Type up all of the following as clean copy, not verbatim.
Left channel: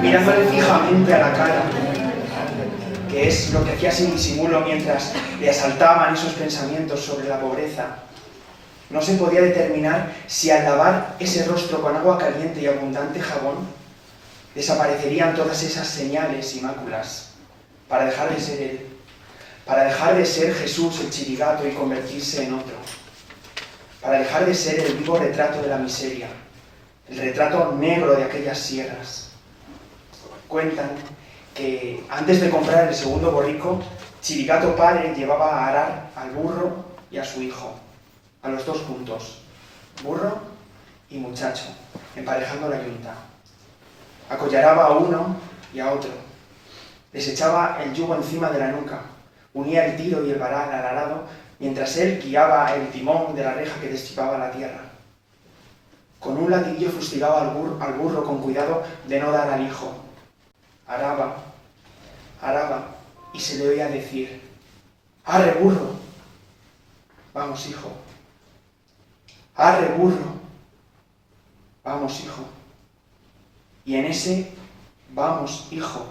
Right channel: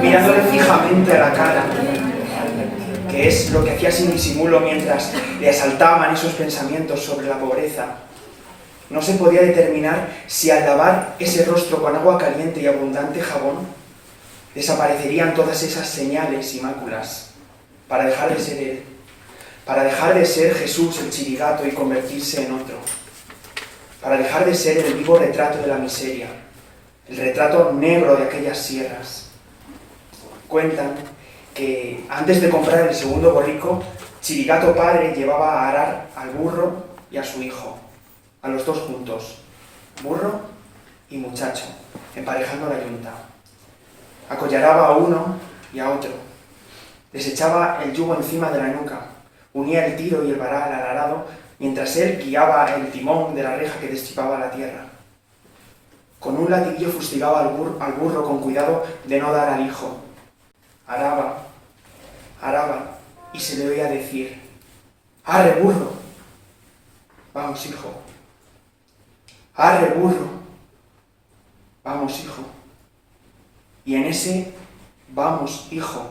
Mirándole fijamente a la cara, que es lo que hacía sin disimulo mientras le asaltaban esos pensamientos sobre la pobreza, no se podía determinar si al lavar ese rostro con agua caliente y abundante jabón desaparecerían todas esas señales y máculas para dejar de ser él, para dejar de ser Jesús el chirigato y convertirse en otro, para dejar de ser el vivo retrato de la miseria, el retrato negro de aquellas sierras. Cuentan que antes de comprar el segundo borrico, Chirigato padre llevaba a arar al burro y a su hijo, a los dos juntos, burro y muchacho, emparejando la yunta. Acollaraba a uno y a otro, les echaba el yugo encima de la nuca, unía el tiro y el varal al arado, mientras él guiaba el timón de la reja que destripaba la tierra. Con un latiguillo fustigaba al burro con cuidado de no dar al hijo. Araba, y se le oía decir: ¡arre, burro! Vamos, hijo. ¡Arre, burro! Vamos, hijo. Y en ese vamos, hijo,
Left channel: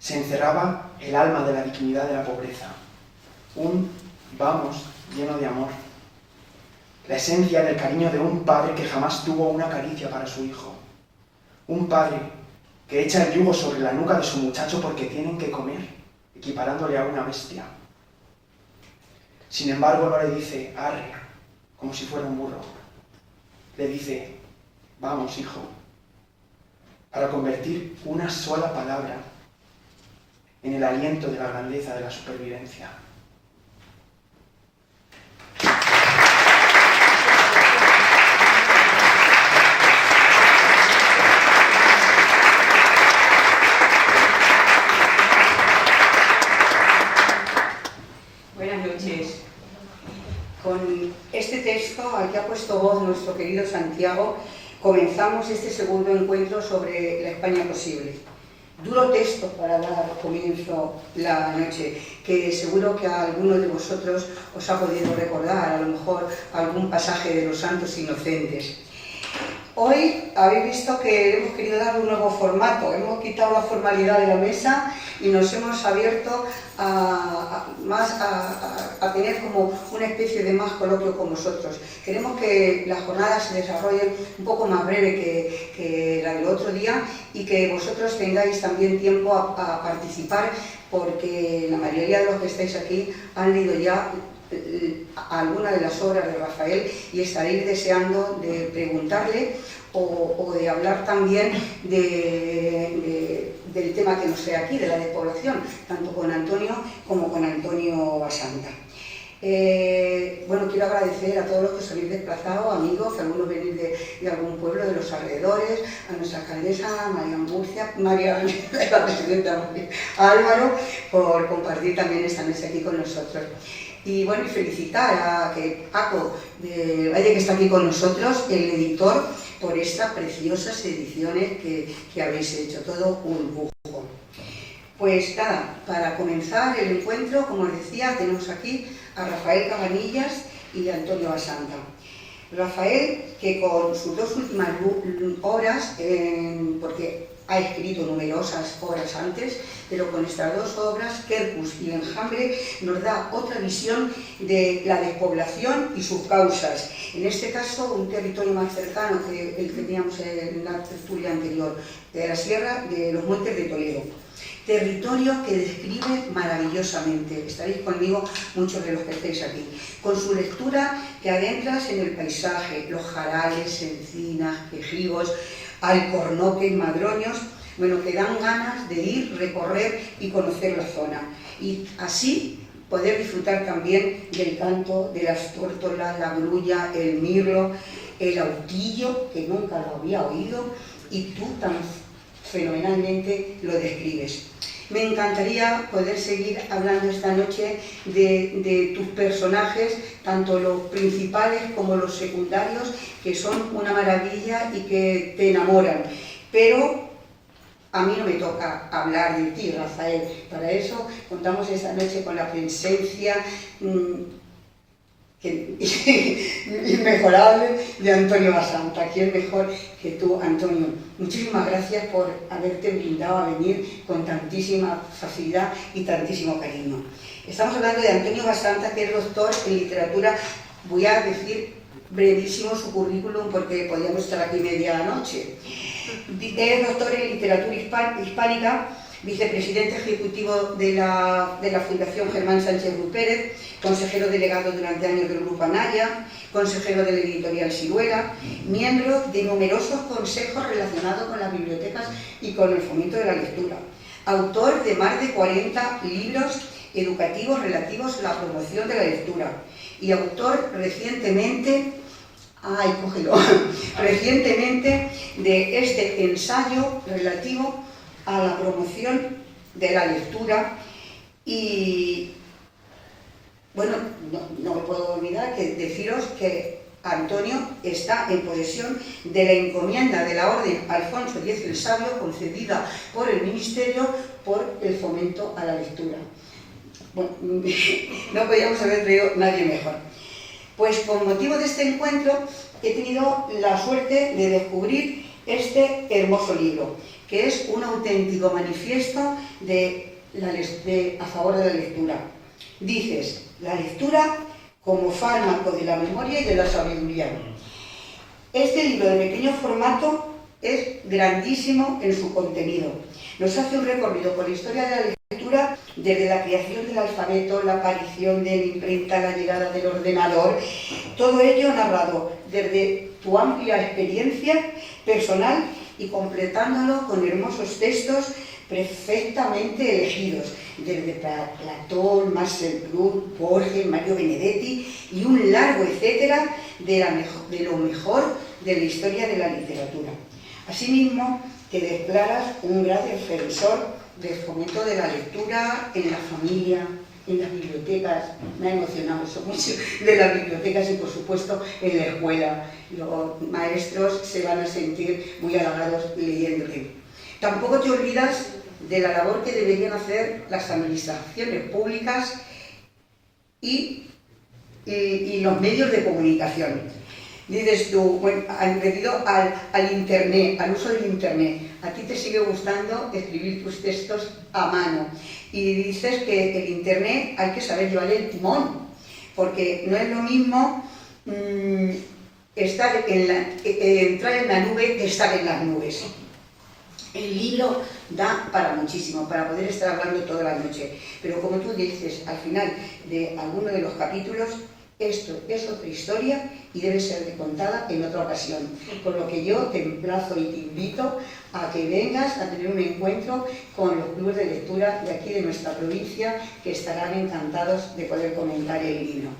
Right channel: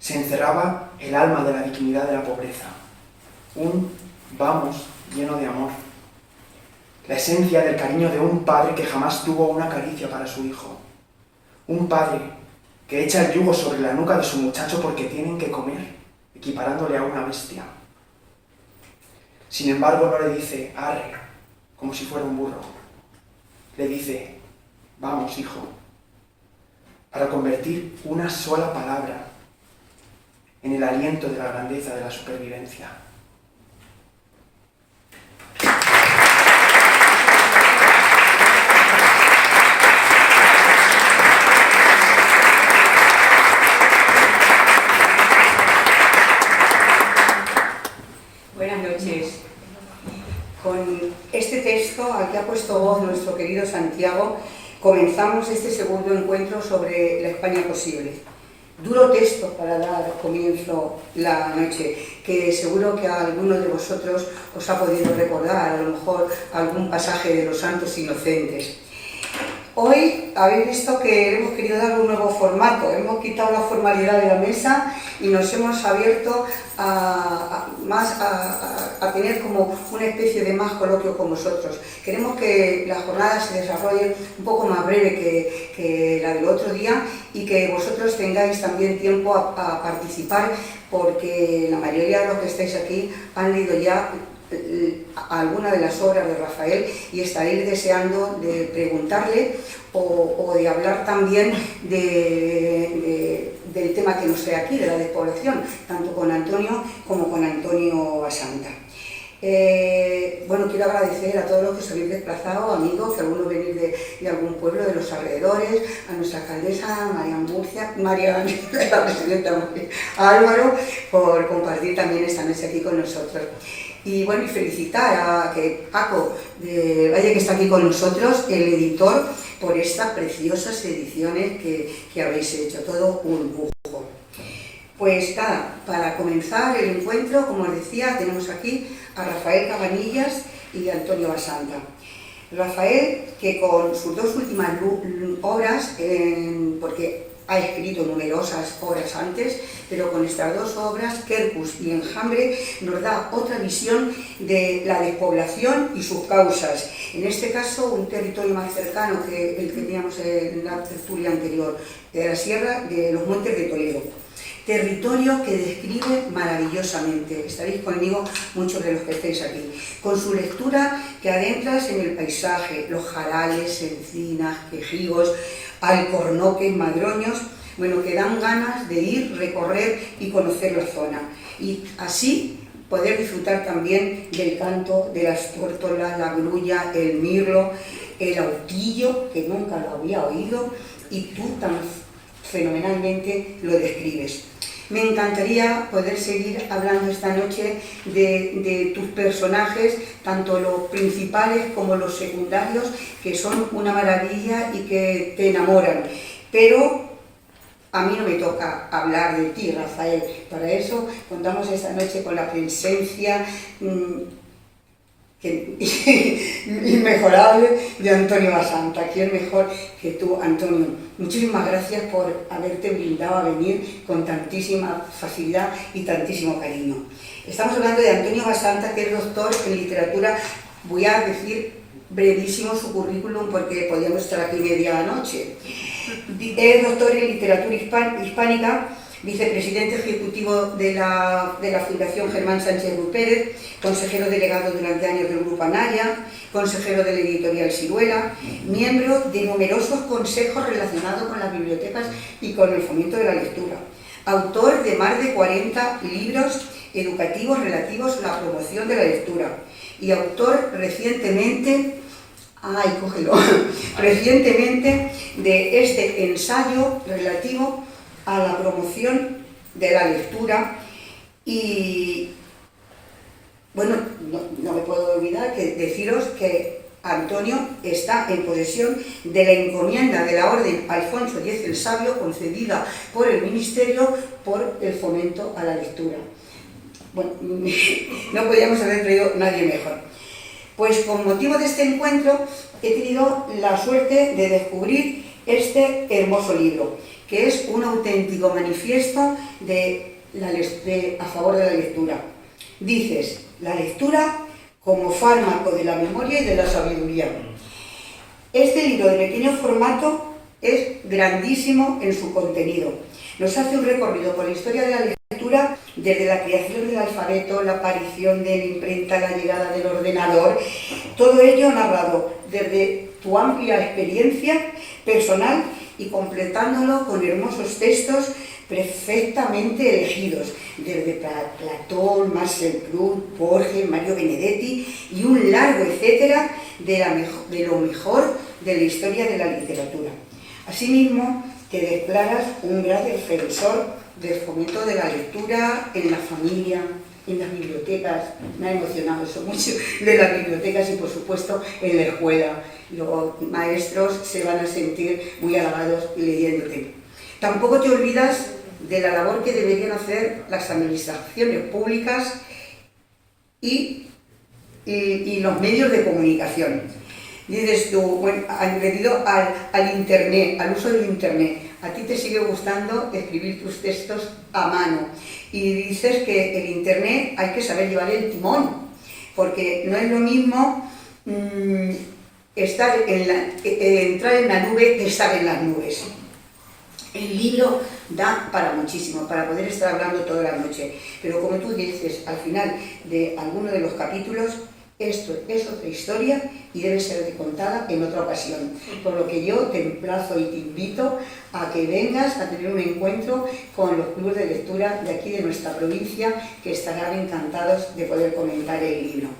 se encerraba el alma de la dignidad de la pobreza. Un vamos lleno de amor. La esencia del cariño de un padre que jamás tuvo una caricia para su hijo. Un padre que echa el yugo sobre la nuca de su muchacho porque tienen que comer, equiparándole a una bestia. Sin embargo, no le dice arre, como si fuera un burro. Le dice: vamos, hijo, para convertir una sola palabra en el aliento de la grandeza de la supervivencia. Buenas noches. Con este texto al que ha puesto voz nuestro querido Santiago, comenzamos este segundo encuentro sobre la España posible. Duro texto para dar comienzo la noche, que seguro que a algunos de vosotros os ha podido recordar, a lo mejor algún pasaje de los Santos Inocentes. Hoy habéis visto que hemos querido darle un nuevo formato, hemos quitado la formalidad de la mesa y nos hemos abierto a tener como una especie de más coloquio con vosotros. Queremos que la jornada se desarrolle un poco más breve que la del otro día y que vosotros tengáis también tiempo a participar, porque la mayoría de los que estáis aquí han leído ya alguna de las obras de Rafael y estaréis deseando de preguntarle o de hablar también del tema que nos trae aquí, de la despoblación, tanto con Antonio como con Antonio Basanta. Bueno, quiero agradecer a todos los que os habéis desplazado, amigos, que algunos venís de algún pueblo de los alrededores, a nuestra alcaldesa, María, la presidenta, a Álvaro, por compartir también esta noche aquí con nosotros. Y bueno, y felicitar a Paco de Valle, que está aquí con nosotros, el editor, por estas preciosas ediciones que habéis hecho, todo un lujo. Pues nada, para comenzar el encuentro, como os decía, tenemos aquí a Rafael Cabanillas y a Antonio Basanta. Rafael, que con sus dos últimas obras, porque ha escrito numerosas obras antes, pero con estas dos obras, Quercus y Enjambre, nos da otra visión de la despoblación y sus causas. En este caso, un territorio más cercano que el que teníamos en la tertulia anterior, de la Sierra de los Montes de Toledo. territorio que describe maravillosamente. Estaréis conmigo muchos de los que estéis aquí. Con su lectura te adentras en el paisaje, los jarales, encinas, quejigos, alcornoques, madroños, bueno, que dan ganas de ir, recorrer y conocer la zona. Y así poder disfrutar también del canto de las tórtolas, la grulla, el mirlo, el autillo, que nunca lo había oído, y tú tan fenomenalmente lo describes. Me encantaría poder seguir hablando esta noche de tus personajes, tanto los principales como los secundarios, que son una maravilla y que te enamoran. Pero a mí no me toca hablar de ti, Rafael. Para eso contamos esta noche con la presencia inmejorable de Antonio Basanta. ¿Quién mejor que tú, Antonio? Muchísimas gracias por haberte brindado a venir con tantísima facilidad y tantísimo cariño. Estamos hablando de Antonio Basanta, que es doctor en literatura. Voy a decir brevísimo su currículum porque podíamos estar aquí media noche. Es doctor en literatura hispánica, vicepresidente ejecutivo de la Fundación Germán Sánchez Rupérez, consejero delegado durante años del Grupo Anaya, consejero de la editorial Siruela, miembro de numerosos consejos relacionados con las bibliotecas y con el fomento de la lectura, autor de más de 40 libros educativos relativos a la promoción de la lectura y autor recientemente de este ensayo relativo a la promoción de la lectura. Y bueno, no me puedo olvidar que deciros que Antonio está en posesión de la encomienda de la Orden Alfonso X el Sabio, concedida por el Ministerio por el fomento a la lectura. Bueno, no podíamos haber traído nadie mejor. Pues con motivo de este encuentro he tenido la suerte de descubrir este hermoso libro, que es un auténtico manifiesto a favor de la lectura. Dices, la lectura como fármaco de la memoria y de la sabiduría. Este libro de pequeño formato es grandísimo en su contenido. Nos hace un recorrido por la historia de la lectura desde la creación del alfabeto, la aparición de la imprenta, la llegada del ordenador, todo ello narrado desde tu amplia experiencia personal y completándolo con hermosos textos perfectamente elegidos, desde Platón, Marcel Proust, Borges, Mario Benedetti y un largo etcétera de lo mejor de la historia de la literatura. Asimismo, te declaras un gran defensor del fomento de la lectura en la familia, en las bibliotecas. Me ha emocionado eso mucho, de las bibliotecas y por supuesto en la escuela. Los maestros se van a sentir muy halagados leyéndote. Tampoco te olvidas de la labor que deberían hacer las administraciones públicas y los medios de comunicación. Dices tú, bueno, debido al Internet, al uso del Internet, a ti te sigue gustando escribir tus textos a mano y dices que el Internet hay que saber llevar el timón, porque no es lo mismo entrar en la nube que estar en las nubes. El libro da para muchísimo, para poder estar hablando toda la noche, pero como tú dices, al final de alguno de los capítulos, esto es otra historia y debe ser contada en otra ocasión. Por lo que yo te emplazo y te invito a que vengas a tener un encuentro con los clubes de lectura de aquí de nuestra provincia, que estarán encantados de poder comentar el libro.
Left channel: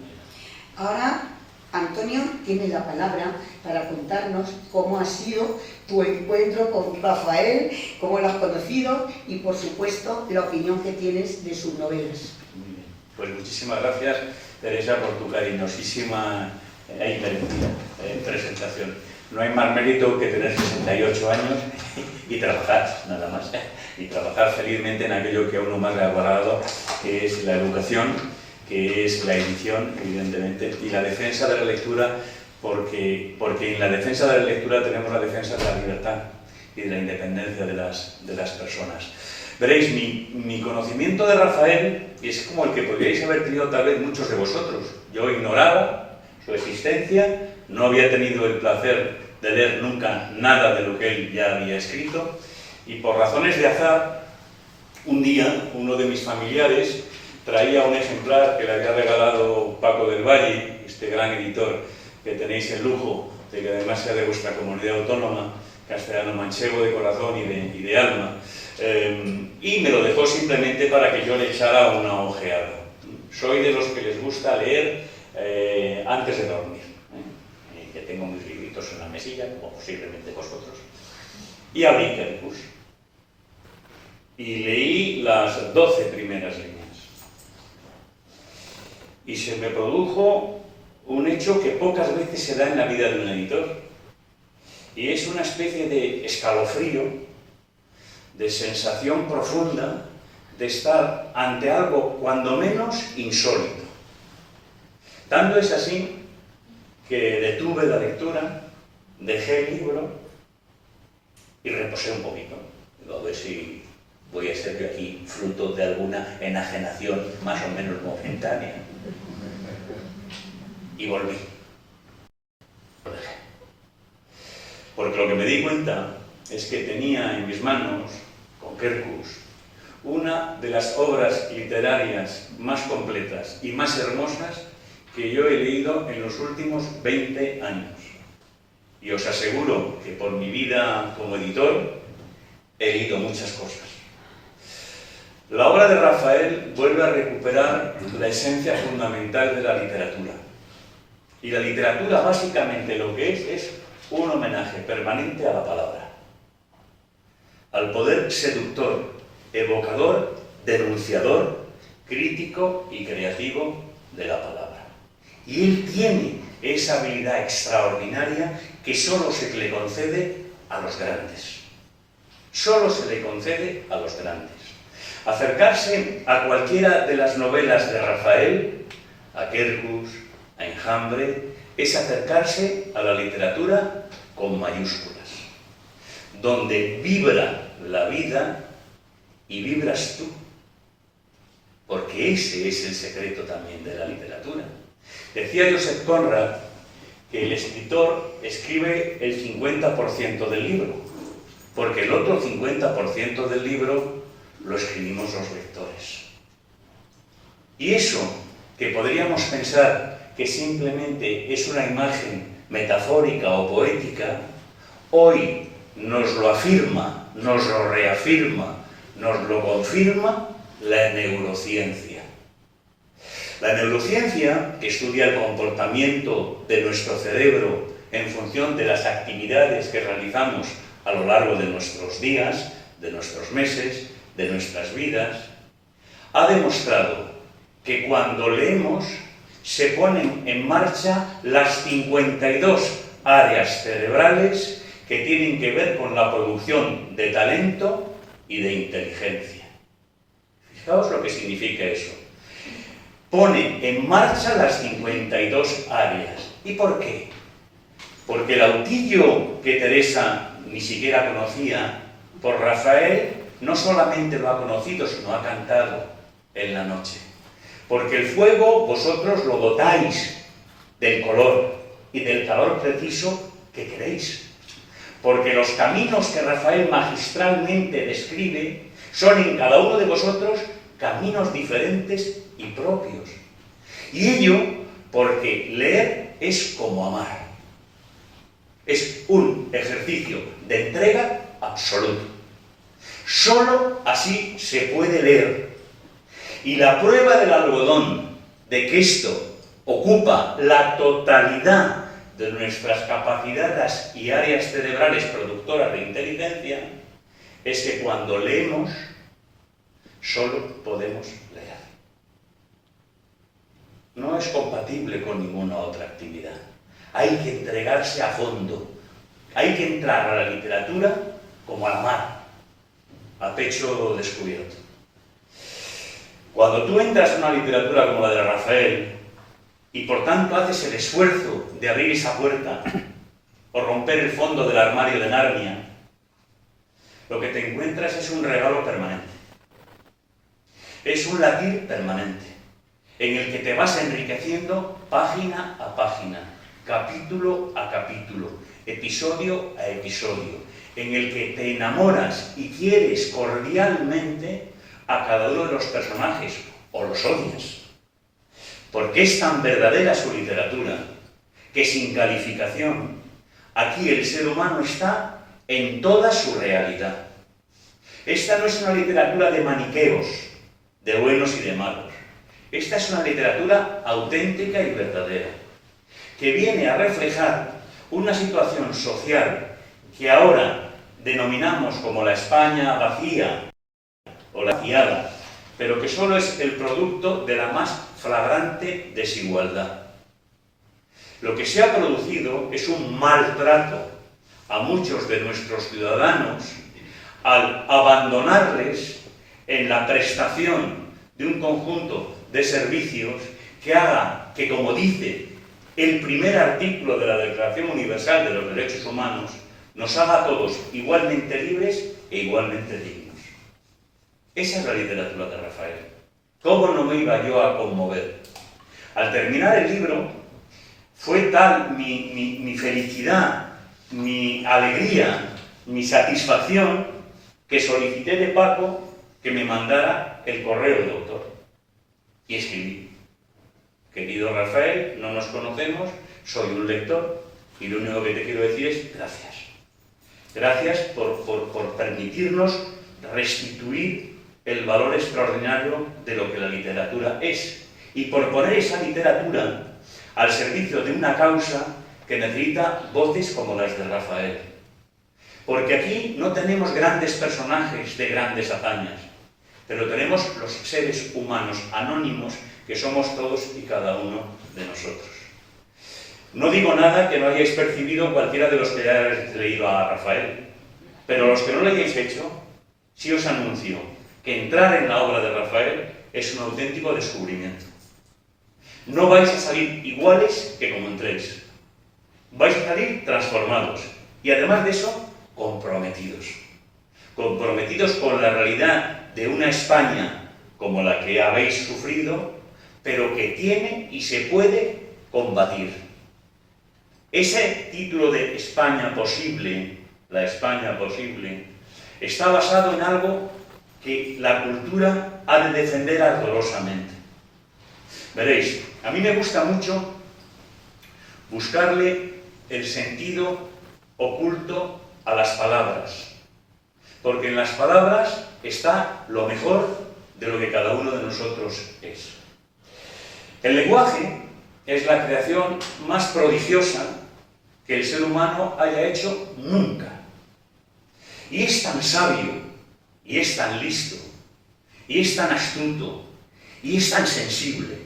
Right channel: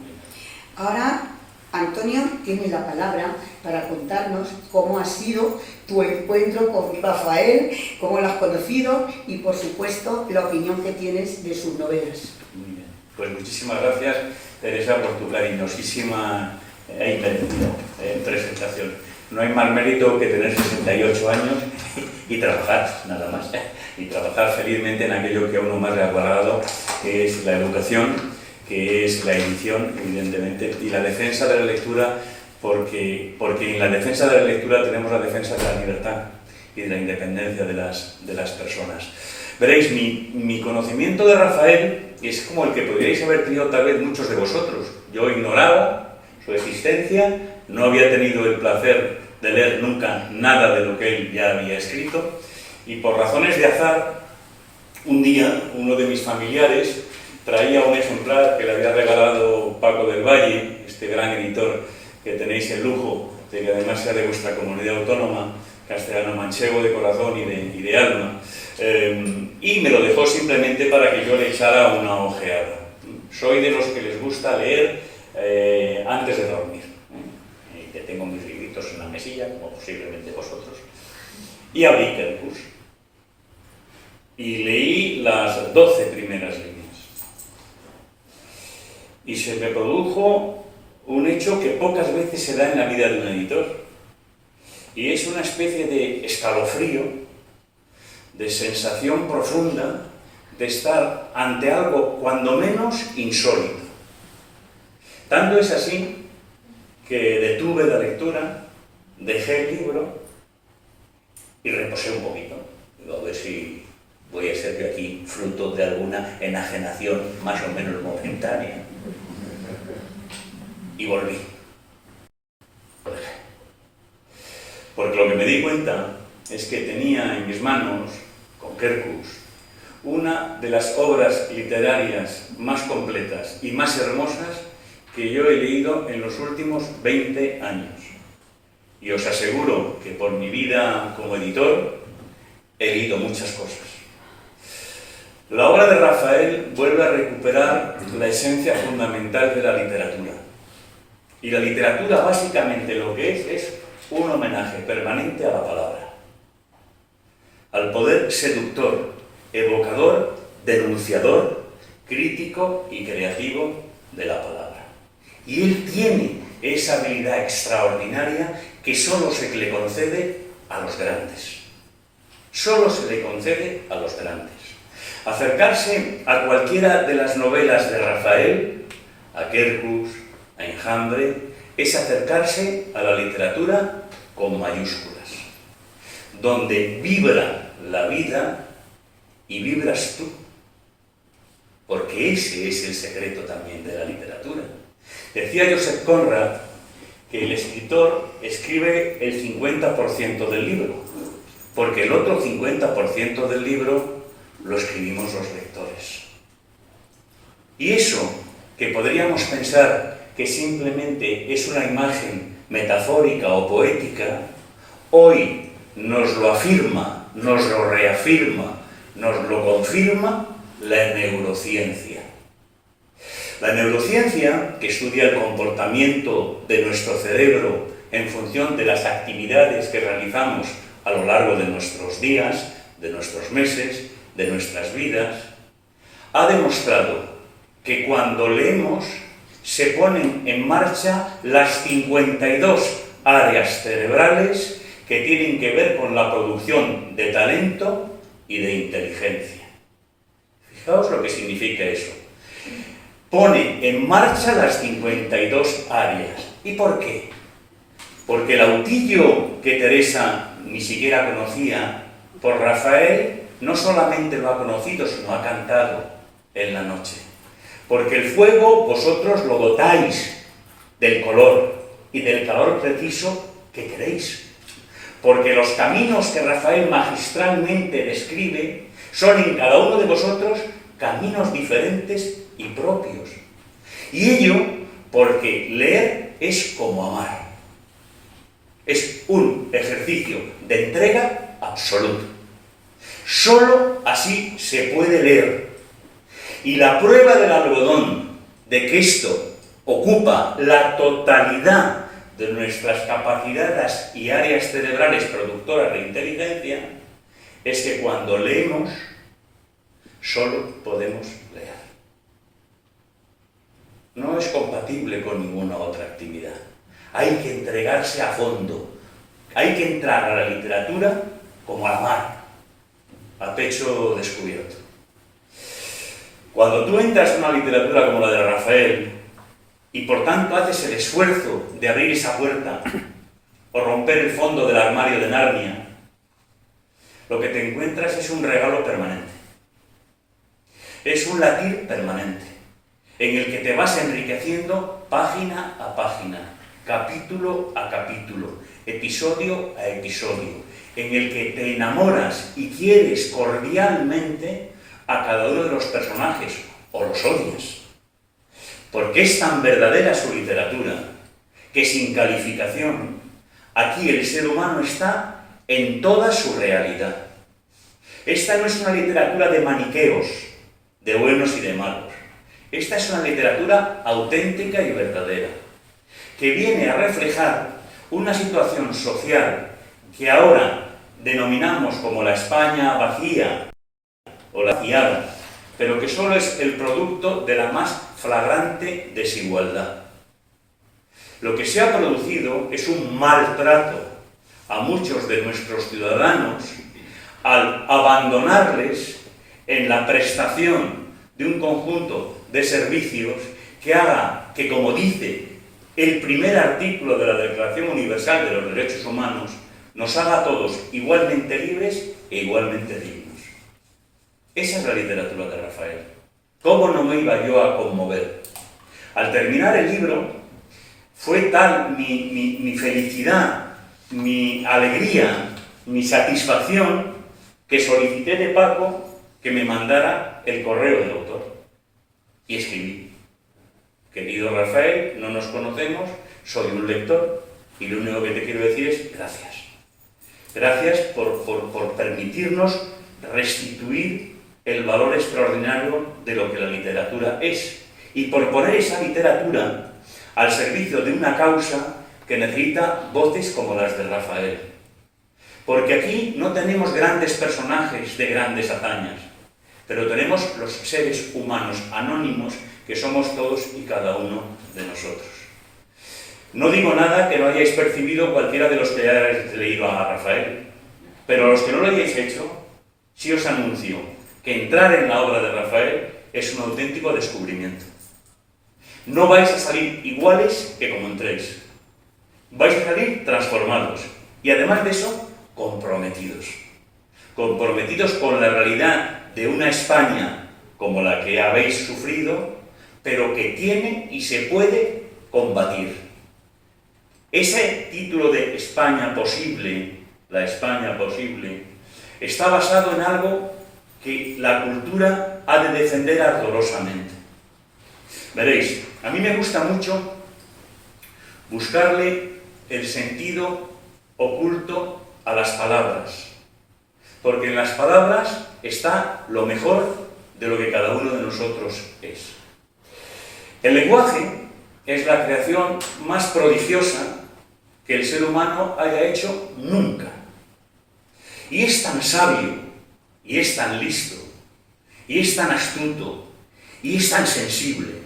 Ahora, Antonio tiene la palabra para contarnos cómo ha sido tu encuentro con Rafael, cómo lo has conocido y, por supuesto, la opinión que tienes de sus novelas. Muy bien. Pues muchísimas gracias, Teresa, por tu cariñosísima e inmerecida presentación. No hay más mérito que tener 68 años y trabajar, nada más, y trabajar felizmente en aquello que a uno más le ha agradado, que es la educación, que es la edición, evidentemente, y la defensa de la lectura, porque en la defensa de la lectura tenemos la defensa de la libertad y de la independencia de las personas. Veréis, mi conocimiento de Rafael es como el que podríais haber tenido tal vez muchos de vosotros. Yo ignoraba su existencia, no había tenido el placer de leer nunca nada de lo que él ya había escrito, y por razones de azar Un día, uno de mis familiares traía un ejemplar que le había regalado Paco del Valle, este gran editor que tenéis el lujo de que además sea de vuestra comunidad autónoma, castellano-manchego de corazón y de alma, y me lo dejó simplemente para que yo le echara una ojeada. Soy de los que les gusta leer antes de dormir, que tengo mis libritos en la mesilla, como posiblemente vosotros, y abrí Quercus y leí las 12 primeras líneas. Y se me produjo un hecho que pocas veces se da en la vida de un editor. Y es una especie de escalofrío, de sensación profunda de estar ante algo cuando menos insólito. Tanto es así que detuve la lectura, dejé el libro y reposé un poquito. A ver si voy a ser yo aquí fruto de alguna enajenación más o menos momentánea. Y volví. Porque lo que me di cuenta es que tenía en mis manos, con Quercus, una de las obras literarias más completas y más hermosas que yo he leído en los últimos 20 años. Y os aseguro que por mi vida como editor he leído muchas cosas. La obra de Rafael vuelve a recuperar la esencia fundamental de la literatura. Y la literatura básicamente lo que es un homenaje permanente a la palabra, al poder seductor, evocador, denunciador, crítico y creativo de la palabra. Y él tiene esa habilidad extraordinaria que solo se le concede a los grandes. Solo se le concede a los grandes. Acercarse a cualquiera de las novelas de Rafael, a Quercus, a Enjambre, es acercarse a la literatura con mayúsculas, donde vibra la vida y vibras tú, porque ese es el secreto también de la literatura. Decía Joseph Conrad que el escritor escribe el 50% del libro, porque el otro 50% del libro lo escribimos los lectores. Y eso, que podríamos pensar que simplemente es una imagen metafórica o poética, hoy nos lo afirma, nos lo reafirma, nos lo confirma la neurociencia. La neurociencia, que estudia el comportamiento de nuestro cerebro en función de las actividades que realizamos a lo largo de nuestros días, de nuestros meses, de nuestras vidas, ha demostrado que cuando leemos se ponen en marcha las 52 áreas cerebrales que tienen que ver con la producción de talento y de inteligencia. Fijaos lo que significa eso. Pone en marcha las 52 áreas. ¿Y por qué? Porque el autillo que Teresa ni siquiera conocía, por Rafael, no solamente lo ha conocido, sino ha cantado en la noche. Porque el fuego vosotros lo dotáis del color y del calor preciso que queréis. Porque los caminos que Rafael magistralmente describe son en cada uno de vosotros caminos diferentes y propios. Y ello porque leer es como amar. Es un ejercicio de entrega absoluto. Solo así se puede leer. Y la prueba del algodón de que esto ocupa la totalidad de nuestras capacidades y áreas cerebrales productoras de inteligencia es que cuando leemos solo podemos leer. No es compatible con ninguna otra actividad. Hay que entregarse a fondo. Hay que entrar a la literatura como al mar, a pecho descubierto. Cuando tú entras en una literatura como la de Rafael y por tanto haces el esfuerzo de abrir esa puerta o romper el fondo del armario de Narnia, lo que te encuentras es un regalo permanente. Es un latir permanente, en el que te vas enriqueciendo página a página, capítulo a capítulo, episodio a episodio, en el que te enamoras y quieres cordialmente a cada uno de los personajes, o los odias. Porque es tan verdadera su literatura, que sin calificación, aquí el ser humano está en toda su realidad. Esta no es una literatura de maniqueos, de buenos y de malos. Esta es una literatura auténtica y verdadera, que viene a reflejar una situación social que ahora denominamos como la España vacía o la vaciada, pero que solo es el producto de la más flagrante desigualdad. Lo que se ha producido es un maltrato a muchos de nuestros ciudadanos al abandonarles en la prestación de un conjunto de servicios que haga que, como dice el primer artículo de la Declaración Universal de los Derechos Humanos, nos haga a todos igualmente libres e igualmente dignos. Esa es la literatura de Rafael. ¿Cómo no me iba yo a conmover? Al terminar el libro, fue tal mi felicidad, mi alegría, mi satisfacción, que solicité de Paco que me mandara el correo del autor. Y escribí: querido Rafael, no nos conocemos, soy un lector, y lo único que te quiero decir es gracias. Gracias por permitirnos restituir el valor extraordinario de lo que la literatura es, y por poner esa literatura al servicio de una causa que necesita voces como las de Rafael. Porque aquí no tenemos grandes personajes de grandes hazañas, pero tenemos los seres humanos anónimos que somos todos y cada uno de nosotros. No digo nada que no hayáis percibido cualquiera de los que hayáis leído a Rafael, pero los que no lo hayáis hecho, sí os anuncio que entrar en la obra de Rafael es un auténtico descubrimiento. No vais a salir iguales que como entréis. Vais a salir transformados y, además de eso, comprometidos. Comprometidos con la realidad de una España como la que habéis sufrido, pero que tiene y se puede combatir. Ese título de España posible, la España posible, está basado en algo que la cultura ha de defender ardorosamente. Veréis, a mí me gusta mucho buscarle el sentido oculto a las palabras, porque en las palabras está lo mejor de lo que cada uno de nosotros es. El lenguaje es la creación más prodigiosa que el ser humano haya hecho nunca. Y es tan sabio, y es tan listo, y es tan astuto, y es tan sensible,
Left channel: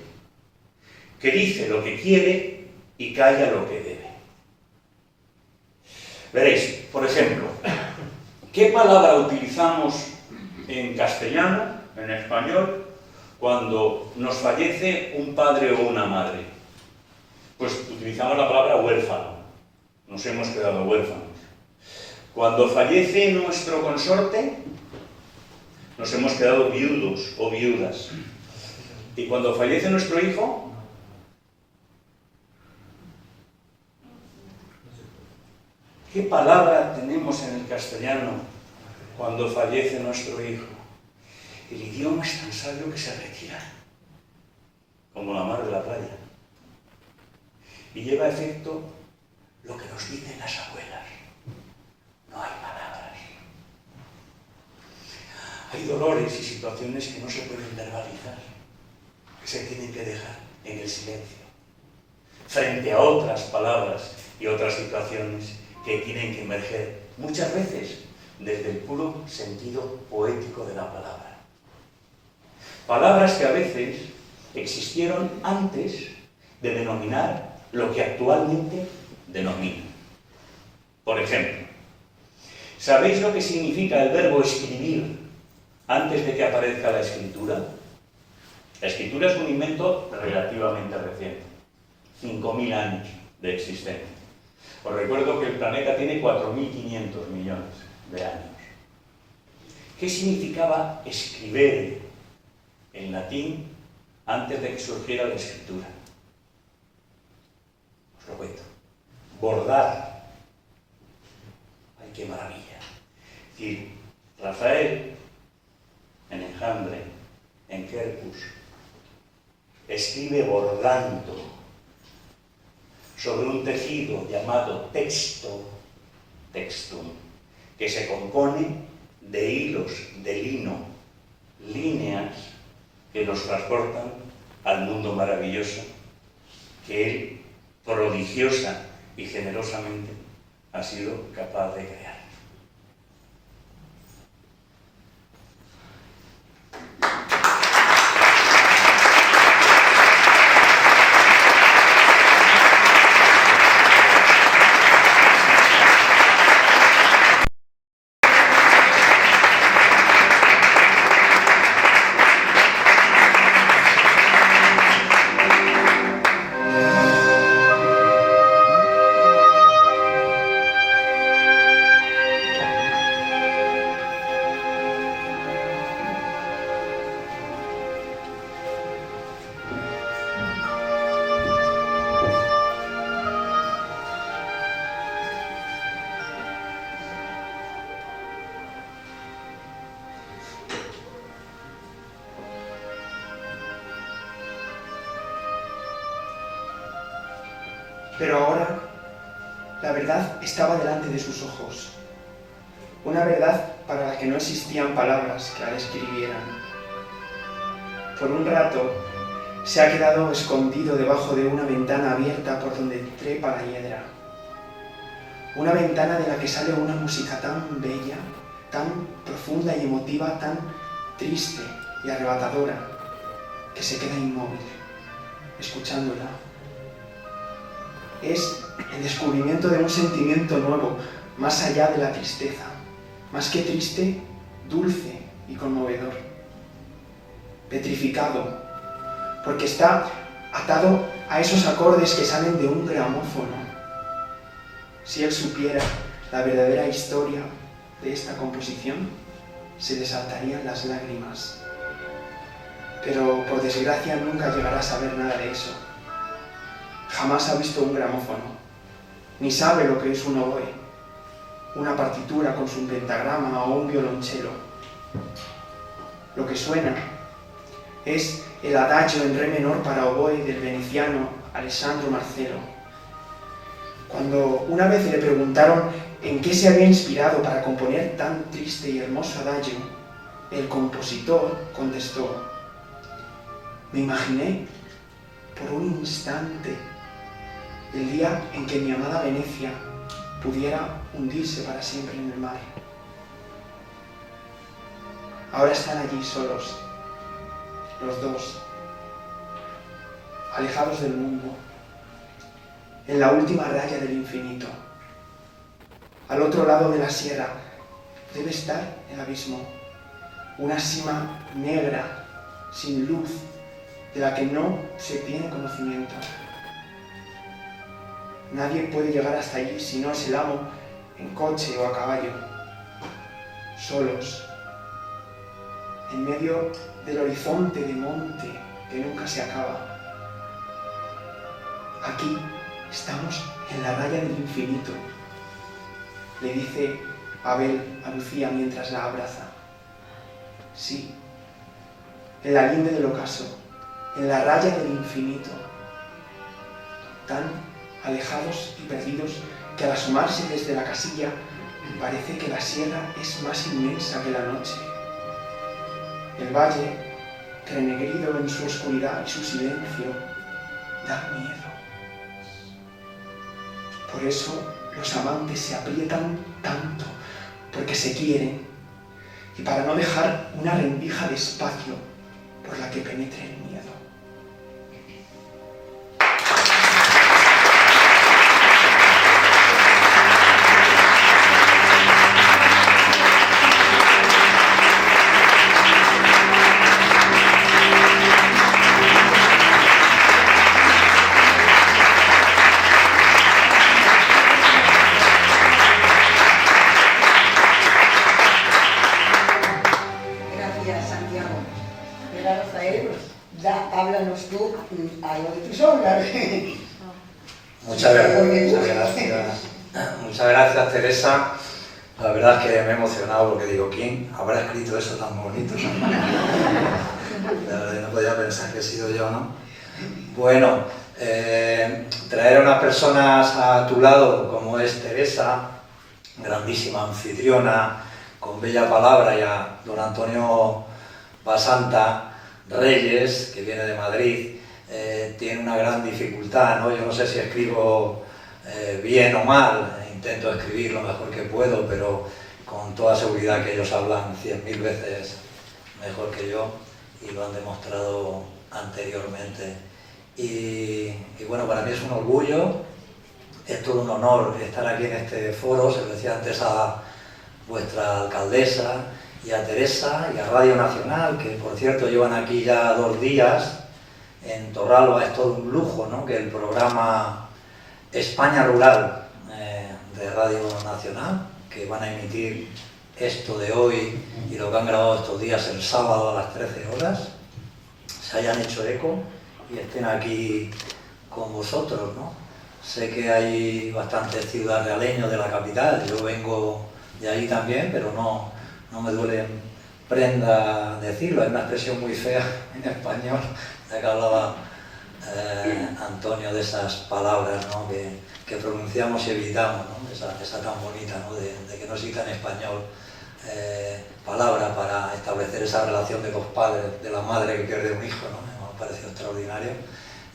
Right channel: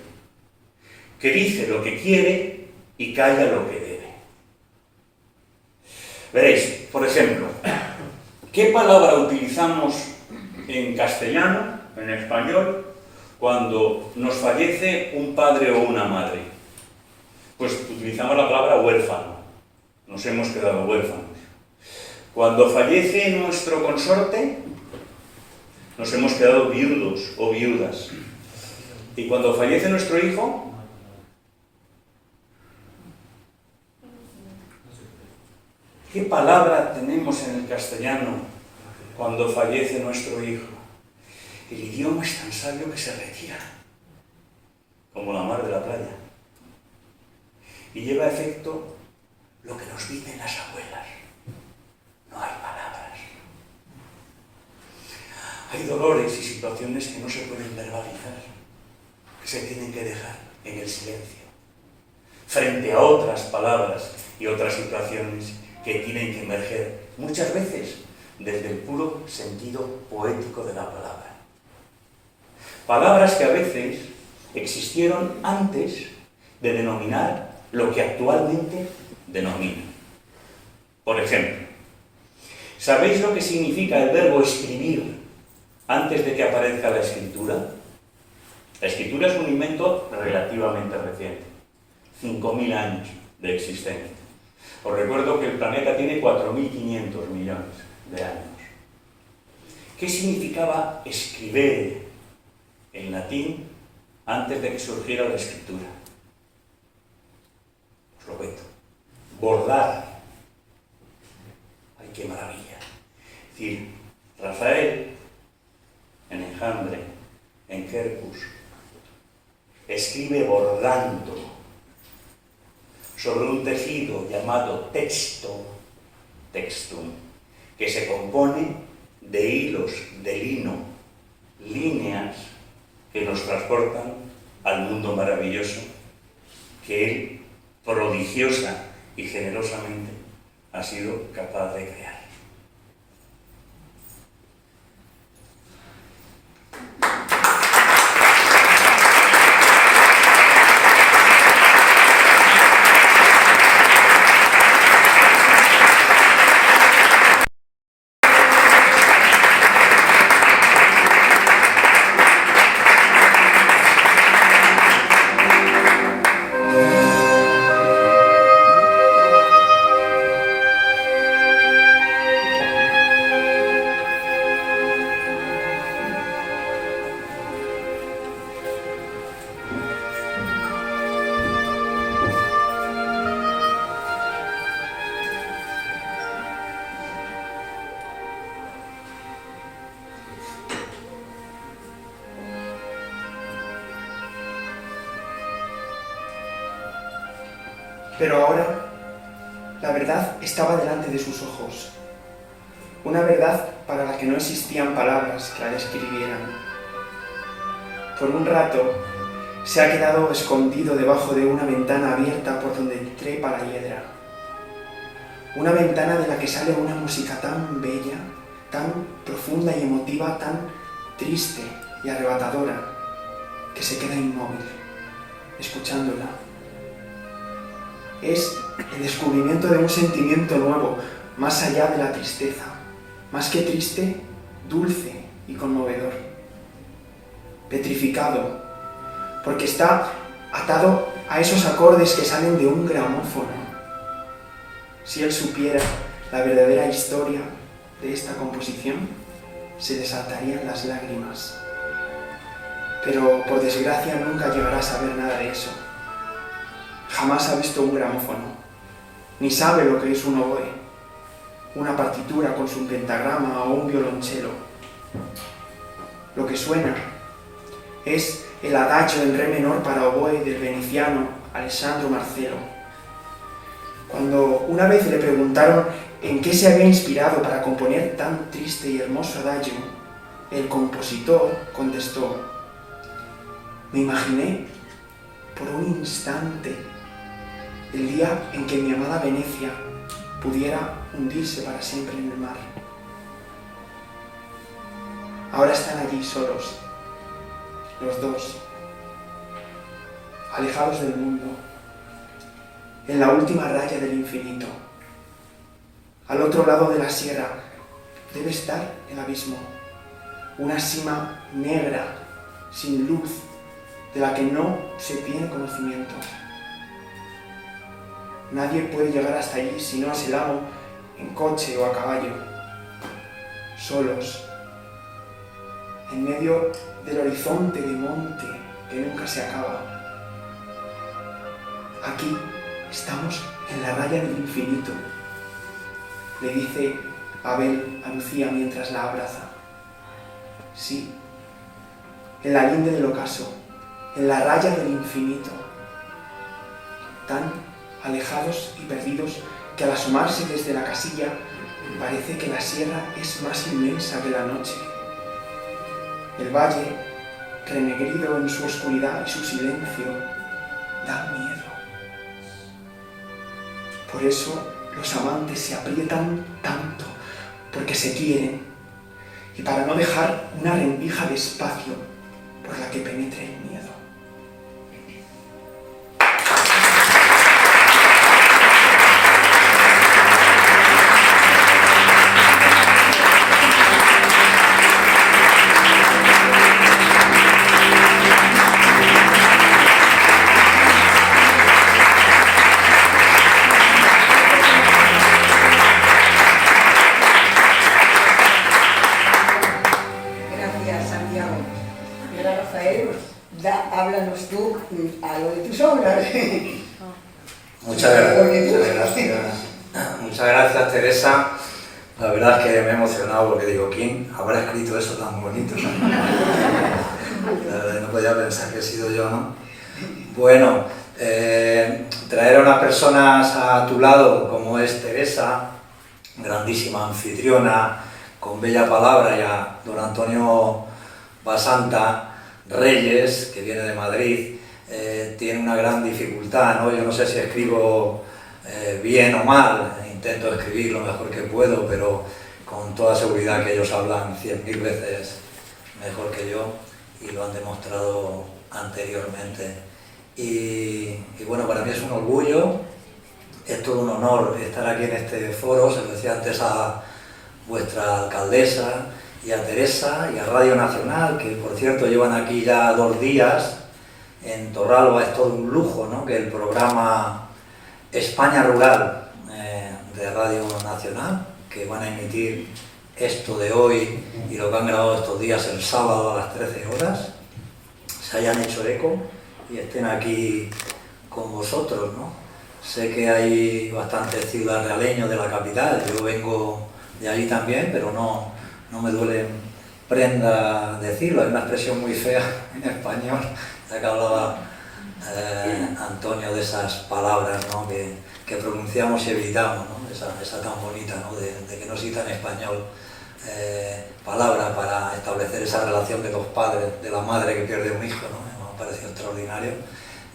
que dice lo que quiere y calla lo que debe. Veréis, por ejemplo, ¿qué palabra utilizamos en castellano, en español, cuando nos fallece un padre o una madre? Pues utilizamos la palabra huérfano. Nos hemos quedado huérfanos. Cuando fallece nuestro consorte, nos hemos quedado viudos o viudas. Y cuando fallece nuestro hijo, ¿qué palabra tenemos en el castellano cuando fallece nuestro hijo? El idioma es tan sabio que se retira, como la mar de la playa, y lleva a efecto lo que nos dicen las abuelas: no hay palabras. Hay dolores y situaciones que no se pueden verbalizar, que se tienen que dejar en el silencio, frente a otras palabras y otras situaciones que tienen que emerger, muchas veces desde el puro sentido poético de la palabra. Palabras que a veces existieron antes de denominar lo que actualmente denominan. Por ejemplo, ¿sabéis lo que significa el verbo escribir antes de que aparezca la escritura? La escritura es un invento relativamente reciente, 5.000 años de existencia. Os recuerdo que el planeta tiene 4.500 millones de años. ¿Qué significaba escribir en latín antes de que surgiera la escritura? Os lo cuento. Bordar. ¡Ay, qué maravilla! Es decir, Rafael en enjambre, en quercus. Escribe bordando sobre un tejido llamado texto, textum, que se compone de hilos de lino, líneas que nos transportan al mundo maravilloso que él, prodigiosa y generosamente, ha sido capaz de crear. Pero ahora, la verdad estaba delante de sus ojos. Una verdad para la que no existían palabras que la describieran. Por un rato, se ha quedado escondido debajo de una ventana abierta por donde trepa la hiedra. Una ventana de la que sale una música tan bella, tan profunda y emotiva, tan triste y arrebatadora, que se queda inmóvil, escuchándola. Es el descubrimiento de un sentimiento nuevo, más allá de la tristeza, más que triste, dulce y conmovedor. Petrificado, porque está atado a esos acordes que salen de un gramófono. Si él supiera la verdadera historia de esta composición, se desatarían las lágrimas. Pero, por desgracia, nunca llegará a saber nada de eso. Jamás ha visto un gramófono, ni sabe lo que es un oboe, una partitura con su pentagrama o un violonchelo. Lo que suena es el adagio en re menor para oboe del veneciano Alessandro Marcello. Cuando una vez le preguntaron en qué se había inspirado para componer tan triste y hermoso adagio, el compositor contestó: me imaginé por un instante el día en que mi amada Venecia pudiera hundirse para siempre en el mar. Ahora están allí solos, los dos, alejados del mundo, en la última raya del infinito. Al otro lado de la sierra debe estar el abismo, una sima negra, sin luz, de la que no se tiene conocimiento. Nadie puede llegar hasta allí si no es el amo en coche o a caballo, solos, en medio del horizonte de monte que nunca se acaba. Aquí estamos en la raya del infinito, le dice Abel a Lucía mientras la abraza. Sí, en la linde del ocaso, en la raya del infinito, tan alejados y perdidos que al asomarse desde la casilla parece que la sierra es más inmensa que la noche. El valle, renegrido en su oscuridad y su silencio, da miedo. Por eso los amantes se aprietan tanto, porque se quieren, y para no dejar una rendija de espacio por la que penetre el miedo. Háblanos tú algo de tus obras. Muchas gracias, Teresa. La verdad es que me he emocionado porque digo, ¿quién habrá escrito eso tan bonito? La verdad no podía pensar que he sido yo, ¿no? Bueno, traer a unas personas a tu lado como es Teresa, grandísima anfitriona, con bella palabra, y a don Antonio Basanta Reyes, que viene de Madrid, tiene una gran dificultad, ¿no? Yo no sé si escribo bien o mal, intento escribir lo mejor que puedo, pero con toda seguridad que ellos hablan 100.000 veces mejor que yo y lo han demostrado anteriormente. Y bueno, para mí es un orgullo, es todo un honor estar aquí en este foro. Se lo decía antes a vuestra alcaldesa y a Teresa y a Radio Nacional, que por cierto llevan aquí ya 2 días. En Torralba es todo un lujo, ¿no?, que el programa España Rural de Radio Nacional, que van a emitir esto de hoy y lo que han grabado estos días el sábado a las 13 horas, se hayan hecho eco y estén aquí con vosotros, ¿no? Sé que hay bastantes ciudadrealeños de la capital, yo vengo de allí también, pero no me duele prenda decirlo, es una expresión muy fea en español, ya que hablaba Antonio de esas palabras, ¿no?, que pronunciamos y evitamos, ¿no?, esa tan bonita, ¿no?, de que no exista en español palabra para establecer esa relación de los padres, de la madre que pierde un hijo, ¿no? Me ha parecido extraordinario,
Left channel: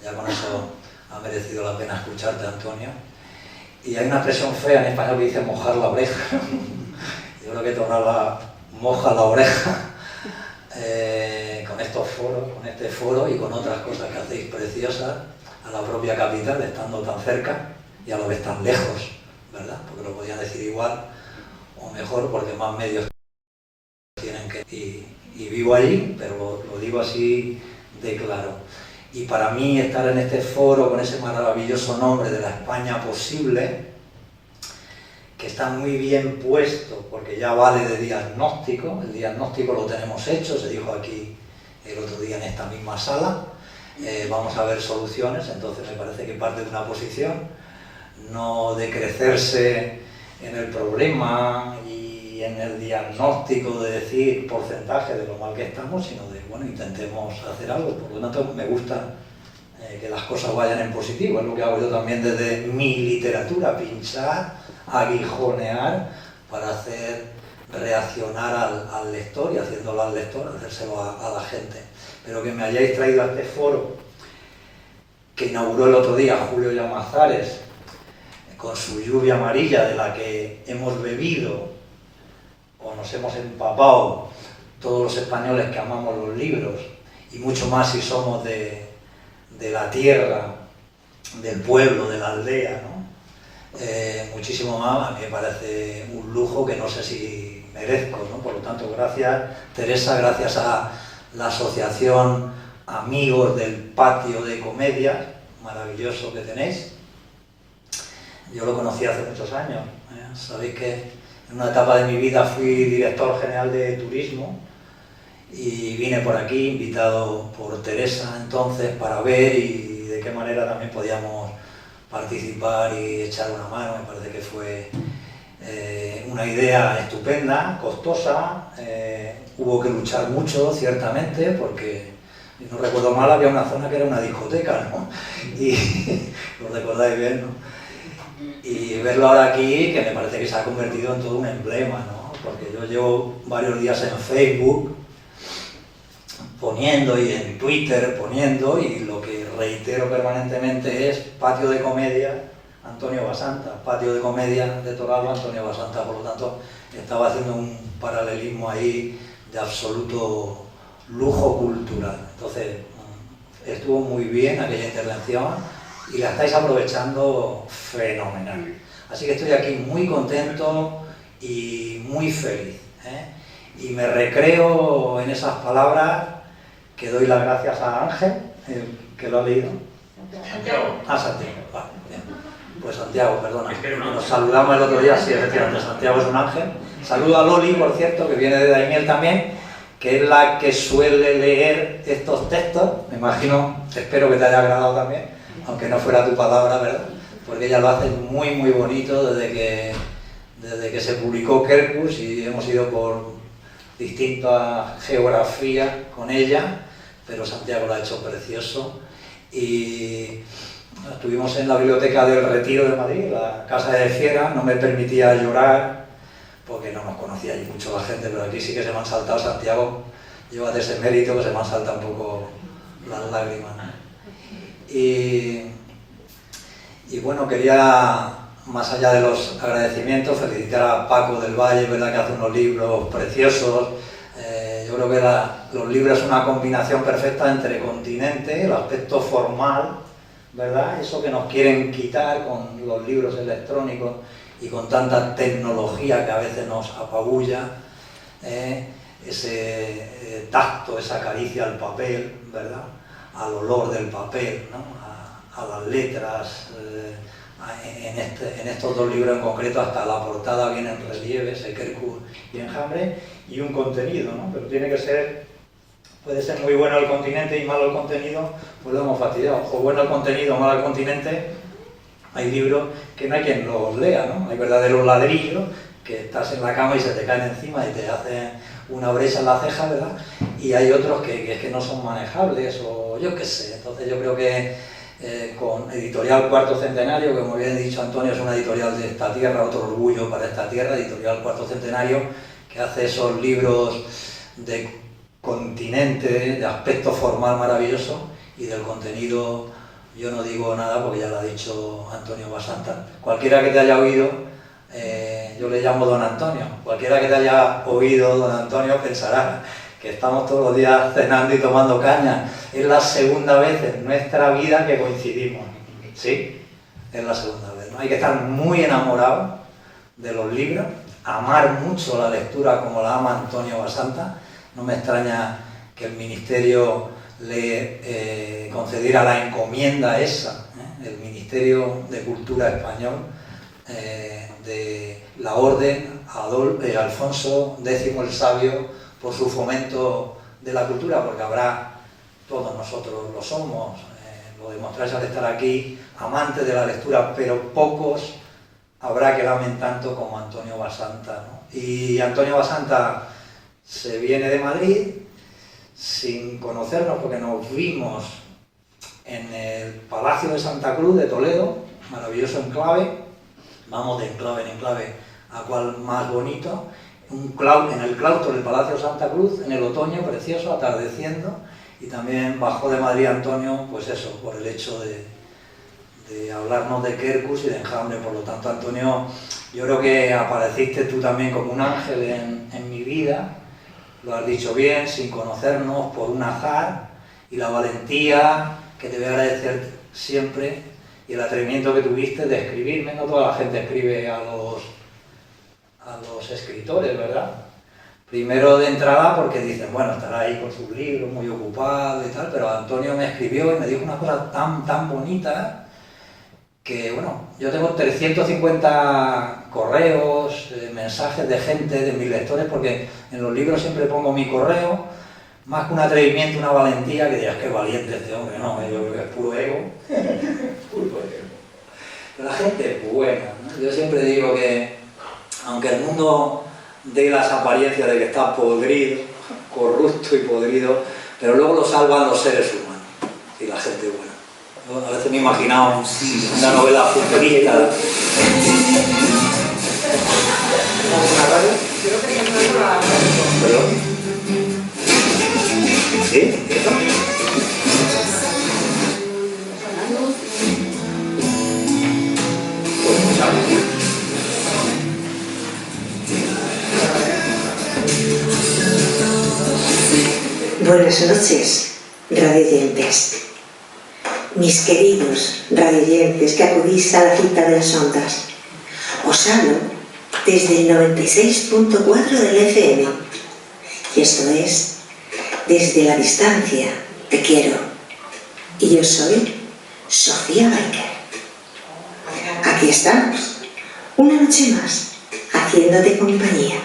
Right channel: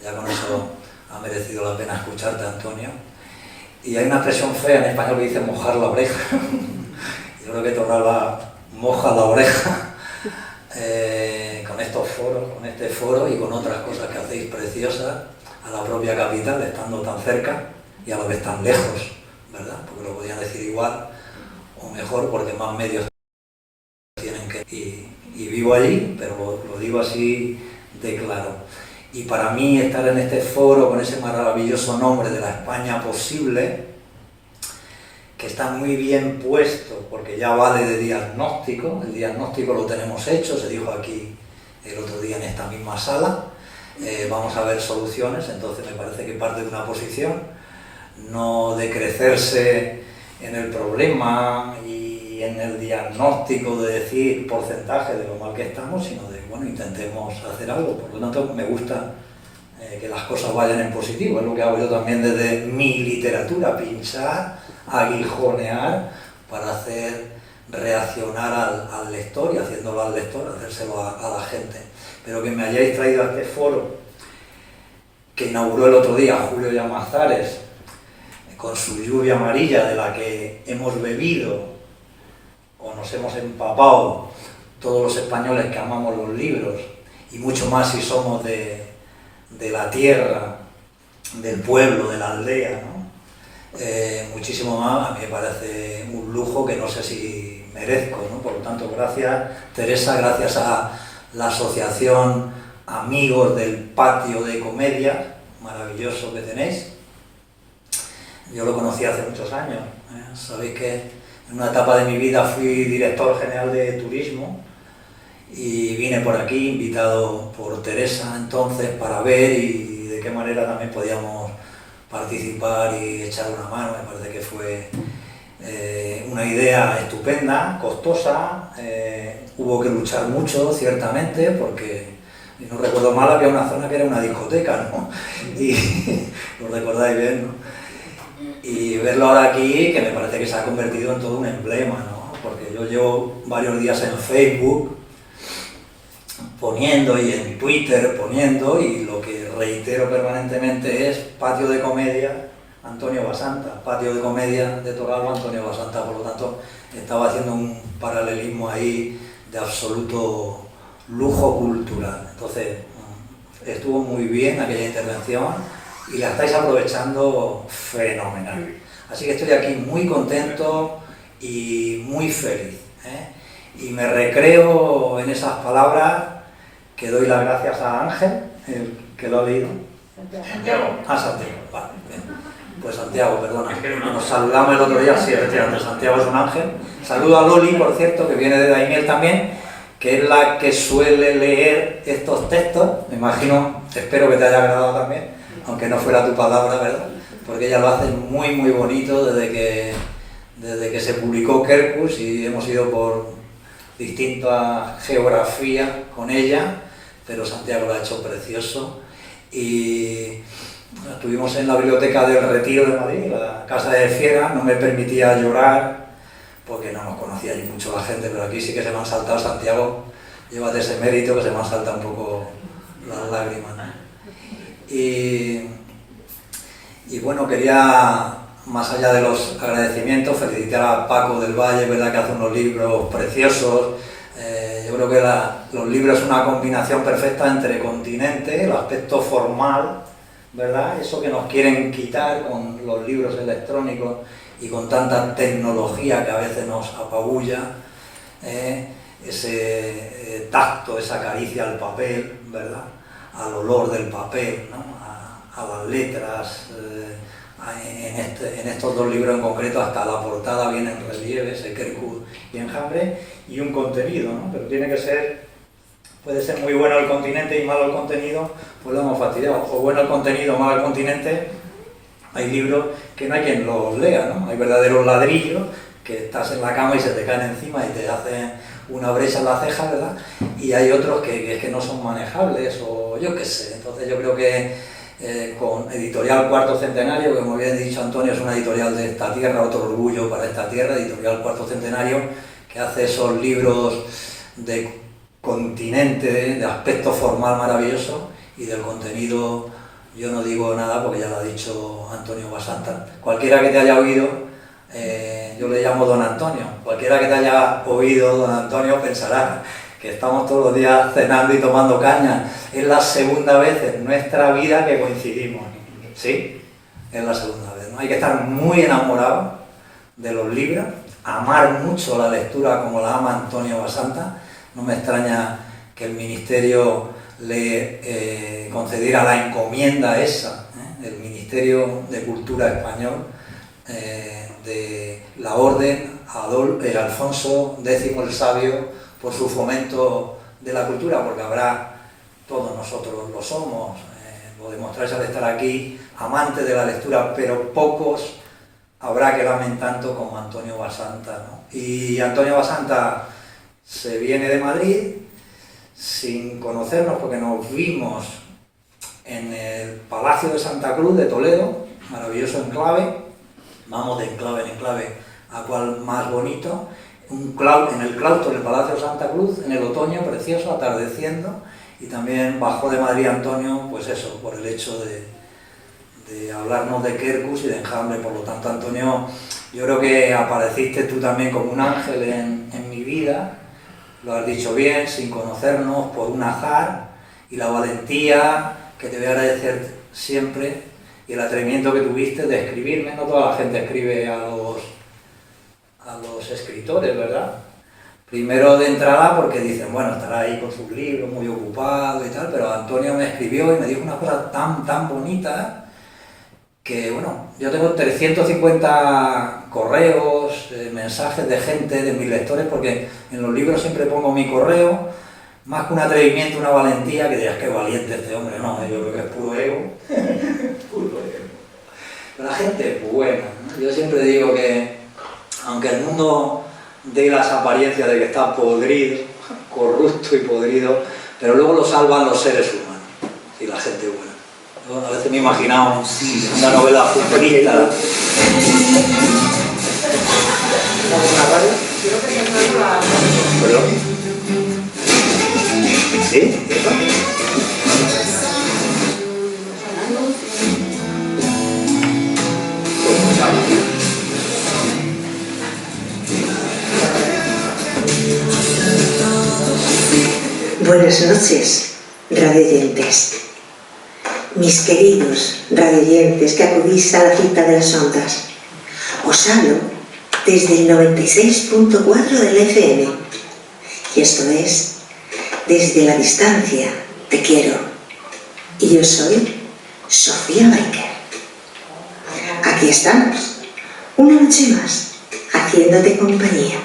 ya con eso ha merecido la pena escucharte, Antonio. Y hay una expresión fea en español que dice mojar la oreja. Yo creo que Torralba moja la oreja con estos foros, con este foro y con otras cosas que hacéis preciosas a la propia capital, estando tan cerca y a la vez tan lejos, ¿verdad? Porque lo podían decir igual o mejor, porque más medios tienen que... Y vivo allí, pero lo digo así de claro. Y para mí estar en este foro con ese maravilloso nombre de la España posible, que está muy bien puesto, porque ya vale de diagnóstico, el diagnóstico lo tenemos hecho, se dijo aquí el otro día en esta misma sala, vamos a ver soluciones, entonces me parece que parte de una posición, no de crecerse en el problema y en el diagnóstico de decir porcentaje de lo mal que estamos, sino de, bueno, intentemos hacer algo. Por lo tanto, me gusta que las cosas vayan en positivo, es lo que hago yo también desde mi literatura, pinchar, aguijonear para hacer reaccionar al lector y haciéndolo al lector, hacérselo a la gente. Pero que me hayáis traído a este foro que inauguró el otro día Julio Llamazares con su lluvia amarilla de la que hemos bebido o nos hemos empapado todos los españoles que amamos los libros y mucho más si somos de la tierra, del pueblo, de la aldea, ¿no? Muchísimo más, a mí me parece un lujo que no sé si merezco, ¿no? Por lo tanto, gracias Teresa, gracias a la asociación Amigos del Patio de Comedia, maravilloso que tenéis. Yo lo conocí hace muchos años, sabéis que en una etapa de mi vida fui director general de turismo y vine por aquí invitado por Teresa entonces para ver y de qué manera también podíamos participar y echar una mano. Me parece que fue una idea estupenda, costosa, hubo que luchar mucho ciertamente porque, si no recuerdo mal, había una zona que era una discoteca, ¿no? Y lo recordáis bien, ¿no? Y verlo ahora aquí, que me parece que se ha convertido en todo un emblema, ¿no? Porque yo llevo varios días en Facebook poniendo y en Twitter poniendo, y lo que reitero permanentemente es Patio de Comedia Antonio Basanta, Patio de Comedia de Torralba Antonio Basanta. Por lo tanto, estaba haciendo un paralelismo ahí de absoluto lujo cultural. Entonces, estuvo muy bien aquella intervención y la estáis aprovechando fenomenal. Así que estoy aquí muy contento y muy feliz, ¿eh? Y me recreo en esas palabras que doy las gracias a Ángel, que lo ha leído. Santiago. Santiago, vale, bien. Pues Santiago, perdona. Nos saludamos el otro día, sí, efectivamente, Santiago es un ángel. Saludo a Loli, por cierto, que viene de Daimiel también, que es la que suele leer estos textos. Me imagino, espero que te haya agradado también, aunque no fuera tu palabra, ¿verdad? Porque ella lo hace muy, muy bonito desde desde que se publicó Quercus, y hemos ido por distintas geografías con ella, pero Santiago lo ha hecho precioso. Y estuvimos en la biblioteca del Retiro de Madrid, la Casa de Fiera, no me permitía llorar porque no nos conocía allí mucho la gente, pero aquí sí que se me han saltado, Santiago, llévate ese mérito, que se me han saltado un poco las lágrimas, ¿no? Y bueno, quería, más allá de los agradecimientos, felicitar a Paco del Valle, ¿verdad?, que hace unos libros preciosos. Yo creo que los libros es una combinación perfecta entre el continente, el aspecto formal, ¿verdad?, eso que nos quieren quitar con los libros electrónicos y con tanta tecnología que a veces nos apabulla, ese tacto, esa caricia al papel, ¿verdad?, al olor del papel, ¿no?, a las letras. En estos dos libros en concreto, hasta la portada viene en relieve, ese Quercus y Enjambre, y un contenido, ¿no? Pero tiene que ser, puede ser muy bueno el continente y malo el contenido, pues lo hemos fastidiado. O bueno el contenido, malo el continente. Hay libros que no hay quien los lea, ¿no? Hay verdaderos ladrillos que estás en la cama y se te caen encima y te hacen una brecha en la ceja, ¿verdad? Y hay otros que no son manejables, o yo qué sé. Entonces yo creo que con Editorial Cuarto Centenario, que como bien ha dicho Antonio, es una editorial de esta tierra, otro orgullo para esta tierra, Editorial Cuarto Centenario, que hace esos libros de continente, de aspecto formal maravilloso, y del contenido yo no digo nada porque ya lo ha dicho Antonio Basanta. Cualquiera que te haya oído, yo le llamo Don Antonio, cualquiera que te haya oído Don Antonio pensará que estamos todos los días cenando y tomando caña. Es la segunda vez en nuestra vida que coincidimos, ¿sí? Es la segunda vez, ¿no? Hay que estar muy enamorado de los libros, amar mucho la lectura como la ama Antonio Basanta. No me extraña que el Ministerio le concediera la encomienda esa, el Ministerio de Cultura Español, de la Orden Alfonso X el Sabio, por su fomento de la cultura, porque habrá, todos nosotros lo somos, lo demostráis al estar aquí, amantes de la lectura, pero pocos habrá que lamen tanto como Antonio Basanta, ¿no? Y Antonio Basanta se viene de Madrid sin conocernos, porque nos vimos en el Palacio de Santa Cruz de Toledo, maravilloso enclave, vamos de enclave en enclave a cual más bonito, en el claustro del Palacio de Santa Cruz, en el otoño precioso, atardeciendo, y también bajó de Madrid Antonio, pues eso, por el hecho de hablarnos de Quercus y de Enjambre. Por lo tanto, Antonio, yo creo que apareciste tú también como un ángel en mi vida, lo has dicho bien, sin conocernos, por un azar, y la valentía que te voy a agradecer siempre, y el atrevimiento que tuviste de escribirme. No toda la gente escribe a los escritores, ¿verdad? Primero de entrada porque dicen, bueno, estará ahí con sus libros, muy ocupado y tal, pero Antonio me escribió y me dijo una cosa tan bonita que, bueno, yo tengo 350 correos, mensajes de gente, de mis lectores, porque en los libros siempre pongo mi correo, más que un atrevimiento, una valentía, que digas, qué valiente este hombre, no, yo creo que es puro ego, puro ego. Pero la gente es buena, ¿no? Yo siempre digo que aunque el mundo dé las apariencias de que está podrido, corrupto y podrido, pero luego lo salvan los seres humanos y la gente buena. Yo a veces me he imaginado una novela futurista. ¿Una radio? ¿Perdón? ¿Sí? ¿Eso? Buenas noches, radioyentes. Mis queridos radioyentes que acudís a la cita de las ondas, os hablo desde el 96.4 del FM, y esto es Desde la Distancia Te Quiero. Y yo soy Sofía Baiker. Aquí estamos, una noche más, haciéndote compañía,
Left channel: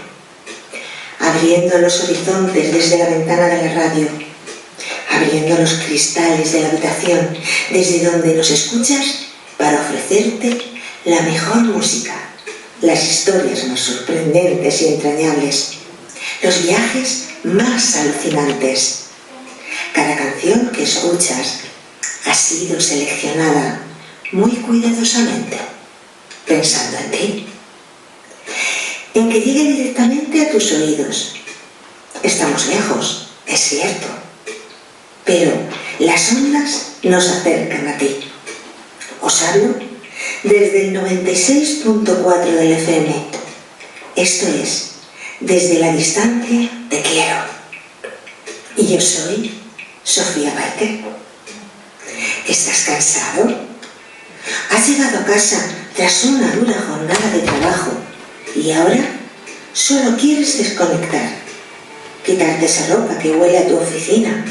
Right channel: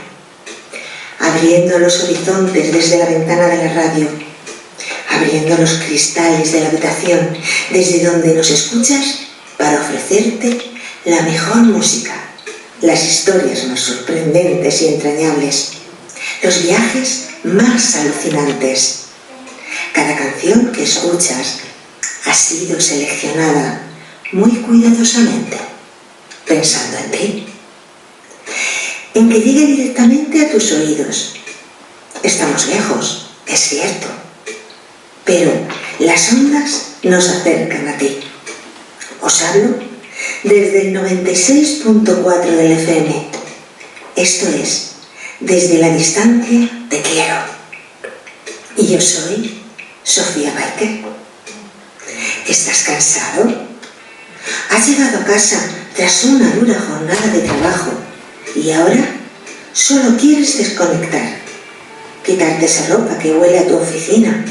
abriendo los horizontes desde la ventana de la radio, abriendo los cristales de la habitación desde donde nos escuchas para ofrecerte la mejor música, las historias más sorprendentes y entrañables, los viajes más alucinantes. Cada canción que escuchas ha sido seleccionada muy cuidadosamente, pensando en ti, en que llegue directamente a tus oídos. Estamos lejos, es cierto, pero las ondas nos acercan a ti. Os hablo desde el 96.4 del FM. Esto es, desde la distancia te quiero. Y yo soy Sofía Baker. ¿Estás cansado? ¿Has llegado a casa tras una dura jornada de trabajo y ahora solo quieres desconectar? Quitarte esa ropa que huele a tu oficina,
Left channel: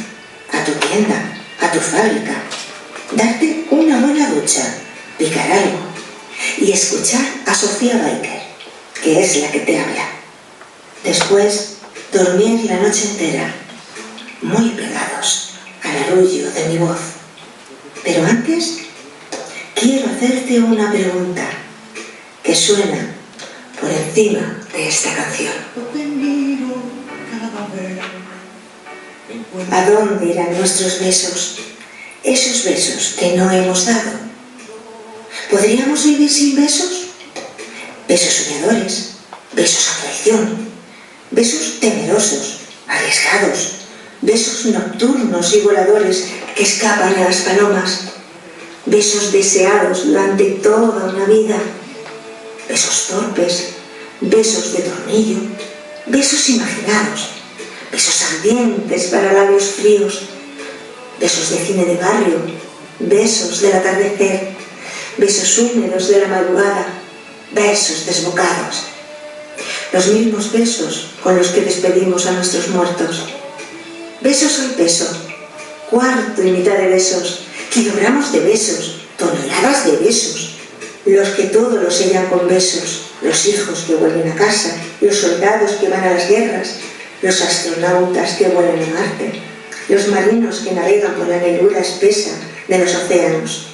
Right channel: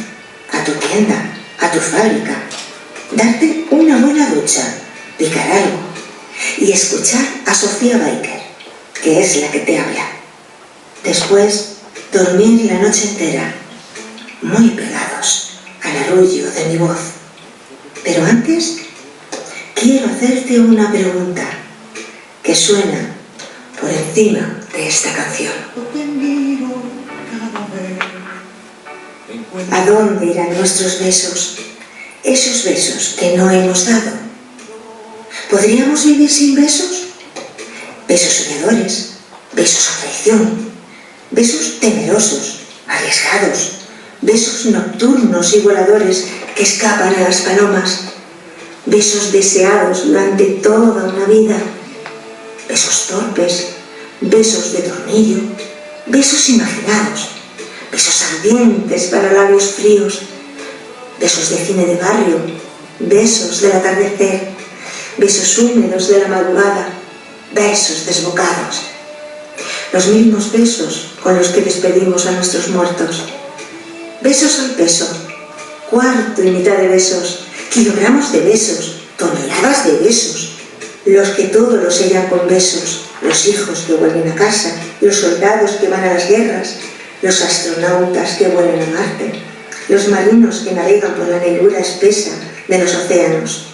a tu tienda, a tu fábrica, darte una buena ducha, picar algo y escuchar a Sofía Baker, que es la que te habla. Después, dormir la noche entera, muy pegados al arrullo de mi voz. Pero antes, quiero hacerte una pregunta que suena por encima de esta canción. ¿A dónde irán nuestros besos? Esos besos que no hemos dado. ¿Podríamos vivir sin besos? Besos soñadores, besos a traición, besos temerosos, arriesgados, besos nocturnos y voladores que escapan a las palomas, besos deseados durante toda una vida, besos torpes, besos de tornillo, besos imaginados, besos ardientes para labios fríos, besos de cine de barrio, besos del atardecer, besos húmedos de la madrugada, besos desbocados. Los mismos besos con los que despedimos a nuestros muertos. Besos al peso, cuarto y mitad de besos, kilogramos de besos, toneladas de besos. Los que todo lo sellan con besos, los hijos que vuelven a casa, los soldados que van a las guerras, los astronautas que vuelan a Marte, los marinos que navegan por la negrura espesa de los océanos.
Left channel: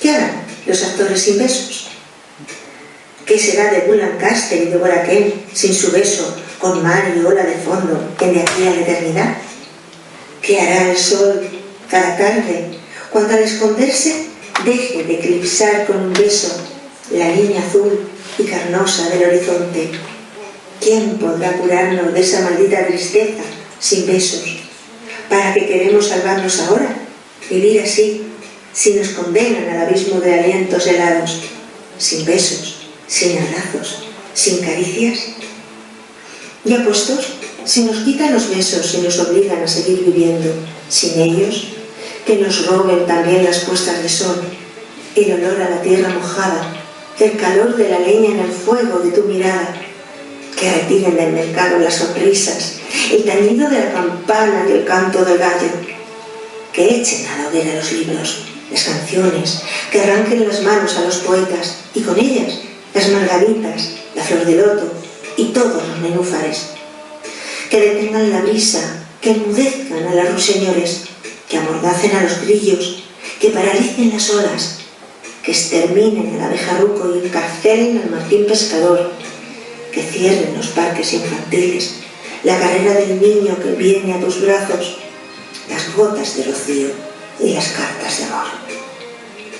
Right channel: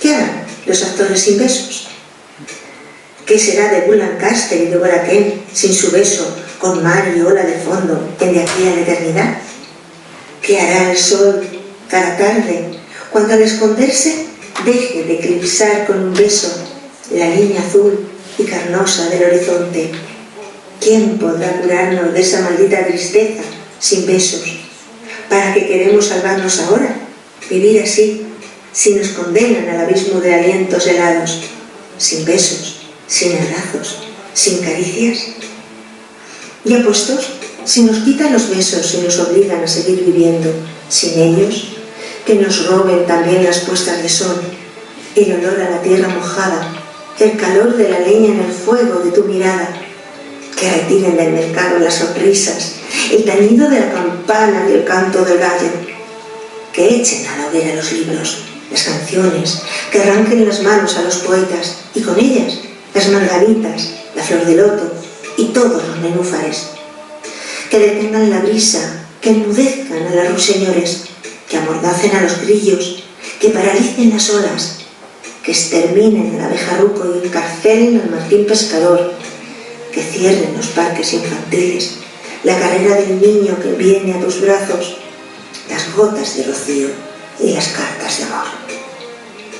¿Qué harán los actores sin besos? ¿Qué será de Bull Lancaster y de Boraquén sin su beso con mar y ola de fondo en De aquí a la eternidad? ¿Qué hará el sol cada tarde cuando al esconderse deje de eclipsar con un beso la línea azul y carnosa del horizonte? ¿Quién podrá curarnos de esa maldita tristeza sin besos? ¿Para qué queremos salvarnos ahora? Vivir así, si nos condenan al abismo de alientos helados, sin besos, sin abrazos, sin caricias. Y apuestos, si nos quitan los besos y nos obligan a seguir viviendo sin ellos, que nos roben también las puestas de sol, el olor a la tierra mojada, el calor de la leña en el fuego de tu mirada, que retiren del mercado las sonrisas, el tañido de la campana y el canto del gallo, que echen a la hoguera los libros, las canciones, que arranquen las manos a los poetas y con ellas las margaritas, la flor de loto y todos los nenúfares, que detengan la brisa, que enmudezcan a los ruiseñores, que amordacen a los grillos, que paralicen las olas, que exterminen al abejarruco y encarcelen al martín pescador, que cierren los parques infantiles, la carrera del niño que viene a tus brazos, las gotas de rocío y las cartas de amor.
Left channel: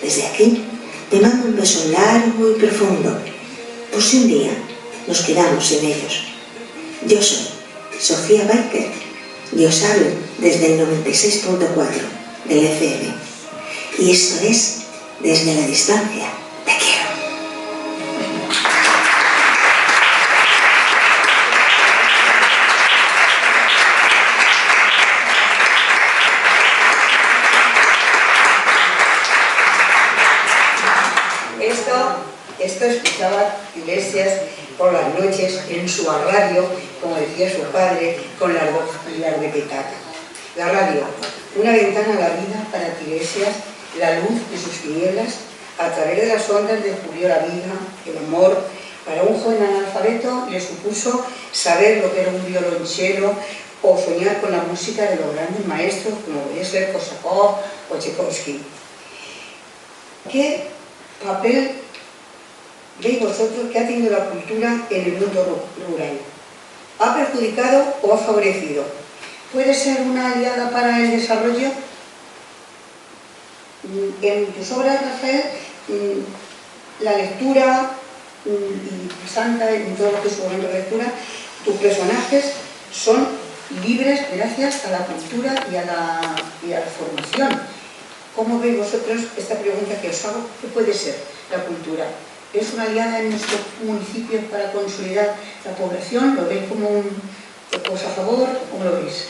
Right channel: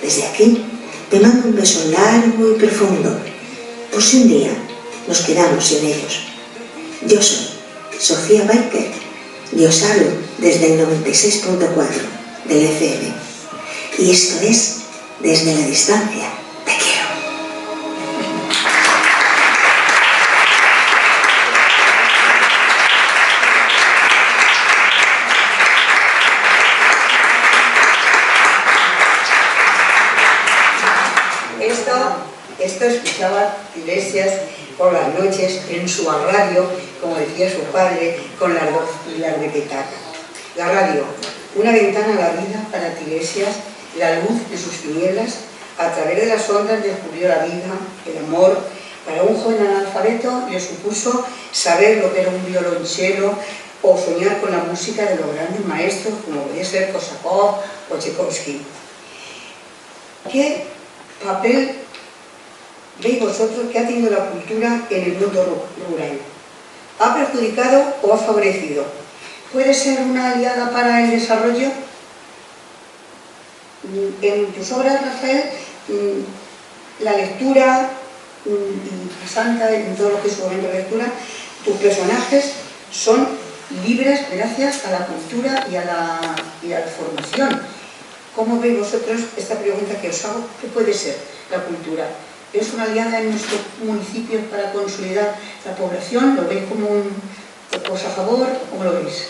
Desde aquí te mando un beso largo y profundo, por si un día nos quedamos sin ellos. Yo soy Sofía Baker y os hablo desde el 96.4 del FM. Y esto es Desde la distancia te quiero. Esto escuchaba Iglesias por las noches en su radio, como decía su padre, con las de petaca. La radio, una ventana a la vida para Iglesias, la luz de sus tinieblas, a través de las ondas descubrió la vida, el amor. Para un joven analfabeto le supuso saber lo que era un violonchelo o soñar con la música de los grandes maestros como podía ser Korsakov o Tchaikovsky. ¿Qué papel veis vosotros que ha tenido la cultura en el mundo rural? ¿Ha perjudicado o ha favorecido? ¿Puede ser una aliada para el desarrollo? En tus obras, Rafael, la lectura y Santa, en todo lo que es su momento de lectura, tus personajes son libres gracias a la cultura y a la formación. ¿Cómo veis vosotros esta pregunta que os hago? ¿Qué puede ser la cultura? ¿Es una aliada en nuestros municipios para consolidar la población? ¿Lo veis como una cosa a favor? ¿Cómo lo veis?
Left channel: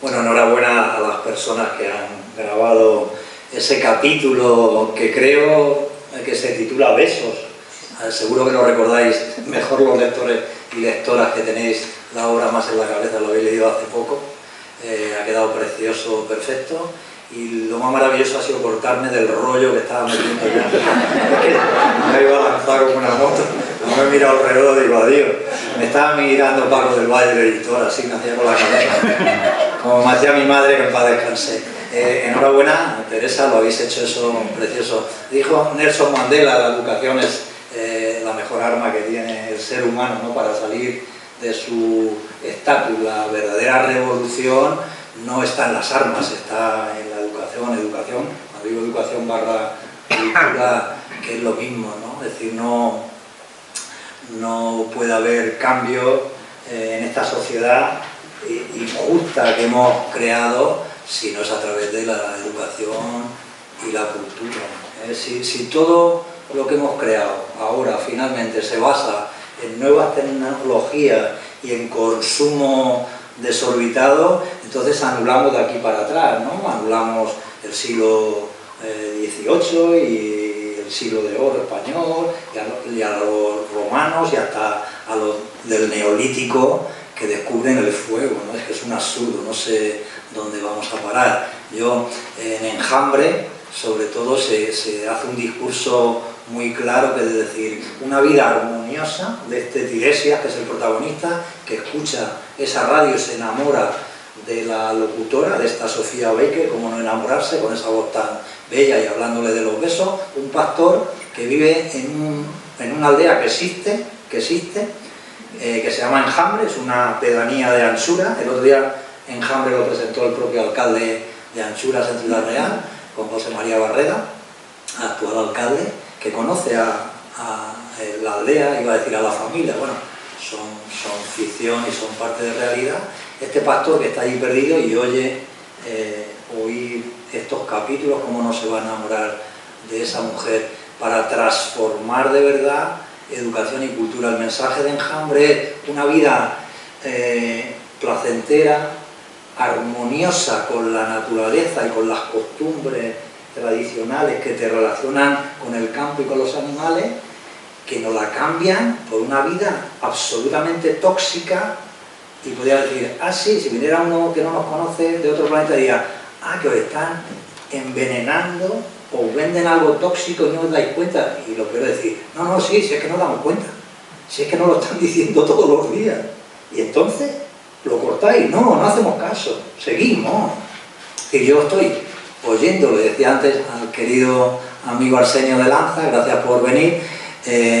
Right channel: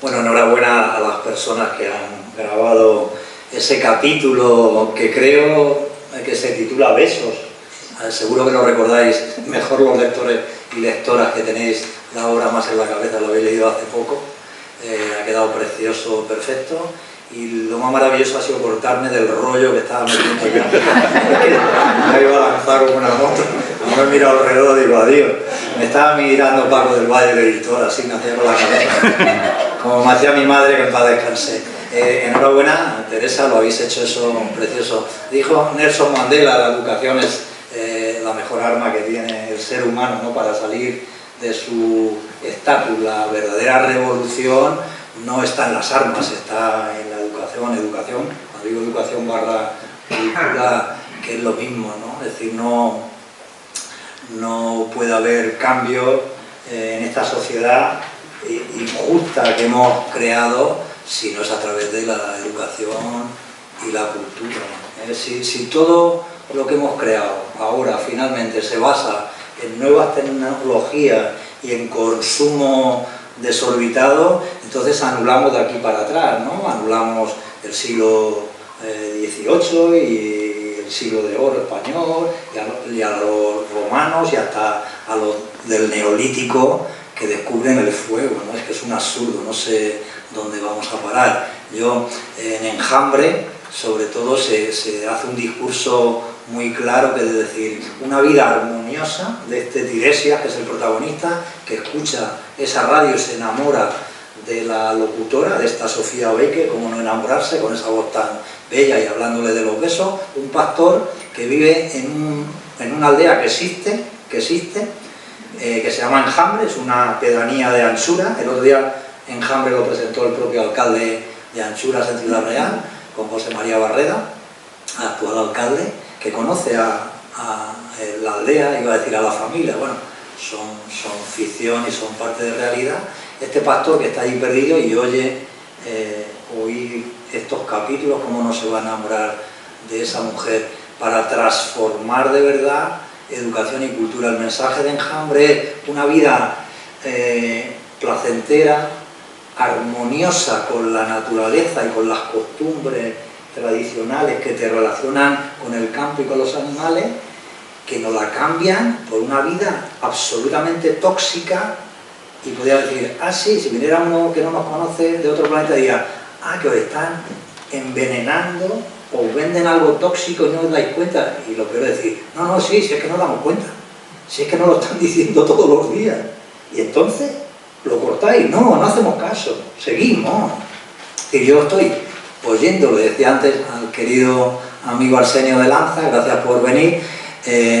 Bueno, enhorabuena a las personas que han grabado ese capítulo que creo que se titula Besos. Seguro que lo recordáis mejor los lectores y lectoras que tenéis la obra más en la cabeza, lo habéis leído hace poco. Ha quedado precioso, perfecto. Y lo más maravilloso ha sido cortarme del rollo que estaba metiendo yo. Me iba a lanzar como una moto. No me he mirado alrededor y digo, adiós. Me estaba mirando Paco del Valle, el editor, así me hacía con la cabeza. Como me hacía mi madre, que en paz descanse. Enhorabuena, Teresa, lo habéis hecho eso precioso. Dijo Nelson Mandela, la educación es la mejor arma que tiene el ser humano, ¿no?, para salir de su estatus. La verdadera revolución no está en las armas, está en la educación. Cuando digo educación barra cultura, que es lo mismo, ¿no? Es decir, no puede haber cambio en esta sociedad injusta que hemos creado si no es a través de la educación y la cultura. Si todo lo que hemos creado ahora finalmente se basa en nuevas tecnologías y en consumo desorbitado, entonces anulamos de aquí para atrás, ¿no? Anulamos el siglo XVIII y el siglo de oro español, y a los romanos y hasta a los del neolítico que descubren el fuego, ¿no? Es que es un absurdo, no sé dónde vamos a parar. Yo, en Enjambre, sobre todo, se hace un discurso muy claro, que es decir, una vida armoniosa de este Tiresias, que es el protagonista, que escucha esa radio y se enamora de la locutora, de esta Sofía Baker, cómo no enamorarse con esa voz tan bella y hablándole de los besos. Un pastor que vive en una aldea que existe, que se llama Enjambre, es una pedanía de Anchura. El otro día Enjambre lo presentó el propio alcalde de Anchuras en Ciudad Real, con José María Barreda, actual alcalde, que conoce a la aldea, iba a decir a la familia. Bueno, son ficción y son parte de realidad. Este pastor que está allí perdido y oye oír estos capítulos, cómo no se va a enamorar de esa mujer, para transformar de verdad educación y cultura. El mensaje de Enjambre es una vida placentera, armoniosa con la naturaleza y con las costumbres tradicionales que te relacionan con el campo y con los animales, que nos la cambian por una vida absolutamente tóxica. Y podría decir, sí, si viniera uno que no nos conoce de otro planeta, diría, que os están envenenando, os venden algo tóxico y no os dais cuenta. Y lo peor es decir, sí, si es que no damos cuenta, si es que nos lo están diciendo todos los días. Y entonces, ¿lo cortáis? No hacemos caso, seguimos. Y yo estoy oyendo, le decía antes al querido amigo Arsenio de Lanza, gracias por venir,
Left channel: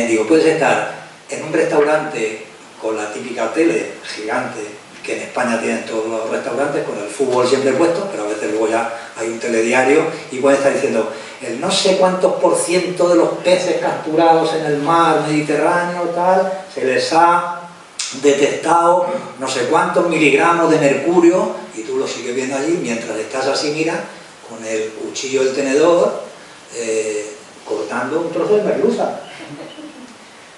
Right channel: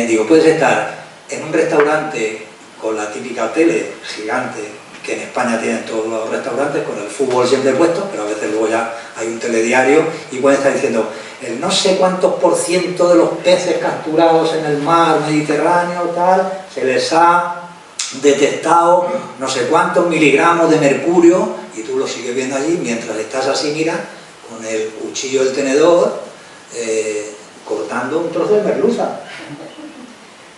digo, puedes estar en un restaurante con la típica tele gigante que en España tienen todos los restaurantes, con el fútbol siempre puesto, pero a veces luego ya hay un telediario y pueden estar diciendo el no sé cuántos % de los peces capturados en el mar Mediterráneo, tal, se les ha detectado no sé cuántos miligramos de mercurio, y tú lo sigues viendo allí mientras estás así, mira, con el cuchillo y el tenedor cortando un trozo de merluza,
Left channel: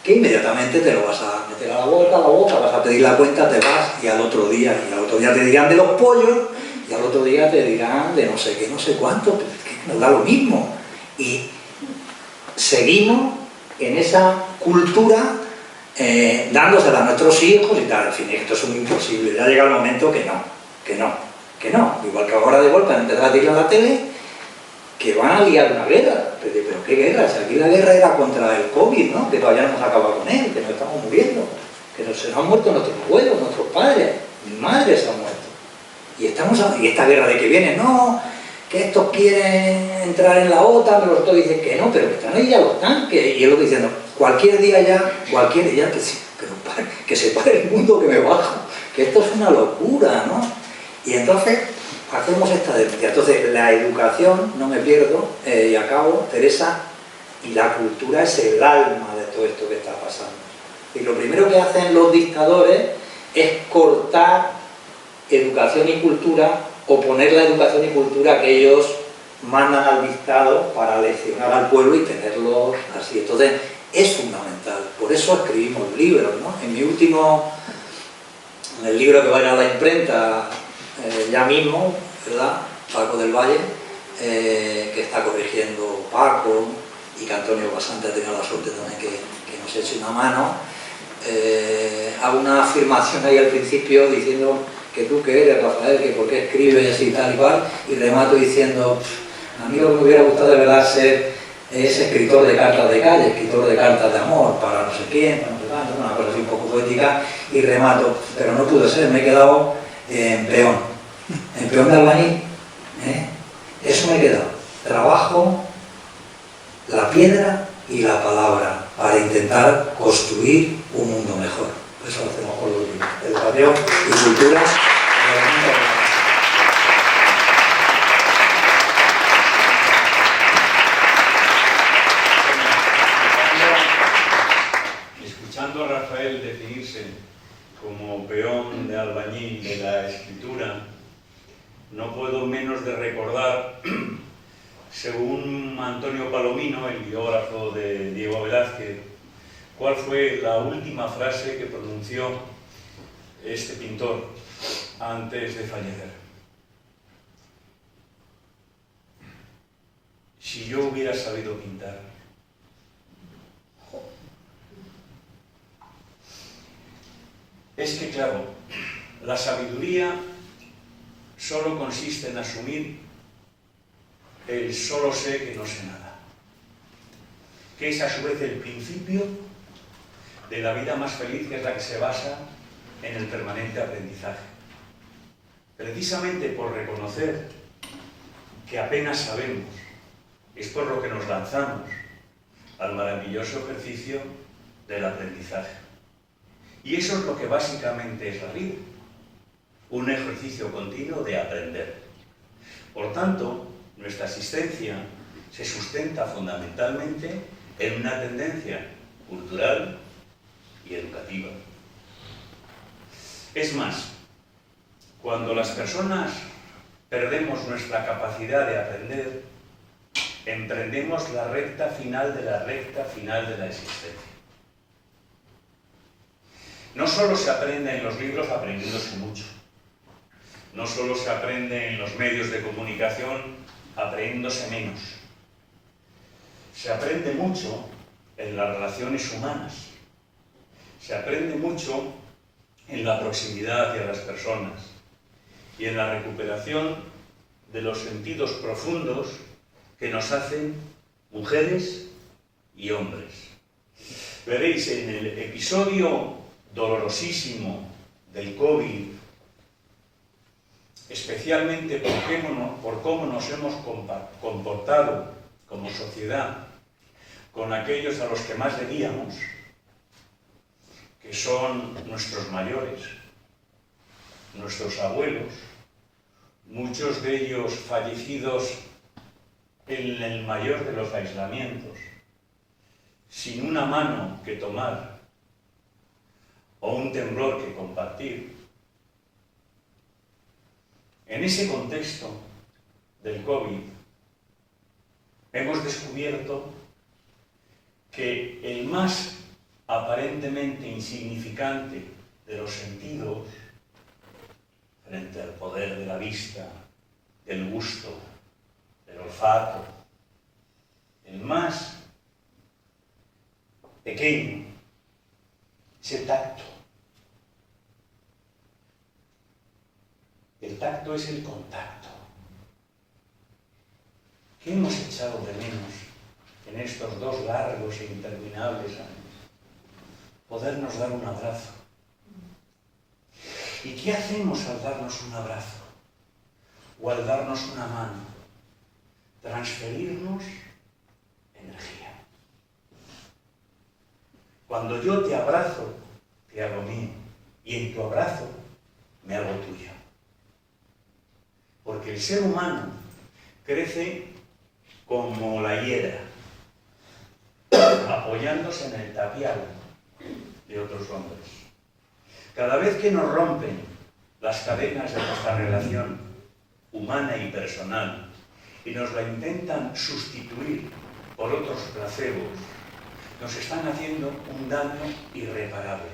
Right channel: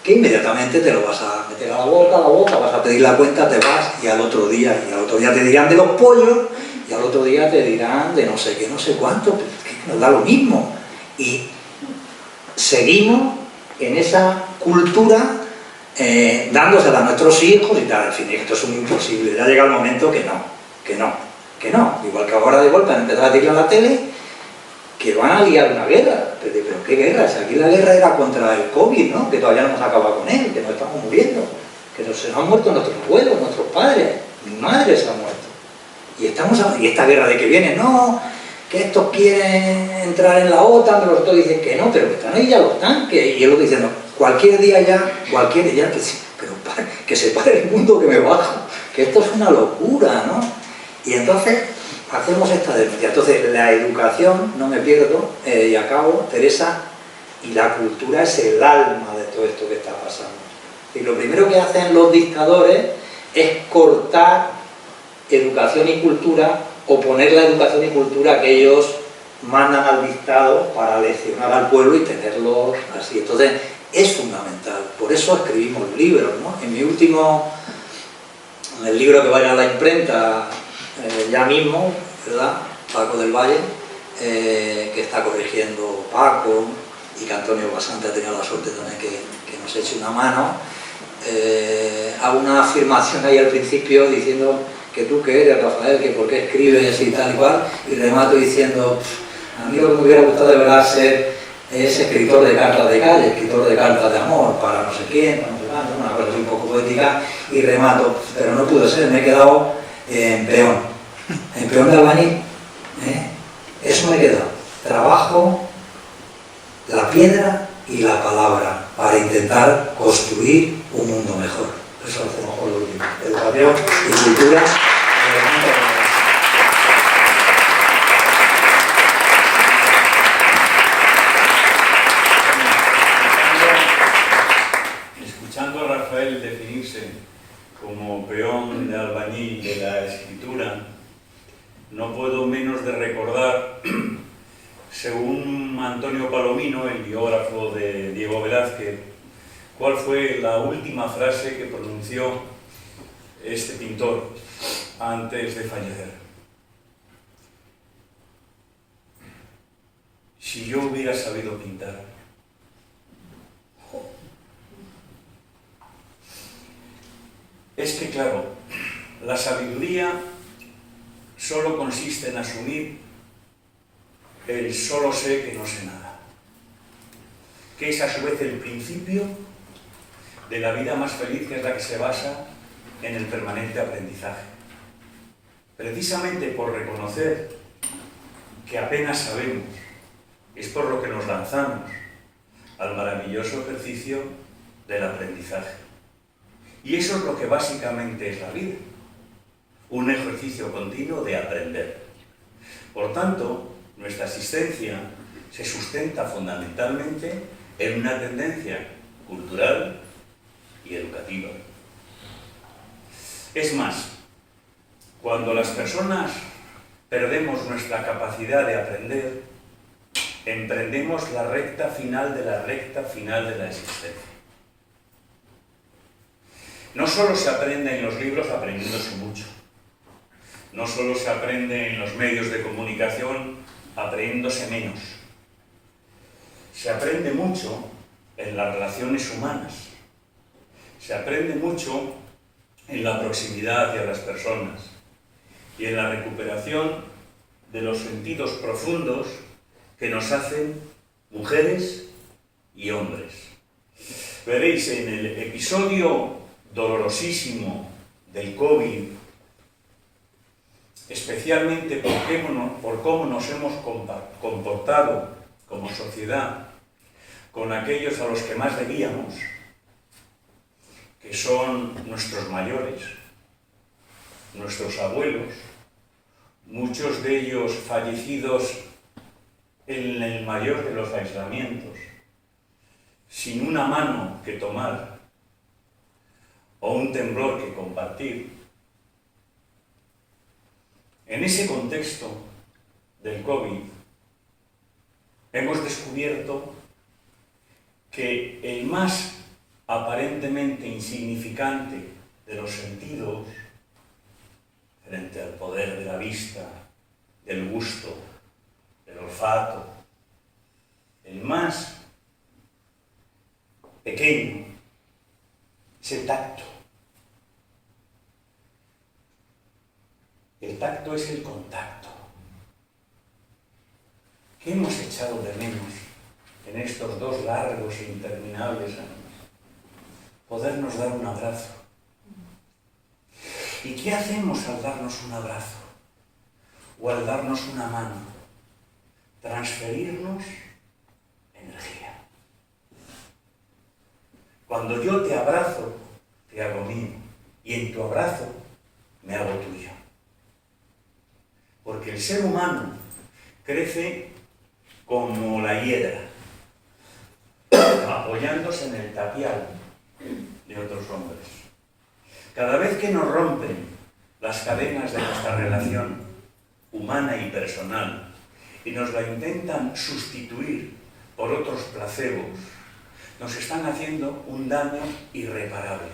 que inmediatamente te lo vas a meter a la boca, vas a pedir la cuenta, te vas, y al otro día te dirán de los pollos, y al otro día te dirán de no sé qué, no sé cuánto, que nos da lo mismo. Y seguimos en esa cultura dándosela a nuestros hijos y tal. En fin, esto es un imposible. Ya llega el momento que no. Igual que ahora de golpe han empezado a tirar la tele, que van a liar una guerra. Pero ¿qué guerra? Si aquí la guerra era contra el COVID, ¿no? Que todavía no hemos acabado con él, que nos estamos muriendo, que se nos han muerto nuestros abuelos, nuestros padres, mi madre se ha muerto. Y esta guerra de que viene, que estos quieren entrar en la OTAN, pero los otros dicen que no, pero que están ahí ya los tanques. Y él lo diciendo, cualquier día ya, pero que se pare el mundo, que me bajo, que esto es una locura, ¿no? Y entonces hacemos esta denuncia. Entonces la educación, no me pierdo, y acabo, Teresa, y la cultura es el alma de todo esto que está pasando. Y lo primero que hacen los dictadores es cortar educación y cultura, o poner la educación y cultura que ellos mandan al dictado para leccionar al pueblo y tenerlos así. Entonces es fundamental, por eso escribimos libros, ¿no? En mi último, el libro que va a ir a la imprenta ya mismo, ¿verdad? Paco del Valle, que está corrigiendo Paco, y que Antonio Basante ha tenido la suerte también que nos eche una mano, hago una afirmación ahí al principio diciendo que tú que eres, Rafael, que por qué escribes y tal y cual, y remato diciendo, a mí lo que me hubiera gustado de verdad ser es escritor de cartas de calle, escritor de cartas de amor, para no sé quién, para no sé cuánto, una cosa así un poco poética, y remato, pero no pudo ser, me he quedado en peón de albañil, eso me he quedado, trabajo, la piedra y la palabra, para intentar construir un mundo mejor. Eso lo hacemos con los libros, educación y cultura. Escuchando a Rafael definirse como peón de albañil de la escritura, no puedo menos de recordar, según Antonio Palomino, el biógrafo de Diego Velázquez, cuál fue la última frase que pronunció este pintor antes de fallecer. Si yo hubiera sabido pintar. Es que, claro, la sabiduría solo consiste en asumir el solo sé que no sé nada, que es a su vez el principio de la vida más feliz, que es la que se basa en el permanente aprendizaje. Precisamente por reconocer que apenas sabemos, es por lo que nos lanzamos al maravilloso ejercicio del aprendizaje. Y eso es lo que básicamente es la vida, un ejercicio continuo de aprender. Por tanto, nuestra existencia se sustenta fundamentalmente en una tendencia cultural y educativa. Es más, cuando las personas perdemos nuestra capacidad de aprender, emprendemos la recta final de la existencia. No solo se aprende en los libros aprendiéndose mucho, no solo se aprende en los medios de comunicación aprendiéndose menos, se aprende mucho en las relaciones humanas, se aprende mucho en la proximidad hacia las personas y en la recuperación de los sentidos profundos que nos hacen mujeres y hombres. Veréis, en el episodio dolorosísimo del COVID, especialmente por cómo nos hemos comportado como sociedad con aquellos a los que más debíamos, que son nuestros mayores, nuestros abuelos, muchos de ellos fallecidos en el mayor de los aislamientos, sin una mano que tomar o un temblor que compartir. En ese contexto del COVID, hemos descubierto que el más aparentemente insignificante de los sentidos, frente al poder de la vista, del gusto, del olfato, el más pequeño es el tacto. El tacto es el contacto. ¿Qué hemos echado de menos en estos 2 largos e interminables años? Podernos dar un abrazo. ¿Y qué hacemos al darnos un abrazo? O al darnos una mano. Transferirnos energía. Cuando yo te abrazo, te hago mío, y en tu abrazo me hago tuyo. Porque el ser humano crece como la hiedra, apoyándose en el tapial de otros hombres. Cada vez que nos rompen las cadenas de nuestra relación humana y personal y nos la intentan sustituir por otros placebos, nos están haciendo un daño irreparable.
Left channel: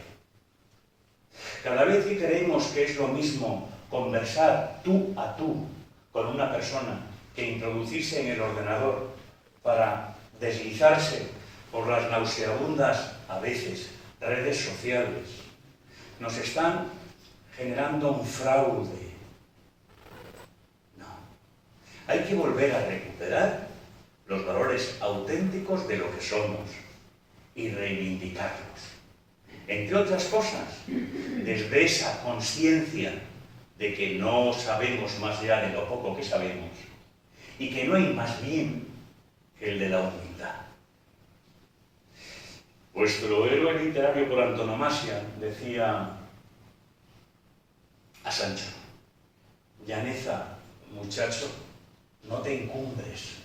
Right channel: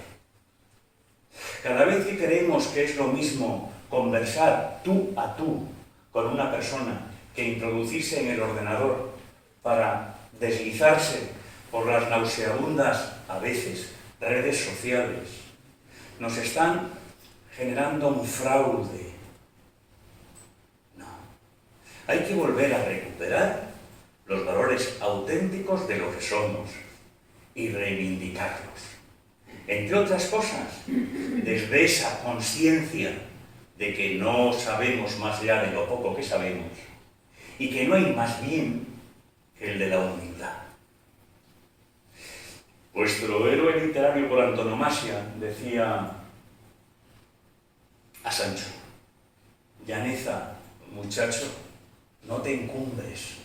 Cada vez que creemos que es lo mismo conversar tú a tú con una persona que introducirse en el ordenador para deslizarse por las nauseabundas, a veces, redes sociales, nos están generando un fraude. No. Hay que volver a recuperar los valores auténticos de lo que somos y reivindicarlos. Entre otras cosas, desde esa conciencia de que no sabemos más allá de lo poco que sabemos y que no hay más bien que el de la humildad. Vuestro héroe literario por antonomasia decía a Sancho: llaneza, muchacho, no te encumbres,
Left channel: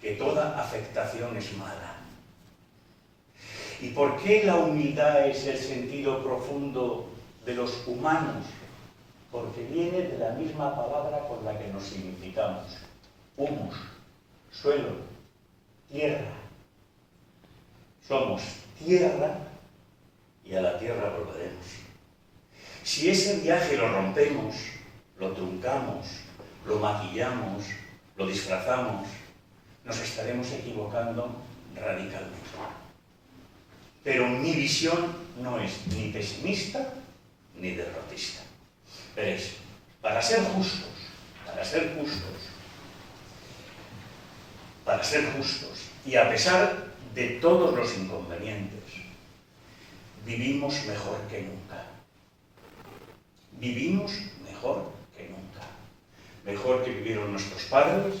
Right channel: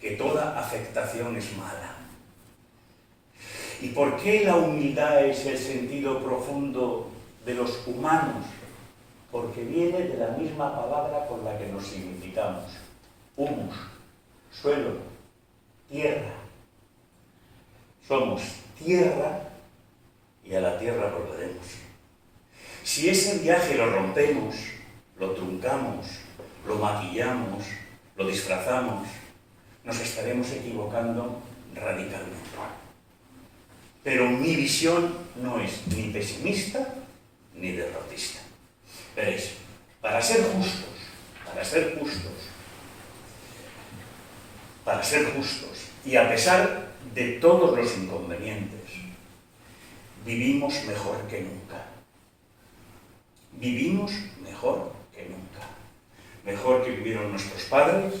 que toda afectación es mala. ¿Y por qué la humildad es el sentido profundo de los humanos? Porque viene de la misma palabra por la que nos significamos: humus, suelo, tierra. Somos tierra y a la tierra volveremos. Si ese viaje lo rompemos, lo truncamos, lo maquillamos, lo disfrazamos, nos estaremos equivocando radicalmente. Pero mi visión no es ni pesimista ni derrotista. Veréis, para ser justos, y a pesar de todos los inconvenientes, vivimos mejor que nunca. Vivimos mejor que nunca. Mejor que vivieron nuestros padres,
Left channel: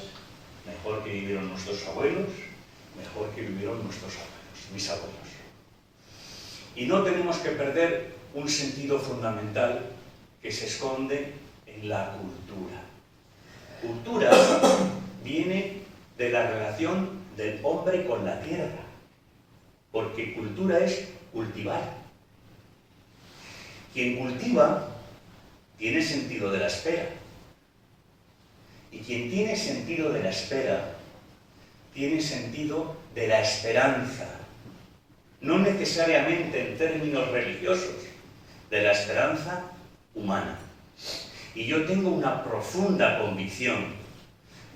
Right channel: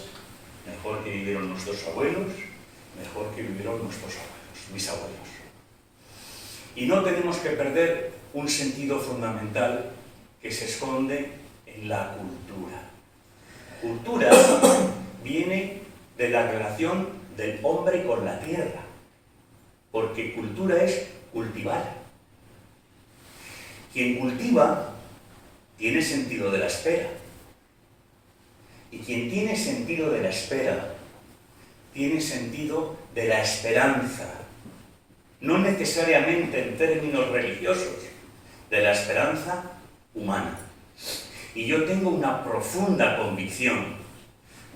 mejor que vivieron nuestros abuelos, mejor que vivieron nuestros abuelos, mis abuelos. Y no tenemos que perder un sentido fundamental que se esconde en la cultura. Cultura viene de la relación del hombre con la tierra, porque cultura es cultivar. Quien cultiva tiene sentido de la espera, y quien tiene sentido de la espera tiene sentido de la esperanza, no necesariamente en términos religiosos, de la esperanza humana. Y yo tengo una profunda convicción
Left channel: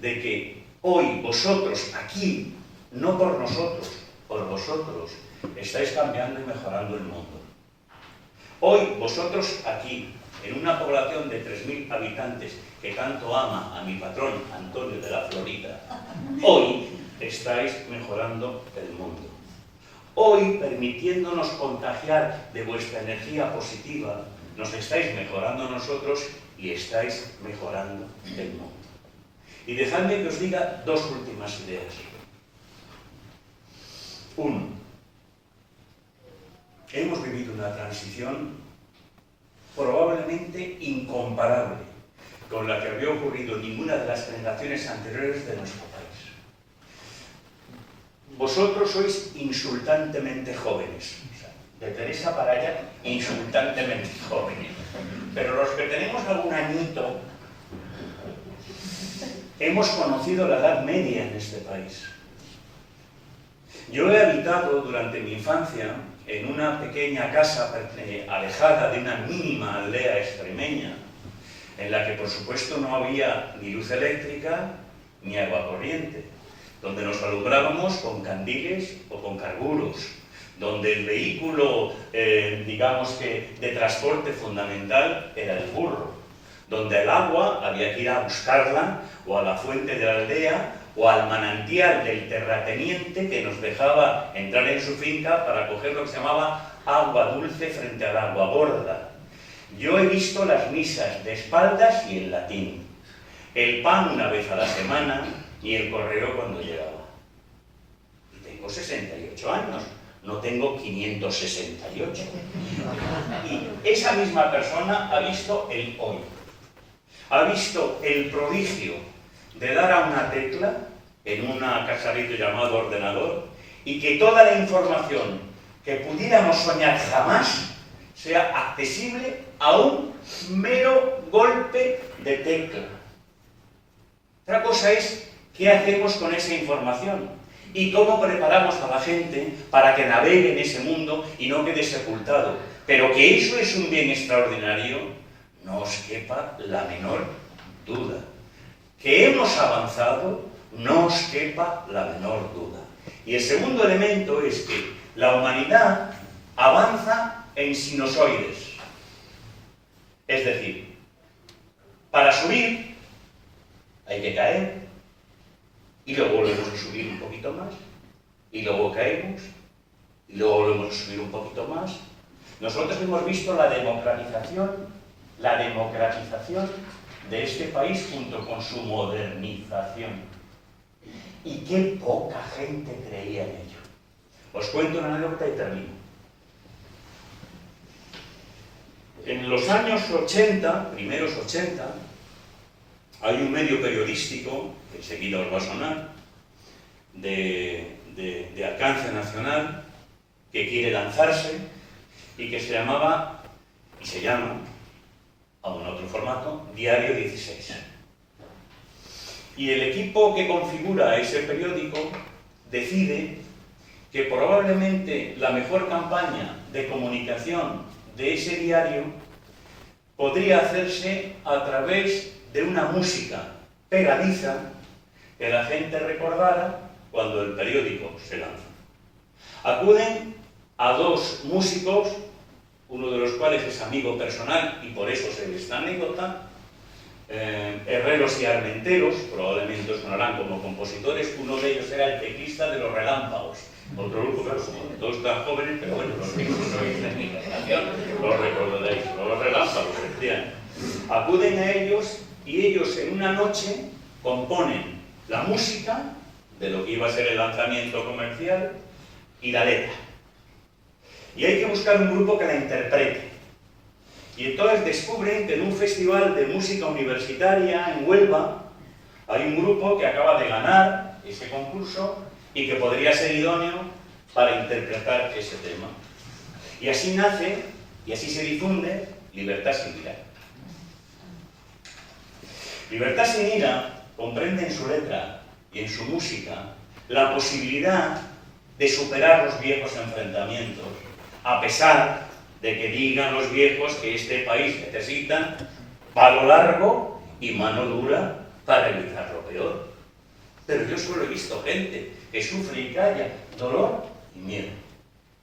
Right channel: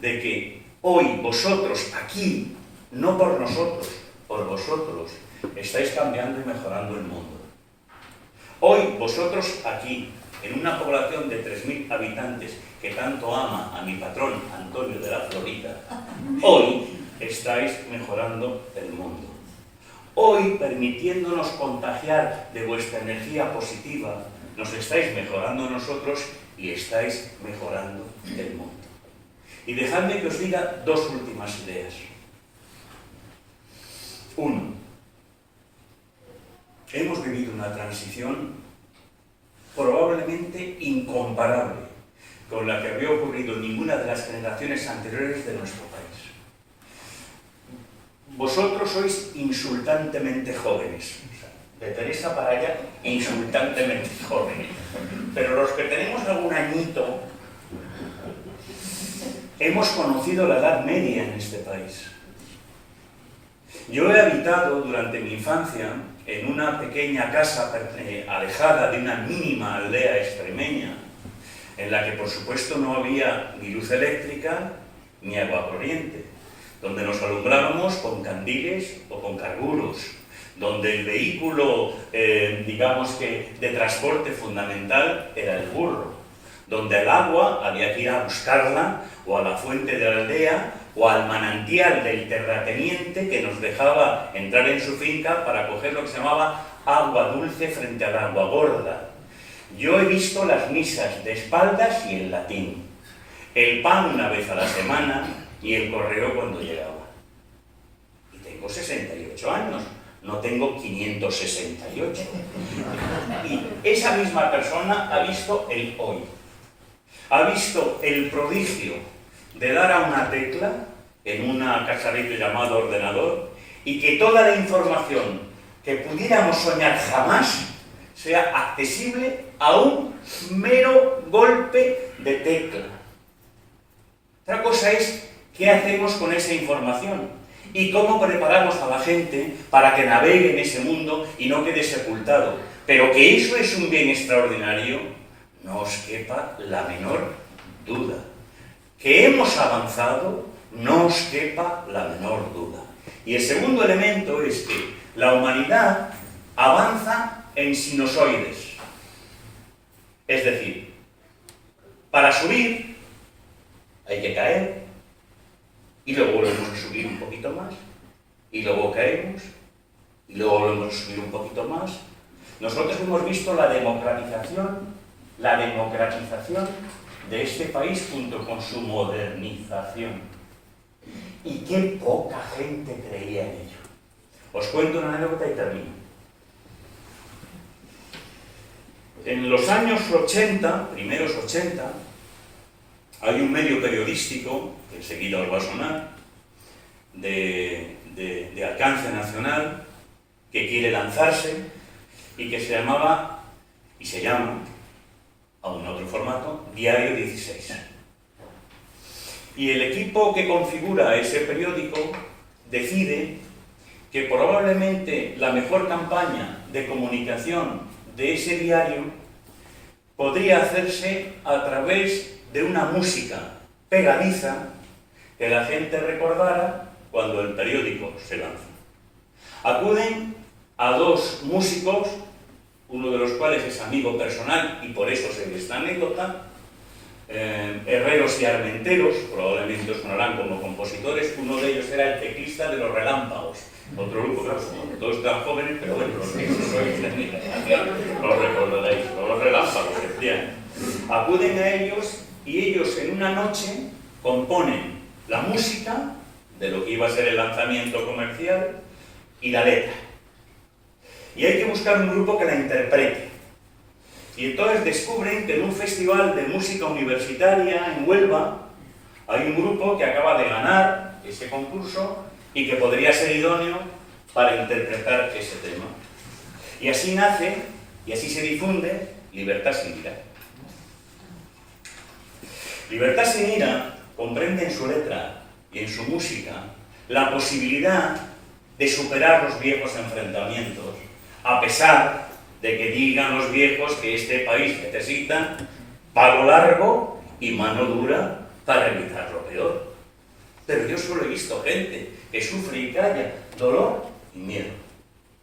de que hoy vosotros aquí, no por nosotros, por vosotros, estáis cambiando y mejorando el mundo. Hoy vosotros aquí, en una población de 3.000 habitantes que tanto ama a mi patrón Antonio de la Florida, hoy estáis mejorando el mundo. Hoy, permitiéndonos contagiar de vuestra energía positiva, nos estáis mejorando nosotros y estáis mejorando el mundo. Y dejadme que os diga dos últimas ideas. Uno, hemos vivido una transición probablemente incomparable con la que había ocurrido en ninguna de las generaciones anteriores de nuestro país. Vosotros sois insultantemente jóvenes. De Teresa para allá, insultantemente jóvenes. Pero los que tenemos algún añito, hemos conocido la Edad Media en este país. Yo he habitado durante mi infancia en una pequeña casa alejada de una mínima aldea extremeña, en la que por supuesto no había ni luz eléctrica ni agua corriente, donde nos alumbrábamos con candiles o con carburos, donde el vehículo, digamos que de transporte fundamental era el burro, donde el agua había que ir a buscarla o a la fuente de la aldea o al manantial del terrateniente que nos dejaba entrar en su finca para coger lo que se llamaba agua dulce frente al agua gorda. Yo he visto las misas de espaldas y en latín, el pan una vez a la semana y el correo cuando llegaba. Y tengo 68 años. no tengo 568. Y esa misma persona ha visto el hoy. Ha visto el prodigio de dar a una tecla en una cacharrito llamado ordenador y que toda la información que pudiéramos soñar jamás sea accesible a un mero golpe de tecla. Otra cosa es qué hacemos con esa información y cómo preparamos a la gente para que navegue en ese mundo y no quede sepultado. Pero que eso es un bien extraordinario, no os quepa la menor duda. Que hemos avanzado, no os quepa la menor duda. Y el segundo elemento es que la humanidad avanza en sinusoides. Es decir, para subir hay que caer, y luego volvemos a subir un poquito más, y luego caemos, y luego volvemos a subir un poquito más. Nosotros hemos visto la democratización de este país junto con su modernización. Y qué poca gente creía en ello. Os cuento una anécdota y termino. En los años 80, primeros 80, hay un medio periodístico, que enseguida os va a sonar, de alcance nacional, que quiere lanzarse y que se llamaba, y se llama, aún en otro formato, Diario 16. Y el equipo que configura ese periódico decide que probablemente la mejor campaña de comunicación de ese diario podría hacerse a través de una música pegadiza que la gente recordara cuando el periódico se lanza. Acuden a dos músicos, uno de los cuales es amigo personal y por eso sé esta anécdota, Herreros y Armenteros, probablemente os sonarán como compositores. Uno de ellos era el teclista de Los Relámpagos, otro grupo, claro, todos están jóvenes, pero bueno, los que sois de mi generación los recordaréis, Los Relámpagos, efectivamente. Acuden a ellos y ellos en una noche componen la música de lo que iba a ser el lanzamiento comercial y la letra. Y hay que buscar un grupo que la interprete. Y entonces descubren que en un festival de música universitaria en Huelva hay un grupo que acaba de ganar ese concurso y que podría ser idóneo para interpretar ese tema. Y así nace, y así se difunde, Libertad sin ira. Libertad sin ira comprende en su letra y en su música la posibilidad de superar los viejos enfrentamientos, a pesar de que digan los viejos que este país necesita palo largo y mano dura para evitar lo peor. Pero yo solo he visto gente que sufre y calla dolor y miedo.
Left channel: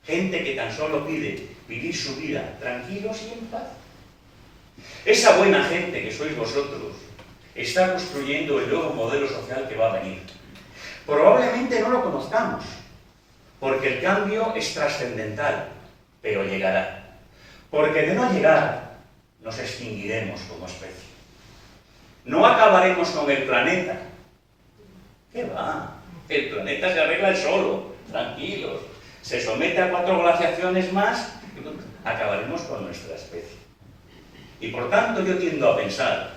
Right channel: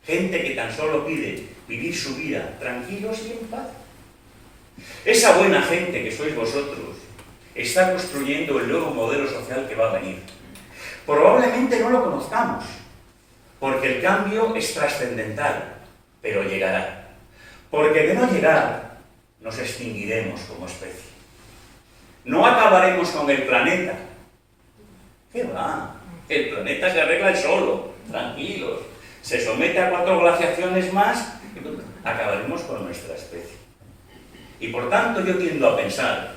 Gente que tan solo pide vivir su vida tranquilos y en paz. Esa buena gente que sois vosotros está construyendo el nuevo modelo social que va a venir. Probablemente no lo conozcamos, porque el cambio es trascendental, pero llegará. Porque de no llegar, nos extinguiremos como especie. No acabaremos con el planeta. ¿Qué va? El planeta se arregla el solo, tranquilos. Se somete a 4 glaciaciones más, y acabaremos con nuestra especie. Y por tanto yo tiendo a pensar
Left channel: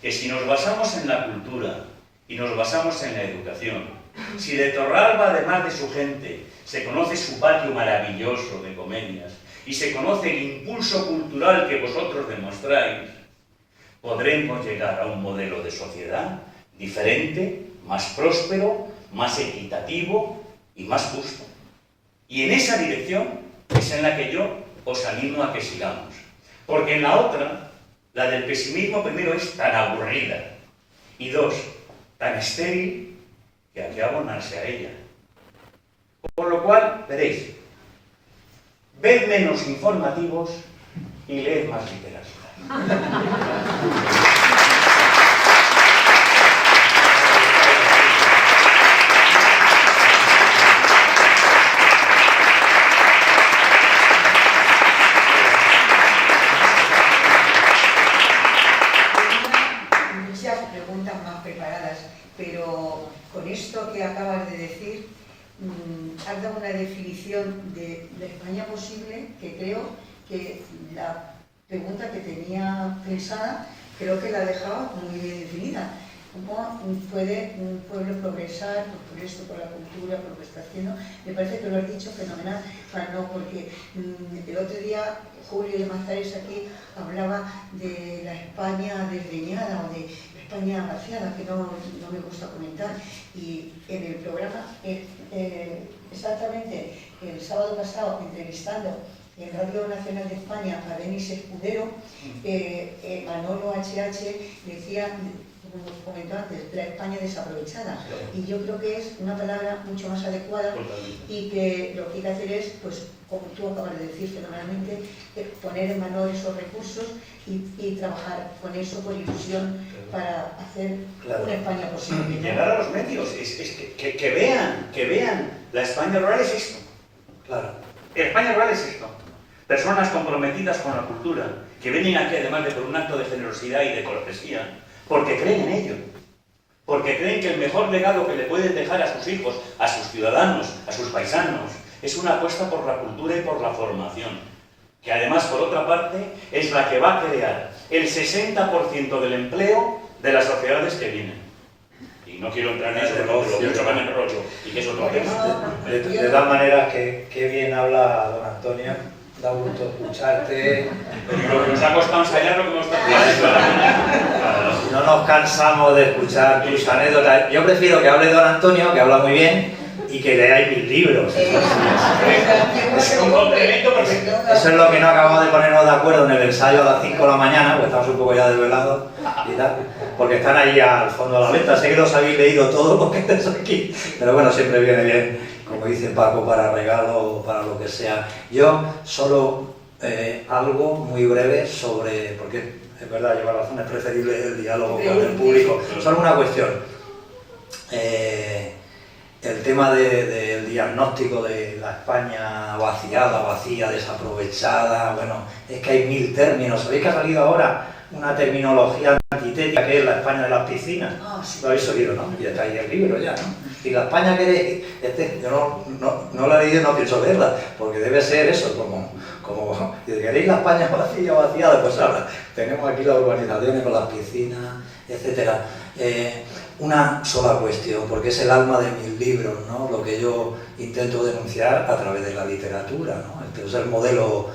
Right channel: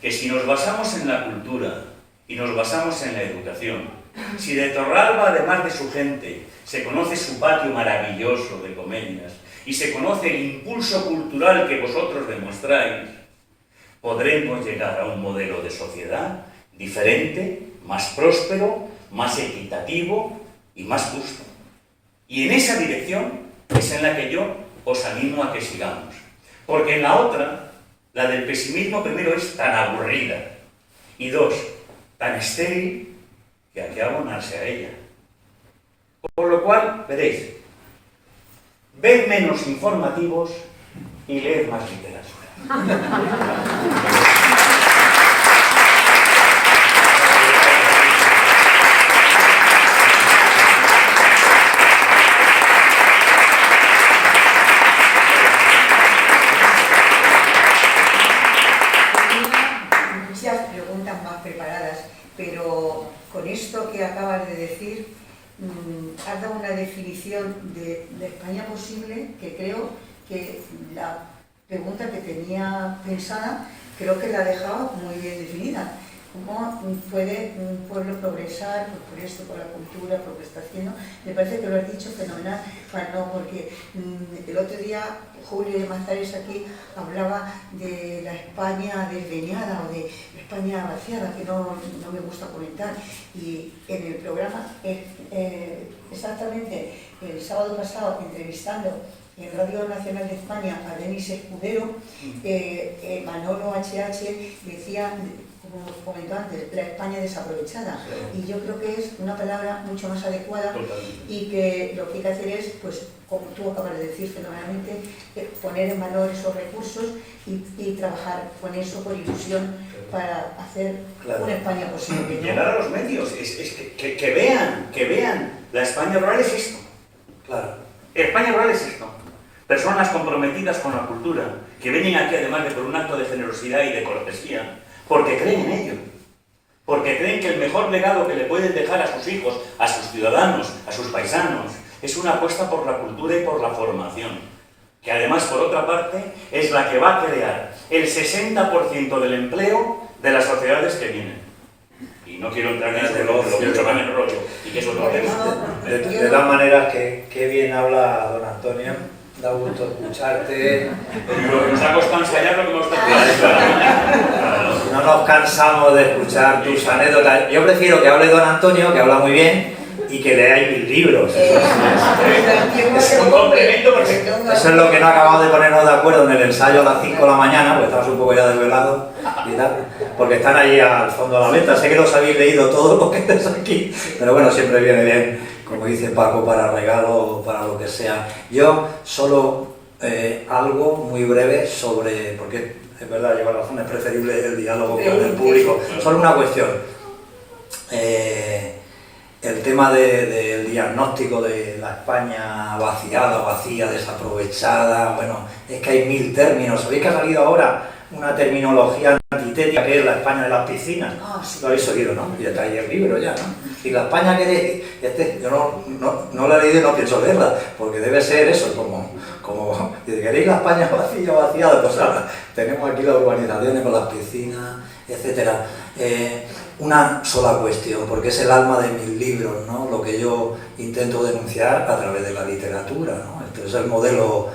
que si nos basamos en la cultura y nos basamos en la educación, si de Torralba, además de su gente, se conoce su patio maravilloso de comedias y se conoce el impulso cultural que vosotros demostráis, podremos llegar a un modelo de sociedad diferente, más próspero, más equitativo y más justo. Y en esa dirección es en la que yo os animo a que sigamos. Porque en la otra, la del pesimismo primero es tan aburrida y dos, tan estéril que hay que abonarse a ella. Por lo cual, veréis, ved menos informativos y leed más literatura. Muchas preguntas más preparadas, pero con esto que acabas de decir, has dado una definición de España posible que creo que la pregunta que tenía pensada creo que la ha dejado muy bien definida. ¿Cómo puede un pueblo progresar por esto, por la cultura, por lo que está haciendo? Me parece que lo has dicho fenomenal, porque el otro día Julio de Mazares aquí hablaba de la España desdeñada o de la España vaciada, que no me gusta comentar. Y en el programa, exactamente el sábado pasado, entrevistando en Radio Nacional de España a Denis Escudero, Manolo HH decía, como comentó antes, la España desaprovechada. Claro. Y yo creo que es una palabra mucho más adecuada. Totalmente. Y que lo que hay que hacer es, pues, como tú acabas de decir fenomenalmente, poner en valor esos recursos y trabajar con eso, por ilusión, para hacer una España posible, ¿no? Llegar a los medios, es que vean, la España rural es esto. Claro. España rural es esto. Personas comprometidas con la cultura, que vienen aquí además de por un acto de generosidad y de cortesía, porque creen en ello. Porque creen que el mejor legado que le pueden dejar a sus hijos, a sus ciudadanos, a sus paisanos, es una apuesta por la cultura y por la formación. Que además, por otra parte, es la que va a crear el 60% del empleo de las sociedades que vienen. Y no quiero entrar en eso, pero lo mucho van en rollo, y que es otro tema. De todas maneras, qué bien habla don Antonio, da gusto escucharte. Lo que nos ha costado ensayar lo que hemos estado. No nos cansamos de escuchar tus anécdotas. Yo prefiero que hable don Antonio, que habla muy bien, y que leáis mis libros. Es un complemento perfecto. Eso es lo que no acabamos de ponernos de acuerdo en el ensayo a las 5 de la mañana, porque estamos un poco ya desvelados y tal, porque están ahí al fondo de la letra. Sé que los habéis leído todos los que estáis aquí, pero bueno, siempre viene bien, como dice Paco, para regalo o para lo que sea. Yo solo algo muy breve sobre, porque es verdad, lleva razón, es preferible el diálogo con el público. Solo una cuestión. El tema del diagnóstico de la España vaciada, vacía, desaprovechada, bueno, es que hay 1000 términos. ¿Sabéis que ha salido ahora una terminología antitética que es la España de las piscinas? Sí. Lo habéis oído, ¿no? Y está ahí el libro ya, ¿no? Y la España que yo no la he leído y no pienso leerla, porque debe ser eso, como si queréis la España vacía, vaciada, pues ahora tenemos aquí las urbanizaciones con las piscinas, etcétera. Una sola cuestión, porque es el alma de mis libros, ¿no? Lo que yo intento denunciar a través de la literatura, ¿no? Esto es el modelo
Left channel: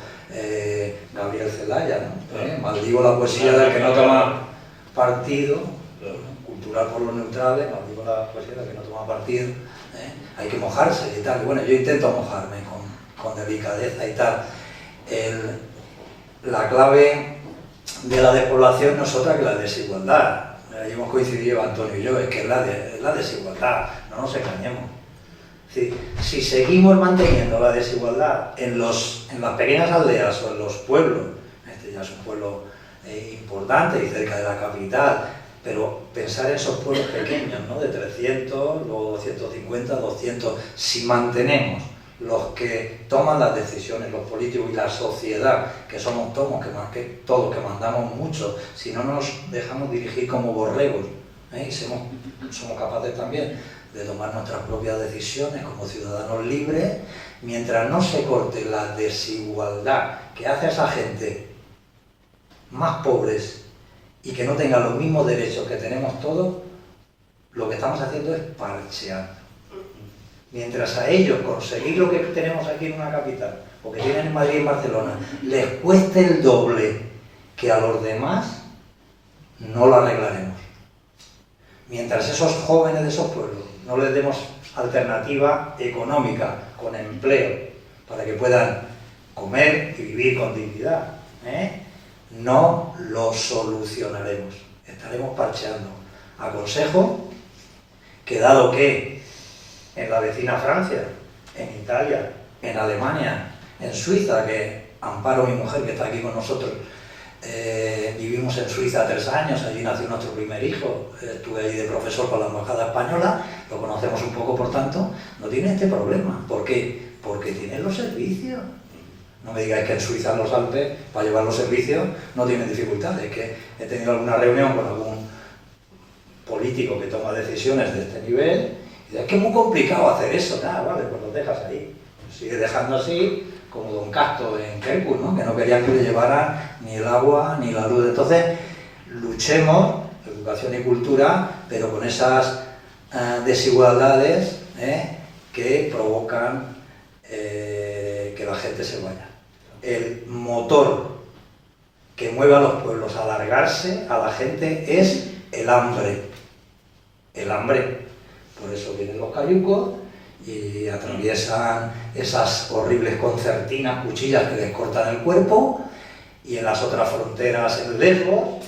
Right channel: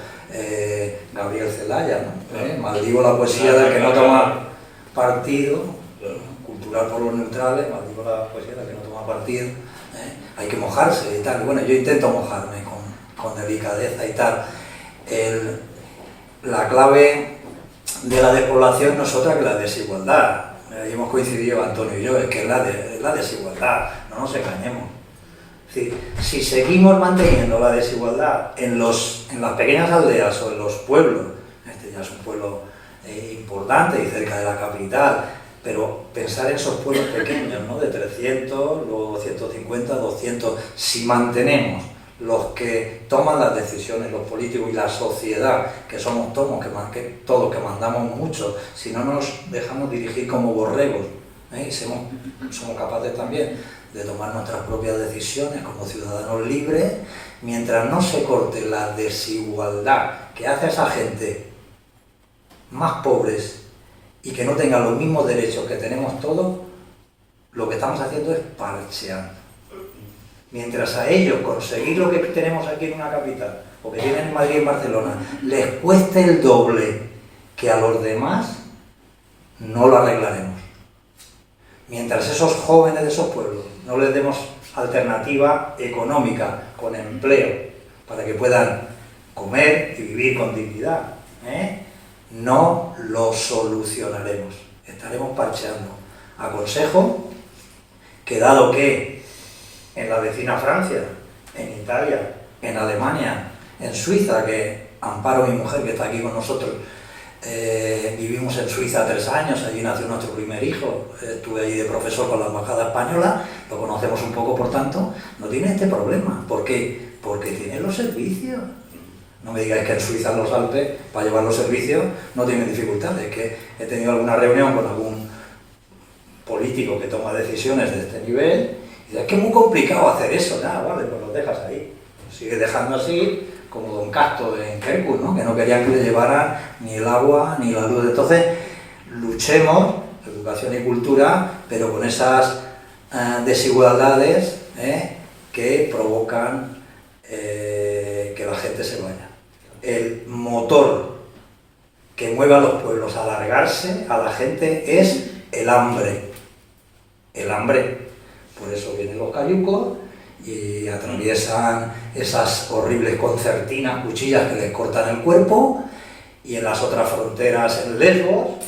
Gabriel Celaya, ¿no? Maldigo la poesía del que no toma partido, cultural por los neutrales, maldigo la poesía del que no toma partido, hay que mojarse y tal. Y bueno, yo intento mojarme con delicadeza y tal. La clave de la despoblación no es otra que la desigualdad. Ahí hemos coincidido Antonio y yo, es que es la desigualdad, no nos engañemos. Es decir, si seguimos manteniendo la desigualdad en las pequeñas aldeas o en los pueblos, este ya es un pueblo importante y cerca de la capital, pero pensar en esos pueblos pequeños, ¿no? De 300, luego 150, 200, si mantenemos los que toman las decisiones, los políticos y la sociedad, que somos todos, que mandamos mucho, si no nos dejamos dirigir como borregos, y somos capaces también de tomar nuestras propias decisiones como ciudadanos libres, mientras no se corte la desigualdad que hace a esa gente más pobres y que no tengan los mismos derechos que tenemos todos, lo que estamos haciendo es parchear. Mientras a ellos conseguir lo que tenemos aquí en una capital, o que tienen en Madrid y en Barcelona, les cueste el doble que a los demás, no lo arreglaremos. Mientras esos jóvenes de esos pueblos no les demos alternativa económica, con empleo, para que puedan comer y vivir con dignidad, no lo solucionaremos. Estaremos parcheando. Aconsejo que, dado que en la vecina Francia, en Italia, en Alemania, en Suiza, que Amparo, mi mujer, que está aquí con nosotros, vivimos en Suiza 3 años, allí nació nuestro primer hijo, estuve allí de profesor con la embajada española, lo conocemos un poco, por tanto, no tiene este problema. ¿Por qué? Porque tiene los servicios. No me digáis que en Suiza, en los Alpes, para llevar los servicios, no tienen dificultades. Que he tenido alguna reunión con algún político que toma decisiones de este nivel Y es que es muy complicado hacer eso, nada, vale, pues lo dejas ahí. Lo sigues dejando así, como Don Casto en Kerkus, ¿no? Que no querían que le llevaran ni el agua ni la luz. Entonces, luchemos, educación y cultura, pero con esas desigualdades que provocan que la gente se vaya. El motor que mueve a los pueblos a alargarse a la gente es el hambre. El hambre. Por eso vienen los cayucos y atraviesan esas horribles concertinas, cuchillas que les cortan el cuerpo, y en las otras fronteras en Lesbos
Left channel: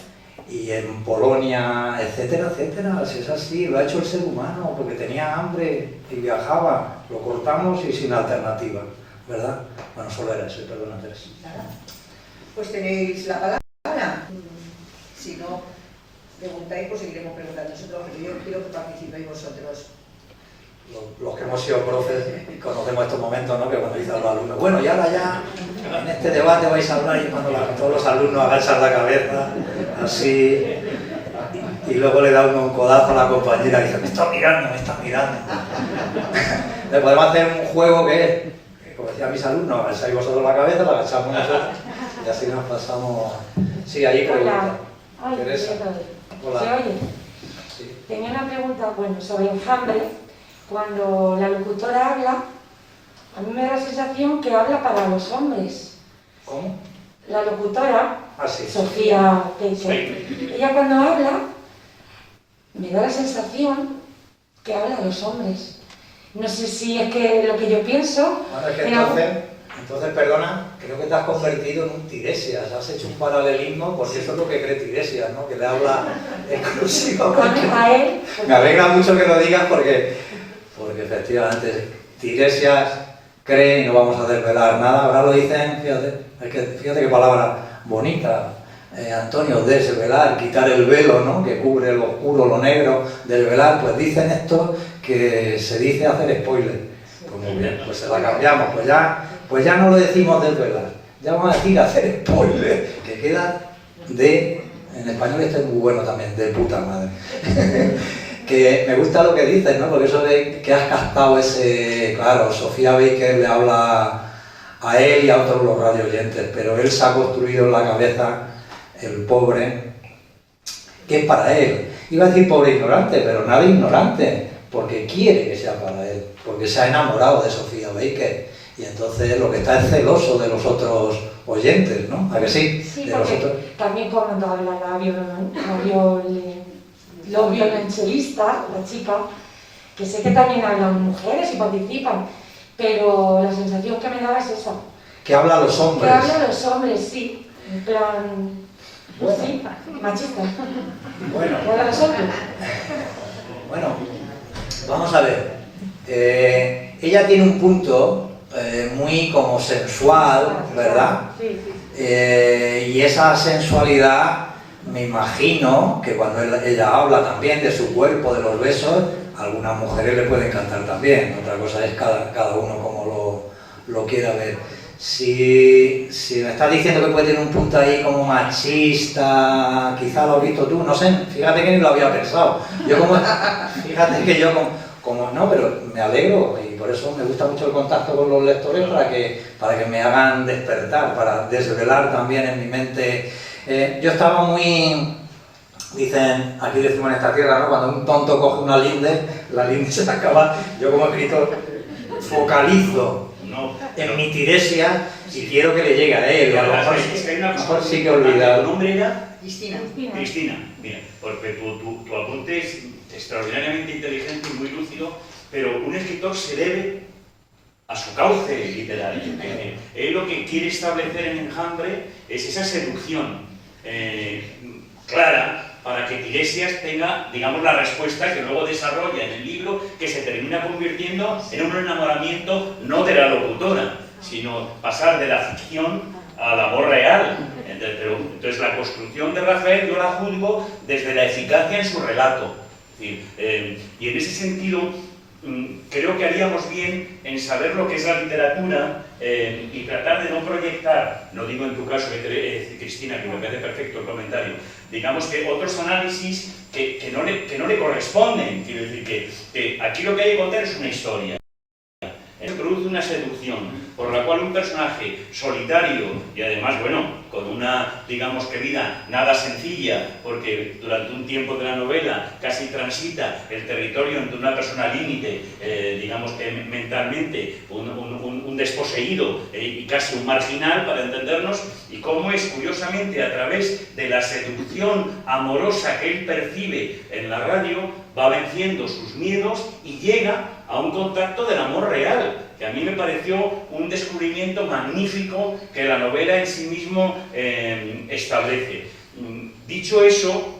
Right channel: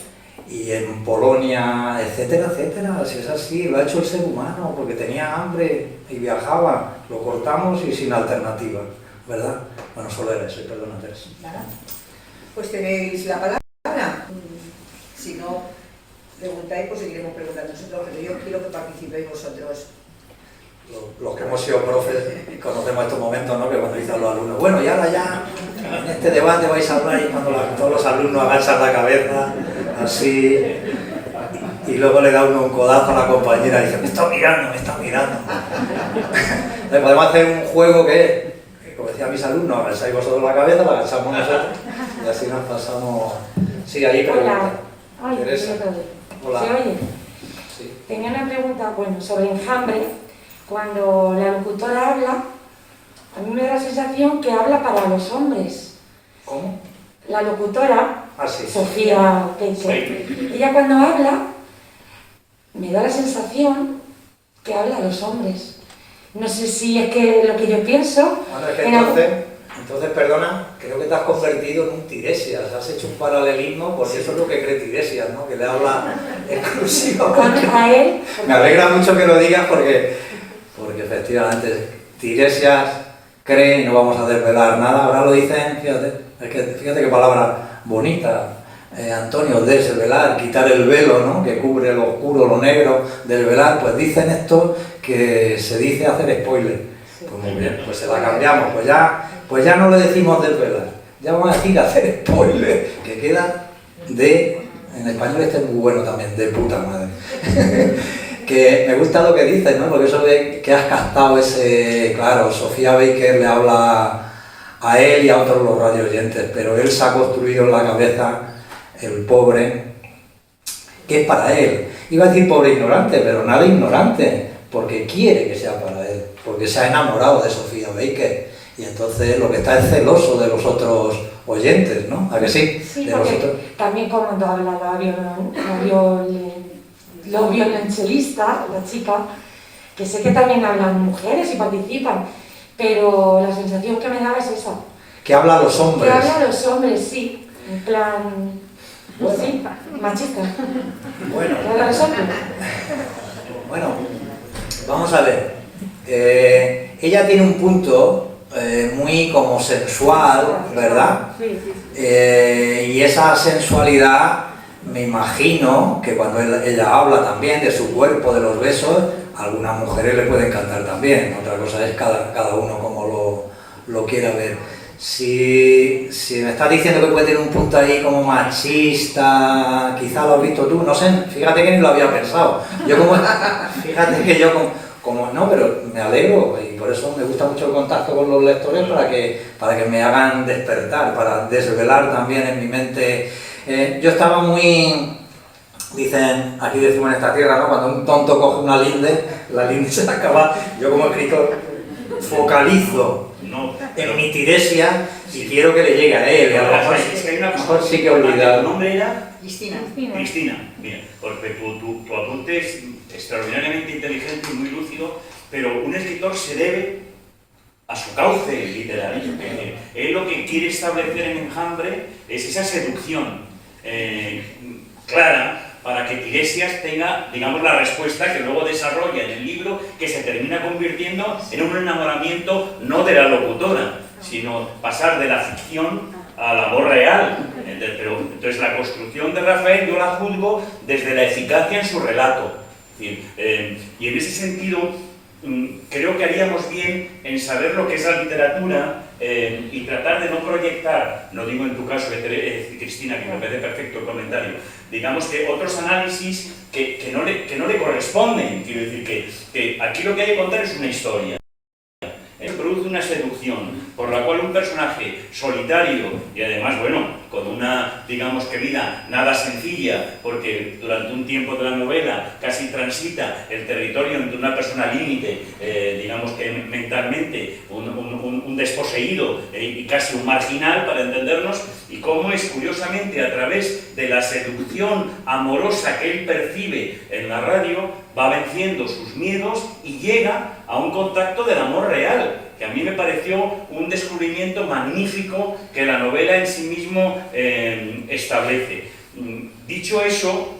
y en Polonia, etcétera, etcétera. Si es así, lo ha hecho el ser humano porque tenía hambre y viajaba. Lo cortamos y sin alternativa, ¿verdad? Bueno, solo era eso, perdona, Teresa. Nada. Pues tenéis la palabra. Si no preguntáis, pues seguiremos preguntando nosotros, pero yo quiero que participéis vosotros. Los que hemos sido profes conocemos estos momentos, ¿no? Que cuando dicen los alumnos, bueno, y ahora ya en este debate vais a hablar, y cuando todos los alumnos agachan la cabeza, así, y luego le da uno un codazo a la compañera y dice, me está mirando, me está mirando. Entonces podemos hacer un juego que, como decían mis alumnos, agacháis vosotros la cabeza, la agachamos nosotros, y así nos pasamos. Sí, ahí pregunta. Hola. Ay, Teresa. Hola. ¿Se oye? Sí. Tenía una pregunta, bueno, sobre enjambre. Cuando la locutora habla, a mí me da la sensación que habla para los hombres. ¿Cómo? La locutora, Sí. Sofía Pecho, ella cuando habla, me da la sensación que habla a los hombres. No sé si es que lo que yo pienso... Bueno, es que entonces, perdona, creo que te has convertido en un Tiresias, has hecho un paralelismo, porque eso es lo que cree Tiresias, ¿no? Que le habla exclusivamente a él. Me alegra mucho que lo digas porque efectivamente Tiresias cree, no vamos a desvelar nada, ahora lo dicen, fíjate qué palabra bonita, Antonio, desvelar, quitar el velo, ¿no? Que cubre lo oscuro, lo negro, desvelar, pues dicen esto que se dice hacer spoiler. Pues muy bien, pues se la cambiamos, pues ya no le decimos desvelar, ya vamos a decir hacer spoiler, que queda en español este es muy bueno también, de puta madre. Que me gusta lo que dices, ¿no? Porque eso de que has captado ese... Claro, Sofía Baker le habla a él y a otros los radioyentes, pero él se ha construido en la cabeza el pobre, que es para él. Iba a decir pobre ignorante, pero nada ignorante, porque quiere que sea para él, porque se ha enamorado de Sofía Baker, y entonces lo que está es celoso de los otros oyentes, ¿no? ¿A que sí? Sí, de porque los otros... también cuando hablaba los violonchelistas, la chica, que sé que también hablan mujeres y participan, pero la sensación que me daba es esa. Que habla a los hombres. Que habla a los hombres, sí, en plan... Bueno. Sí, machista. Bueno. Que habla a los hombres. Bueno, vamos a ver. Ella tiene un punto muy como sensual, ¿verdad? Sí. Y esa sensualidad, me imagino que cuando ella habla también de su cuerpo, de los besos, a algunas mujeres le puede encantar también. Otra cosa es cada uno como lo quiera ver. Si me estás diciendo que puede tener un punto ahí como machista, quizá lo has visto tú, no sé, fíjate que ni lo había pensado. Fíjate que yo como no, pero me alegro y por eso me gusta mucho el contacto con los lectores para que me hagan despertar, para desvelar también en mi mente. Yo estaba muy... Dicen, aquí decimos en esta tierra, ¿no? Cuando un tonto coge una linde, la linde se acaba. Yo como escritor focalizo en mi Tiresia y quiero que le llegue a él. A lo mejor sí que he olvidado. ¿Tu nombre era? Cristina. Cristina. Mira, porque tu apunte es extraordinariamente inteligente y muy lúcido, pero un escritor se debe a su cauce literario. Él lo que quiere establecer en Enjambre es esa seducción clara para que Tiresias tenga, digamos, la respuesta que luego desarrolla en el libro, que se termina convirtiendo en un enamoramiento no de la locutora, sino pasar de la ficción al amor real. Entonces la construcción de Rafael yo la juzgo desde la eficacia en su relato. Y en ese sentido creo que haríamos bien en saber lo que es la literatura y tratar de no proyectar, no digo en tu caso, Cristina, que me parece perfecto el comentario, digamos que otros análisis que no le corresponden. Quiero decir que aquí lo que hay que contar es una historia. Produce una seducción por la cual un personaje solitario y además, bueno, con una, digamos que vida nada sencilla, porque durante un tiempo de la novela casi transita el territorio entre una persona límite, digamos que mentalmente, un desposeído y casi un marginal, para entendernos, y cómo es curiosamente a través de la seducción amorosa que él percibe en la radio, va venciendo sus miedos y llega a un contacto del amor real, que a mí me pareció un descubrimiento magnífico que la novela en sí mismo establece. Dicho eso,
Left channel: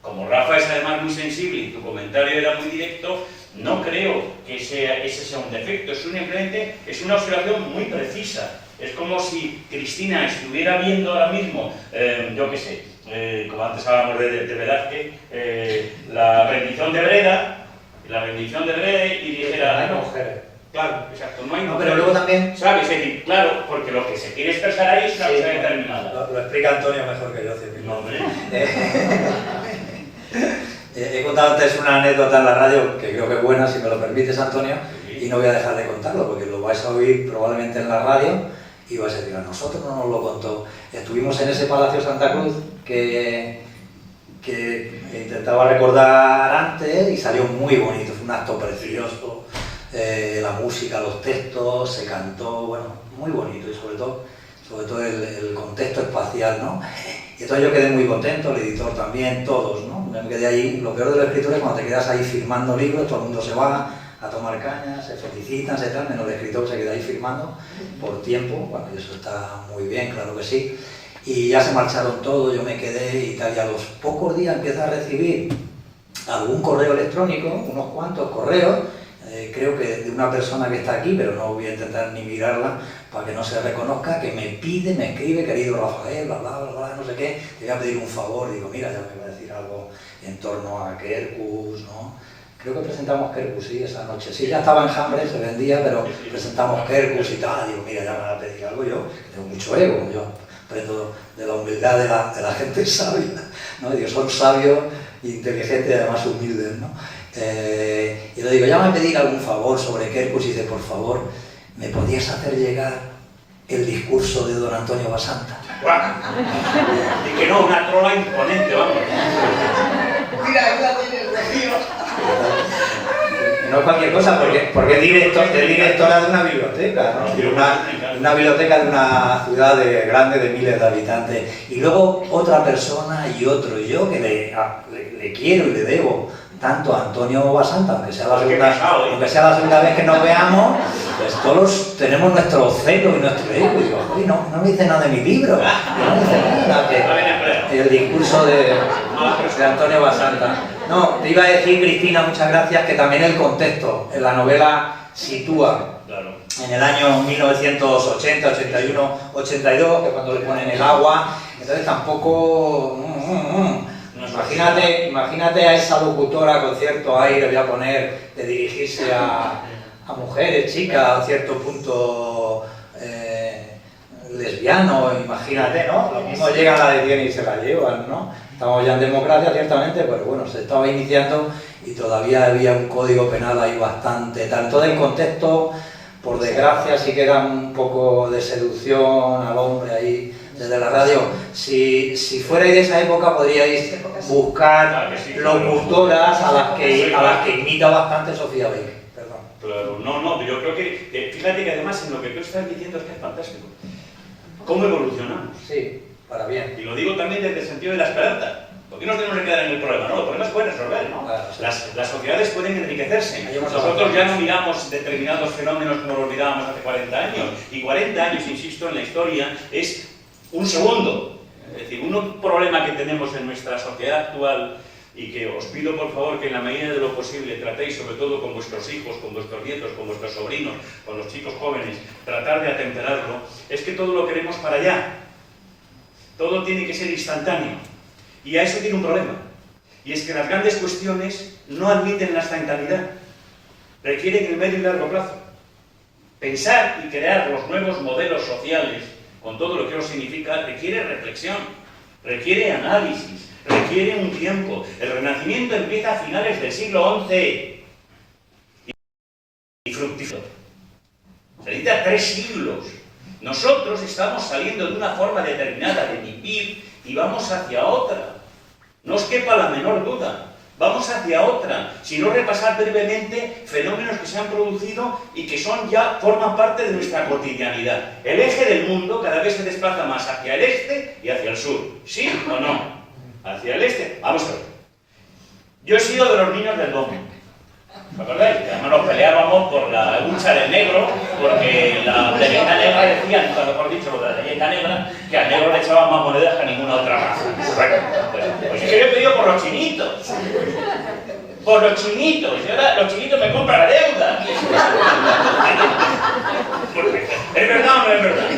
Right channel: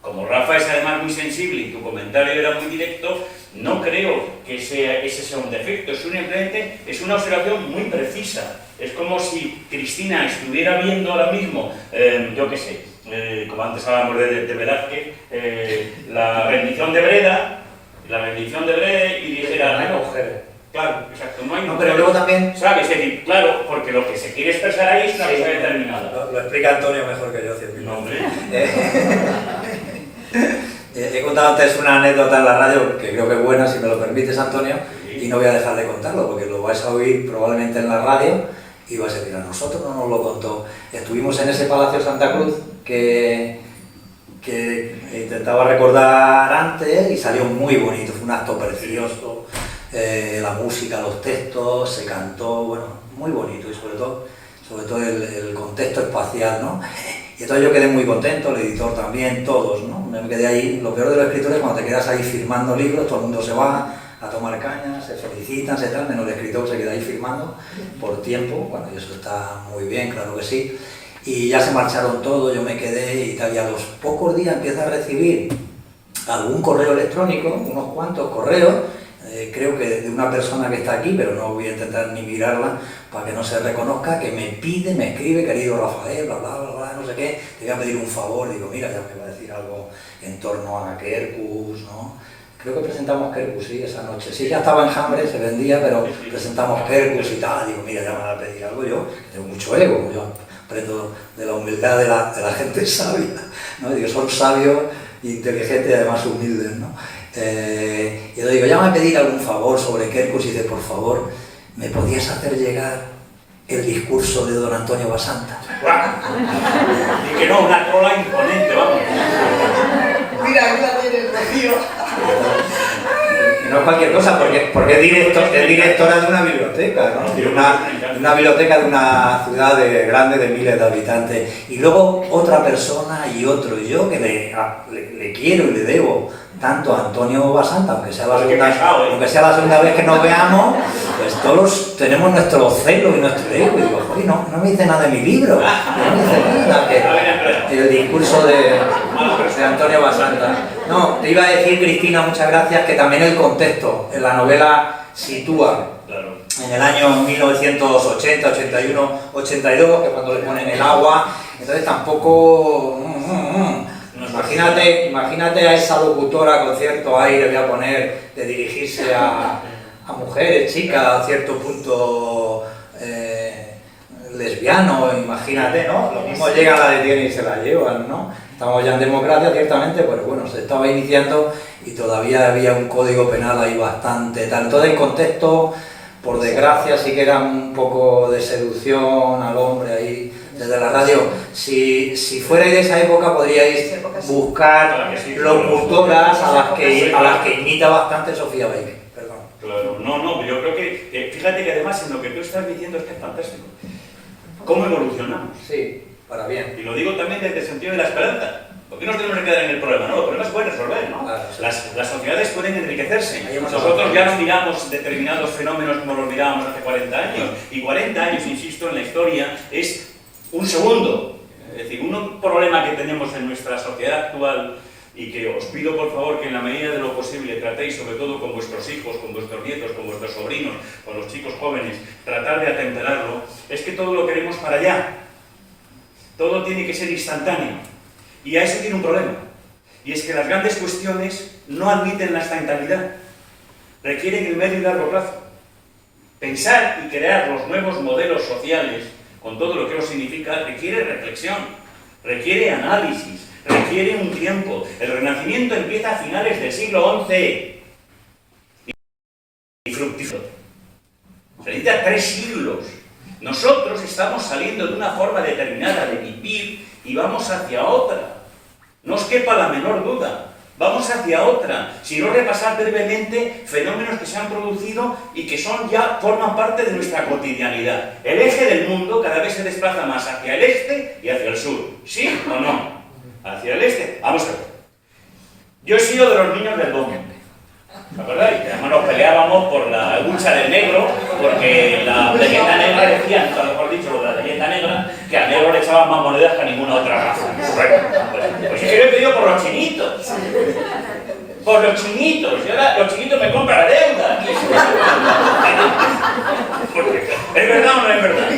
como Rafa es además muy sensible y tu comentario era muy directo, no creo que ese sea un defecto, simplemente es una observación muy precisa. Es como si Cristina estuviera viendo ahora mismo, yo qué sé, como antes hablábamos de Velázquez, la bendición de Breda, y dijera... No hay mujeres. Claro, exacto, no hay No, mujeres. pero luego también... ¿Sabes? Es decir, claro, porque lo que se quiere expresar ahí es una cosa determinada. Lo explica Antonio mejor que yo, cierto. No, hombre. He contado antes una anécdota en la radio que creo que es buena, si me lo permites, Antonio, y no voy a dejar de contarlo porque lo vais a oír probablemente en la radio y vais a decir, a nosotros no nos lo contó. Estuvimos en ese Palacio Santa Cruz que intentaba recordar antes y salió muy bonito, fue un acto precioso, la música, los textos, se cantó, bueno, muy bonito y sobre todo el contexto espacial, ¿no? Y entonces yo quedé muy contento, el editor también, todos, ¿no? Me quedé ahí, lo peor de los escritores es cuando te quedas ahí firmando libros, todo el mundo se va a tomar cañas, se felicitan, se tal, menos el escritor se queda ahí firmando por tiempo, bueno, y eso está muy bien, claro que sí. Y ya se marcharon todos, yo me quedé y tal, y a los pocos días empiezo a recibir algún correo electrónico, unos cuantos correos, creo que de una persona que está aquí, pero no voy a intentar ni mirarla para que no se reconozca, que me pide, me escribe, querido Rafael, bla, bla, bla, bla, no sé qué, te voy a pedir un favor, digo, mira, ya me va a decir algo en torno a Quercus, ¿no? Creo que presentamos Quercus, sí, esa noche. Sí, ya estaba en Hambre, se vendía, pero presentamos Quercus y tal, digo, mira, ya me van a pedir algo yo, que tengo mucho ego, yo aprendo de la humildad de la gente sabia, ¿no? Digo, son sabios, inteligentes y además humildes, ¿no? Y le digo, llámame a pedir algún favor sobre Quercus y dice, por favor, ¿me podías hacer llegar el discurso de don Antonio Basanta? Y que no, una trola imponente, vamos. Mira, ayúdame en el rocío. No es cualquier cosa, porque es directora de una biblioteca, ¿no? De una biblioteca de una ciudad grande de miles de habitantes. Y luego otra persona y otro, y yo que le quiero y le debo tanto a Antonio Basanta, aunque sea la segunda vez que nos veamos, pues todos tenemos nuestro celo y nuestro ego. Y digo, oye, no me dice nada de mi libro, no me dice nada el discurso de Antonio Basanta. No, te iba a decir, Cristina, muchas gracias, que también el contexto en la novela sitúa en el año 1980, 81, 82, que es cuando le ponen el agua, entonces tampoco... Imagínate a esa locutora con cierto aire, voy a poner, de dirigirse a mujeres, chicas, a cierto punto lesbiano, imagínate, ¿no? Lo mismo llegan, la detienen y se la llevan, ¿no? Estamos ya en democracia, ciertamente, pero bueno, se estaba iniciando y todavía había un código penal ahí bastante, tanto del contexto, por desgracia, sí que era un poco de seducción al hombre ahí desde la radio. Si fuerais de esa época podríais buscar locutoras a las que imita bastante Sofía Baker. Perdón. Claro, no, yo creo que, fíjate que además en lo que tú estás diciendo es que es fantástico. ¿Cómo evolucionamos? Sí, para bien. Y lo digo también desde el sentido de la esperanza. Porque no tenemos que quedar en el problema, ¿no? Los problemas se pueden resolver, ¿no? Claro, sí. Las sociedades pueden enriquecerse. Nosotros ya no miramos determinados fenómenos como los mirábamos hace 40 años. Y 40 años, insisto, en la historia es un segundo. Es decir, un problema que tenemos en nuestra sociedad actual y que os pido por favor que en la medida de lo posible tratéis, sobre todo con vuestros hijos, con vuestros nietos, con vuestros sobrinos, con los chicos jóvenes, tratar de atemperarlo, es que todo lo queremos para allá. Todo tiene que ser instantáneo. Y a eso tiene un problema. Y es que las grandes cuestiones no admiten la instantaneidad. Requieren el medio y largo plazo. Pensar y crear los nuevos modelos sociales, con todo lo que eso significa, requiere reflexión, requiere análisis, requiere un tiempo. El Renacimiento empieza a finales del siglo XI y fructificó. Se necesita 3 siglos. Nosotros estamos saliendo de una forma determinada de vivir y vamos hacia otra. No os quepa la menor duda. Vamos hacia otra. Si no, repasar brevemente fenómenos que se han producido y que forman parte de nuestra cotidianidad. El eje del mundo cada vez se desplaza más hacia el este y hacia el sur. ¿Sí o no? Hacia el este. Vamos a ver. Yo he sido de los niños del domo. ¿Os acordáis? Además nos peleábamos por la lucha del negro, porque la leyenda negra decía, nunca mejor dicho, la leyenda negra, que al negro le echaban más monedas que a ninguna otra raza. Bueno, pues yo he pedido por los chinitos. Por los chinitos. Y ahora los chinitos me compran la deuda. ¿Es verdad o no es verdad?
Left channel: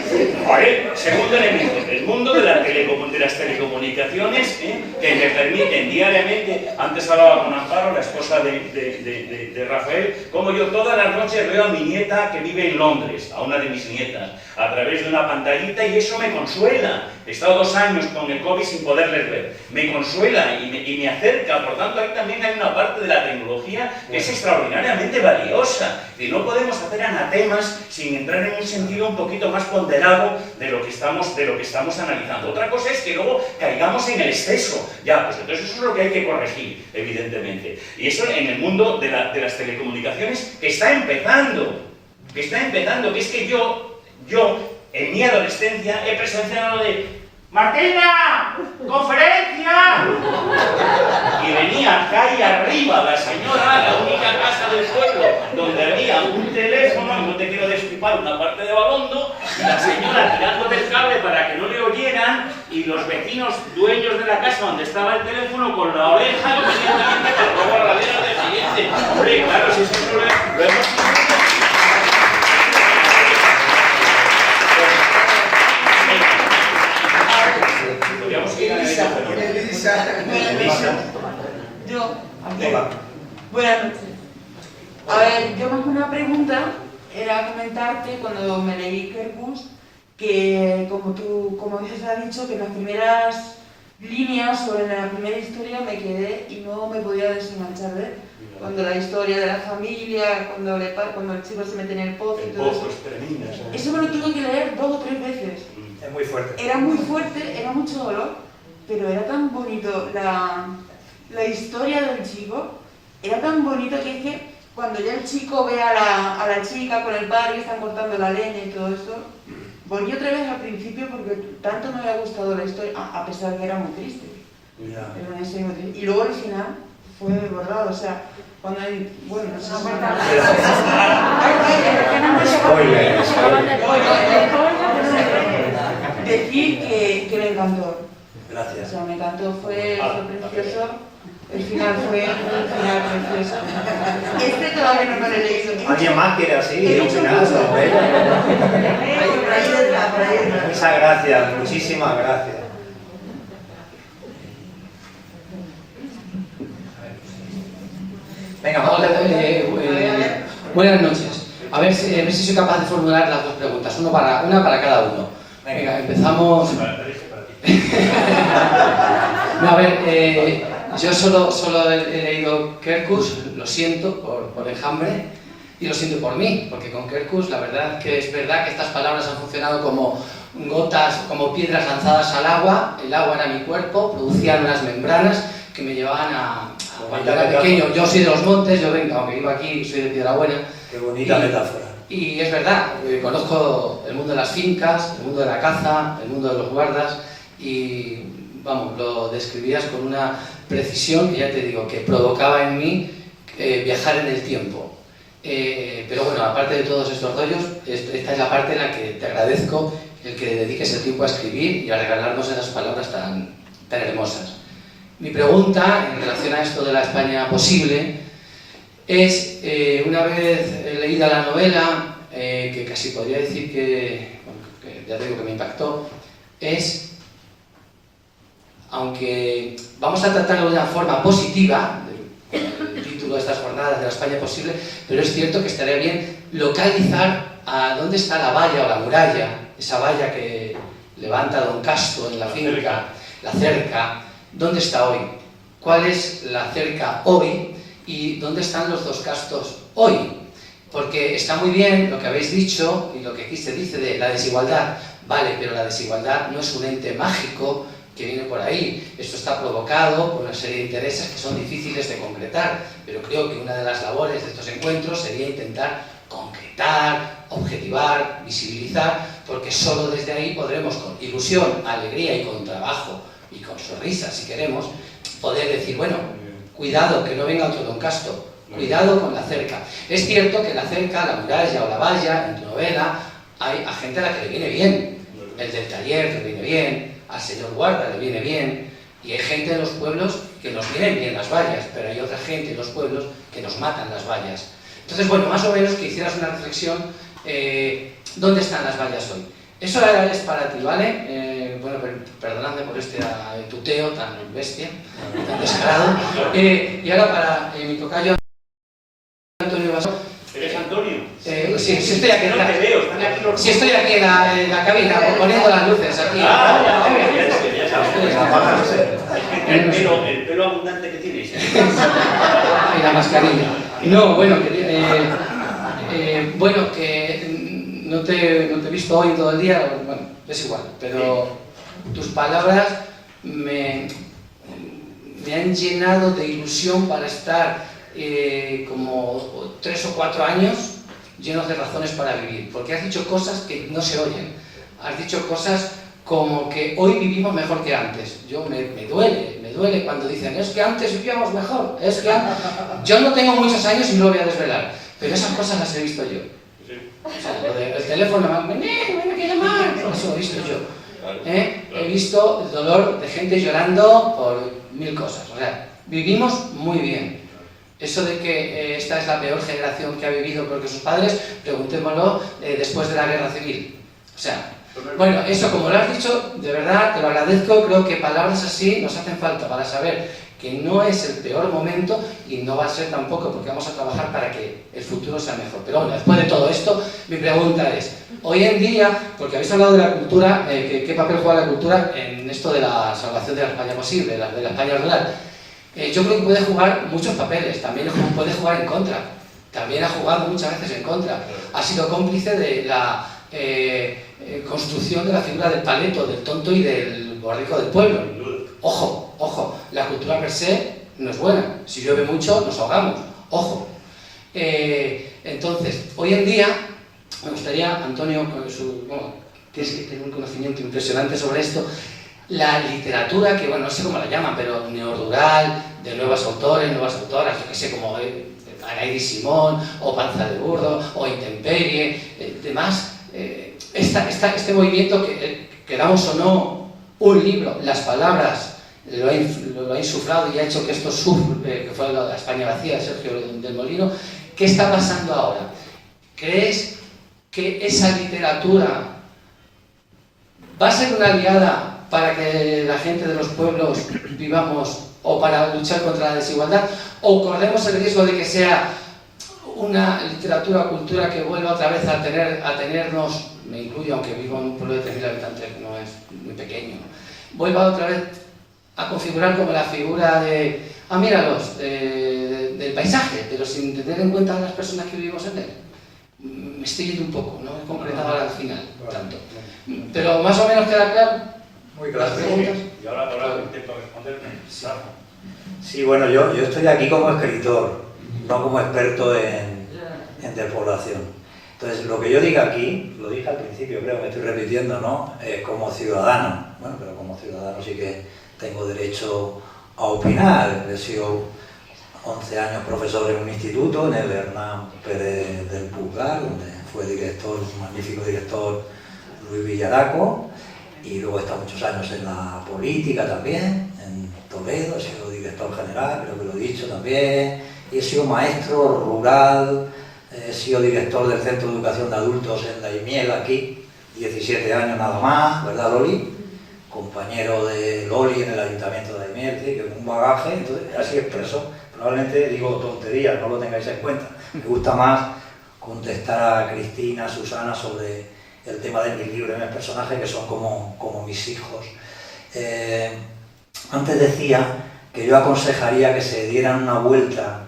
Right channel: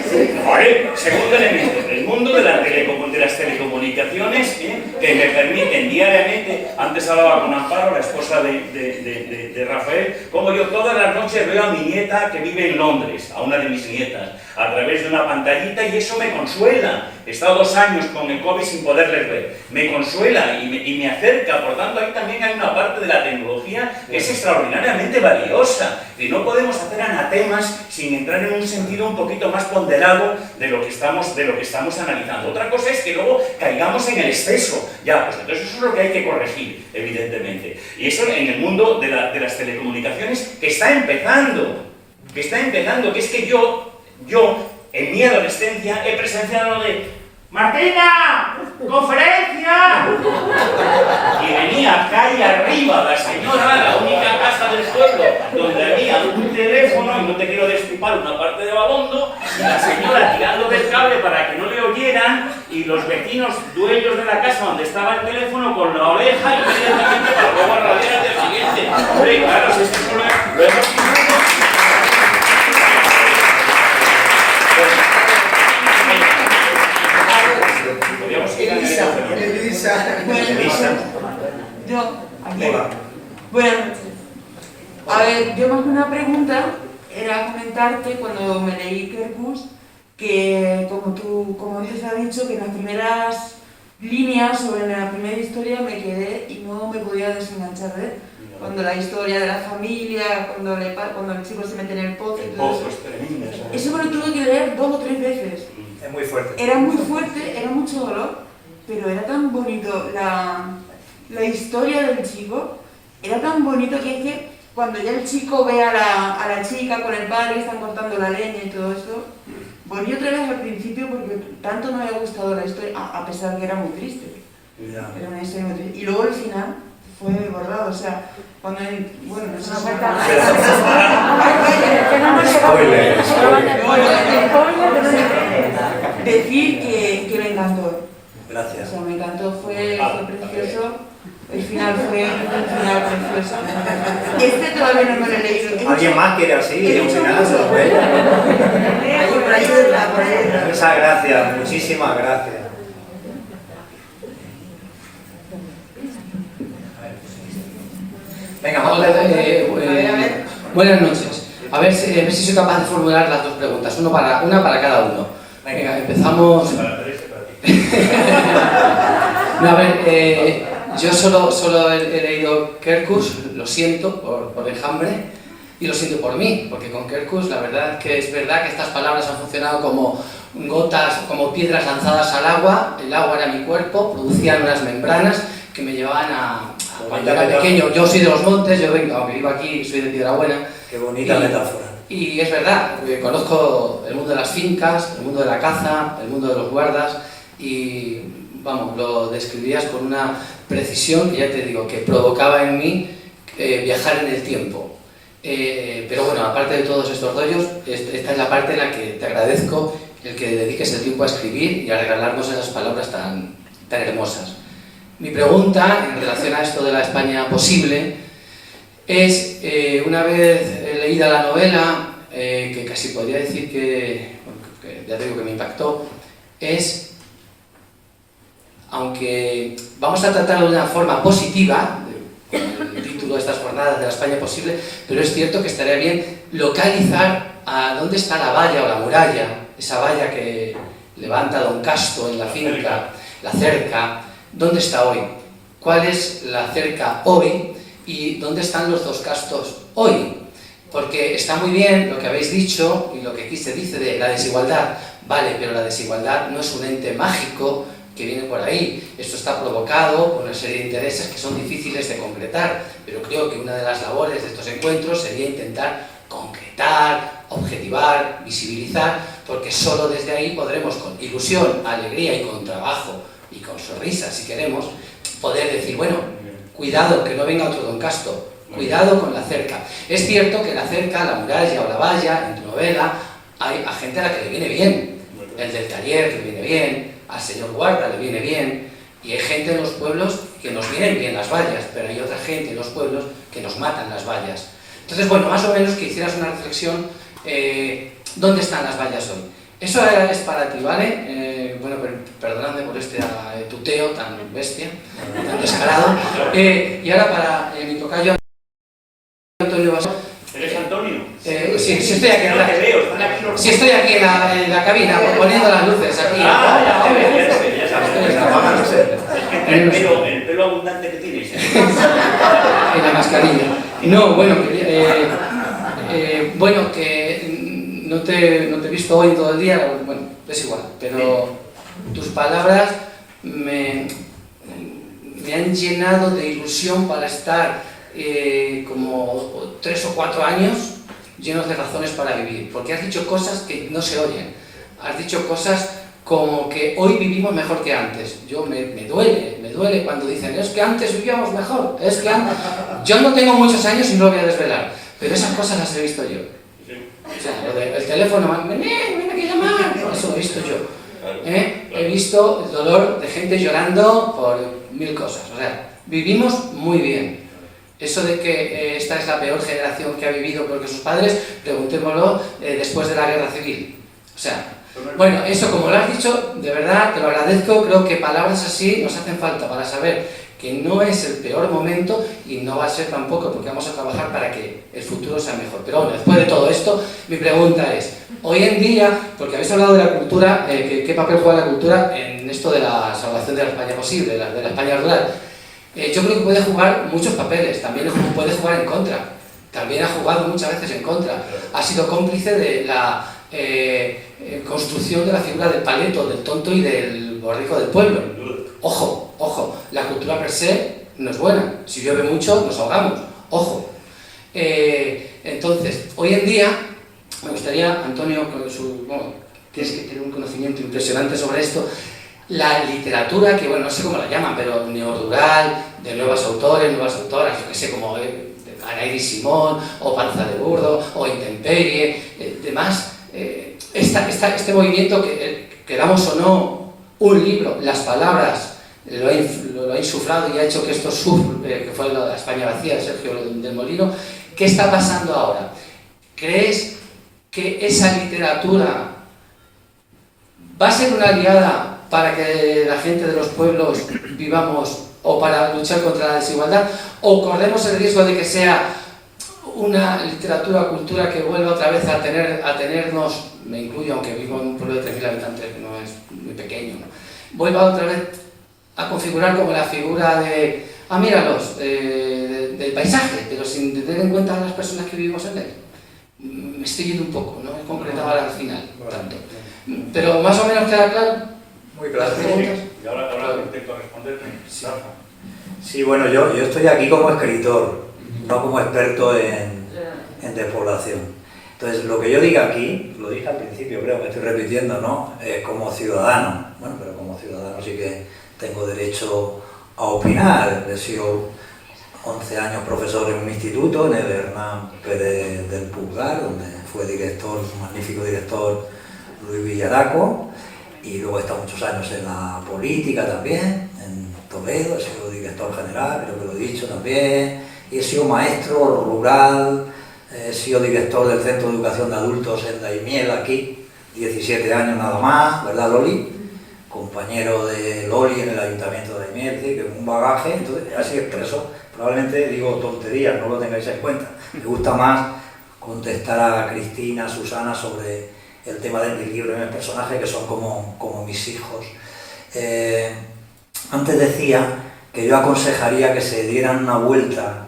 Vale, segundo elemento, el mundo de las telecomunicaciones, que me permiten diariamente, antes hablaba con Amparo, la esposa de Rafael, como yo todas las noches veo a mi nieta que vive en Londres, a una de mis nietas, a través de una pantallita, y eso me consuela. He estado 2 años con el COVID sin poderles ver. Me consuela y me acerca, por tanto ahí también hay una parte de la tecnología que es extraordinariamente valiosa. Y no podemos hacer anatemas sin entrar en un sentido un poquito más ponderado de lo que estamos analizando. Otra cosa es que luego caigamos en el exceso. Ya, pues entonces eso es lo que hay que corregir, evidentemente. Y eso en el mundo de las telecomunicaciones que está empezando, que es que yo en mi adolescencia he presenciado de ¡Martina! ¡Conferencia! Y venía calle arriba la señora, la única casa del pueblo donde había un teléfono, y no te quiero destripar una parte de Babondo, y la señora tirando del cable para que no le oyeran, y los vecinos dueños de la casa donde estaba el teléfono con la oreja inmediatamente para luego radiar al día siguiente. Hombre, claro, si eso lo hemos... Yo, aquí. Buenas noches. A ver, yo más que una pregunta era comentarte cuando me leí Kerkus que, como antes has dicho, que en las primeras líneas o en la primera historia me quedé y no me podía desenganchar de él. Cuando la historia de la familia, cuando el chico se mete en el pozo y todo eso. Eso me lo tuve que leer 2 o 3 veces. Es muy fuerte. Era muy fuerte, era mucho dolor, pero era tan bonito la historia del chico, era tan bonito que es que cuando ya el chico ve a la chica con el padre que están cortando la leña y todo esto, volví otra vez al principio porque tanto me había gustado la historia, a pesar de que era muy triste. Era una historia muy triste. Y luego el final fue borrado, o sea, cuando bueno, no sé si decir que me encantó. Gracias. O sea, me encantó, fue precioso. El final fue un final precioso. Este todavía no me lo he leído. ¿Alguien más quiere así? Un final. Muchas gracias, muchísimas gracias. Venga, vamos a ver. Buenas noches. A ver si soy capaz de formular las 2 preguntas, una para cada uno. Venga, empezamos. No, a ver, yo solo he leído Kerkus, lo siento por el hambre y lo siento por mí, porque con Kerkus la verdad es verdad que estas palabras han funcionado como gotas, como piedras lanzadas al agua. El agua era mi cuerpo, producían unas membranas que me llevaban a cuando era pequeño. Yo soy de los montes, yo vengo, aunque vivo aquí, soy de Piedrabuena. Qué bonita metáfora. Y es verdad, conozco el mundo de las fincas, el mundo de la caza, el mundo de los guardas y, vamos, lo describías con una precisión que ya te digo, que provocaba en mí viajar en el tiempo. Pero bueno, aparte de todos estos rollos, esta es la parte en la que te agradezco el que dediques el tiempo a escribir y a regalarnos esas palabras tan hermosas. Mi pregunta en relación a esto de la España posible es, una vez leída la novela, que casi podría decir que ya te digo que me impactó, es, aunque vamos a tratarlo de una forma positiva, con el título de estas jornadas de la España posible, pero es cierto que estaría bien localizar a dónde está la valla o la muralla, esa valla que levanta don Casto en la finca, la cerca, ¿dónde está hoy? ¿Cuál es la cerca hoy? ¿Y dónde están los dos Castos hoy? Porque está muy bien lo que habéis dicho y lo que aquí se dice de la desigualdad, vale, pero la desigualdad no es un ente mágico que viene por ahí. Esto está provocado por una serie de intereses que son difíciles de concretar, pero creo que una de las labores de estos encuentros sería intentar concretar, objetivar, visibilizar, porque solo desde ahí podremos, con ilusión, alegría y con trabajo y con sonrisas, si queremos, poder decir, bueno, cuidado, que no venga otro don Casto, cuidado con la cerca. Es cierto que la cerca, la muralla o la valla, en tu novela, hay a gente a la que le viene bien. El del taller le viene bien, al señor guarda le viene bien, y hay gente en los pueblos que nos vienen bien las vallas, pero hay otra gente en los pueblos que nos matan las vallas. Entonces, bueno, más o menos que hicieras una reflexión, ¿dónde están las vallas hoy? Eso es para ti, ¿vale? Bueno, perdonadme por este tuteo tan bestia, tan descarado. Y ahora para mi tocayo Antonio Basó. ¿Eres Antonio? Sí, estoy aquí. No te veo, están aquí los... Sí, estoy aquí en la cabina, poniendo las luces aquí. Ya sabes. Es que el pelo abundante que tienes. Y la mascarilla. No, bueno, bueno, que no te he visto hoy todo el día, bueno, es igual, pero tus palabras me han llenado de ilusión para estar como 3 o 4 años llenos de razones para vivir, porque has dicho cosas que no se oyen, has dicho cosas como que hoy vivimos mejor que antes. Me duele cuando dicen, es que antes vivíamos mejor, es que yo no tengo muchos años y no lo voy a desvelar, pero esas cosas las he visto yo. O sea, lo del teléfono, me quiere llamar, eso lo he visto yo. He visto el dolor de gente llorando por 1000 cosas. O sea, vivimos muy bien. Eso de que esta es la peor generación que ha vivido porque sus padres, preguntémoslo después de la guerra civil. O sea, bueno, eso como lo has dicho, de verdad te lo agradezco. Creo que palabras así nos hacen falta para saber que no es el peor momento y no va a ser tampoco, porque vamos a trabajar para que el futuro sea mejor. Pero bueno, después de todo esto, mi pregunta es, hoy en día, porque habéis hablado de la cultura, ¿qué papel juega la cultura en esto de la salvación de la España posible, de la España rural? Yo creo que puede jugar muchos papeles, también puede jugar en contra, también ha jugado muchas veces en contra, ha sido cómplice de la construcción de la figura del paleto, del tonto y del borrico del pueblo. Ojo, la cultura per se no es buena, si llueve mucho nos ahogamos, ojo. Entonces, hoy en día, me gustaría, Antonio, tienes que tener un conocimiento impresionante sobre esto, la literatura, que bueno, no sé cómo la llaman, pero neorrural, de nuevos autores, nuevas autoras, yo que sé, como Anaïs Simón, o Panza de Burdo, o Intemperie, demás, este movimiento que damos o no un libro, las palabras, lo ha insuflado y ha hecho que esto que fue la España vacía, Sergio del Molino. ¿Qué está pasando ahora? ¿Crees que esa literatura va a ser una aliada para que la gente de los pueblos vivamos o para luchar contra la desigualdad? ¿O corremos el riesgo de que sea una literatura o cultura que vuelva otra vez a tenernos, me incluyo aunque vivo en un pueblo de 3.000 habitantes que no es muy pequeño, ¿no? Vuelva otra vez a configurar como la figura de, míralos, del paisaje, pero sin tener en cuenta a las personas que vivimos en él? Me estoy yendo un poco, no he concretado al final tanto. Pero más o menos queda claro. Muy claro. Y ahora intento responderme. Sí, bueno, yo estoy aquí como escritor, no como experto en despoblación. Entonces, lo que yo diga aquí, lo dije al principio, creo que estoy repitiendo, ¿no? Como ciudadano. Bueno, pero como ciudadano sí que tengo derecho a opinar. He sido 11 años profesor en un instituto, en el Hernán Pérez del Pulgar, donde fue director, un magnífico director, Luis Villaraco, y luego he estado muchos años en la política también, en Toledo, he sido director general, creo que lo he dicho también, y he sido maestro rural, he sido director del Centro de Educación de Adultos en Daimiel, aquí, 17 años nada más, ¿verdad, Loli? Compañero de Loli en el Ayuntamiento de Daimiel, que es un bagaje, entonces así expreso, probablemente digo tonterías, no lo tengáis en cuenta, me gusta más contestar a Cristina, a Susana sobre el tema de mi libro y mis personajes, que son como mis hijos. Antes decía que yo aconsejaría que se dieran una vuelta.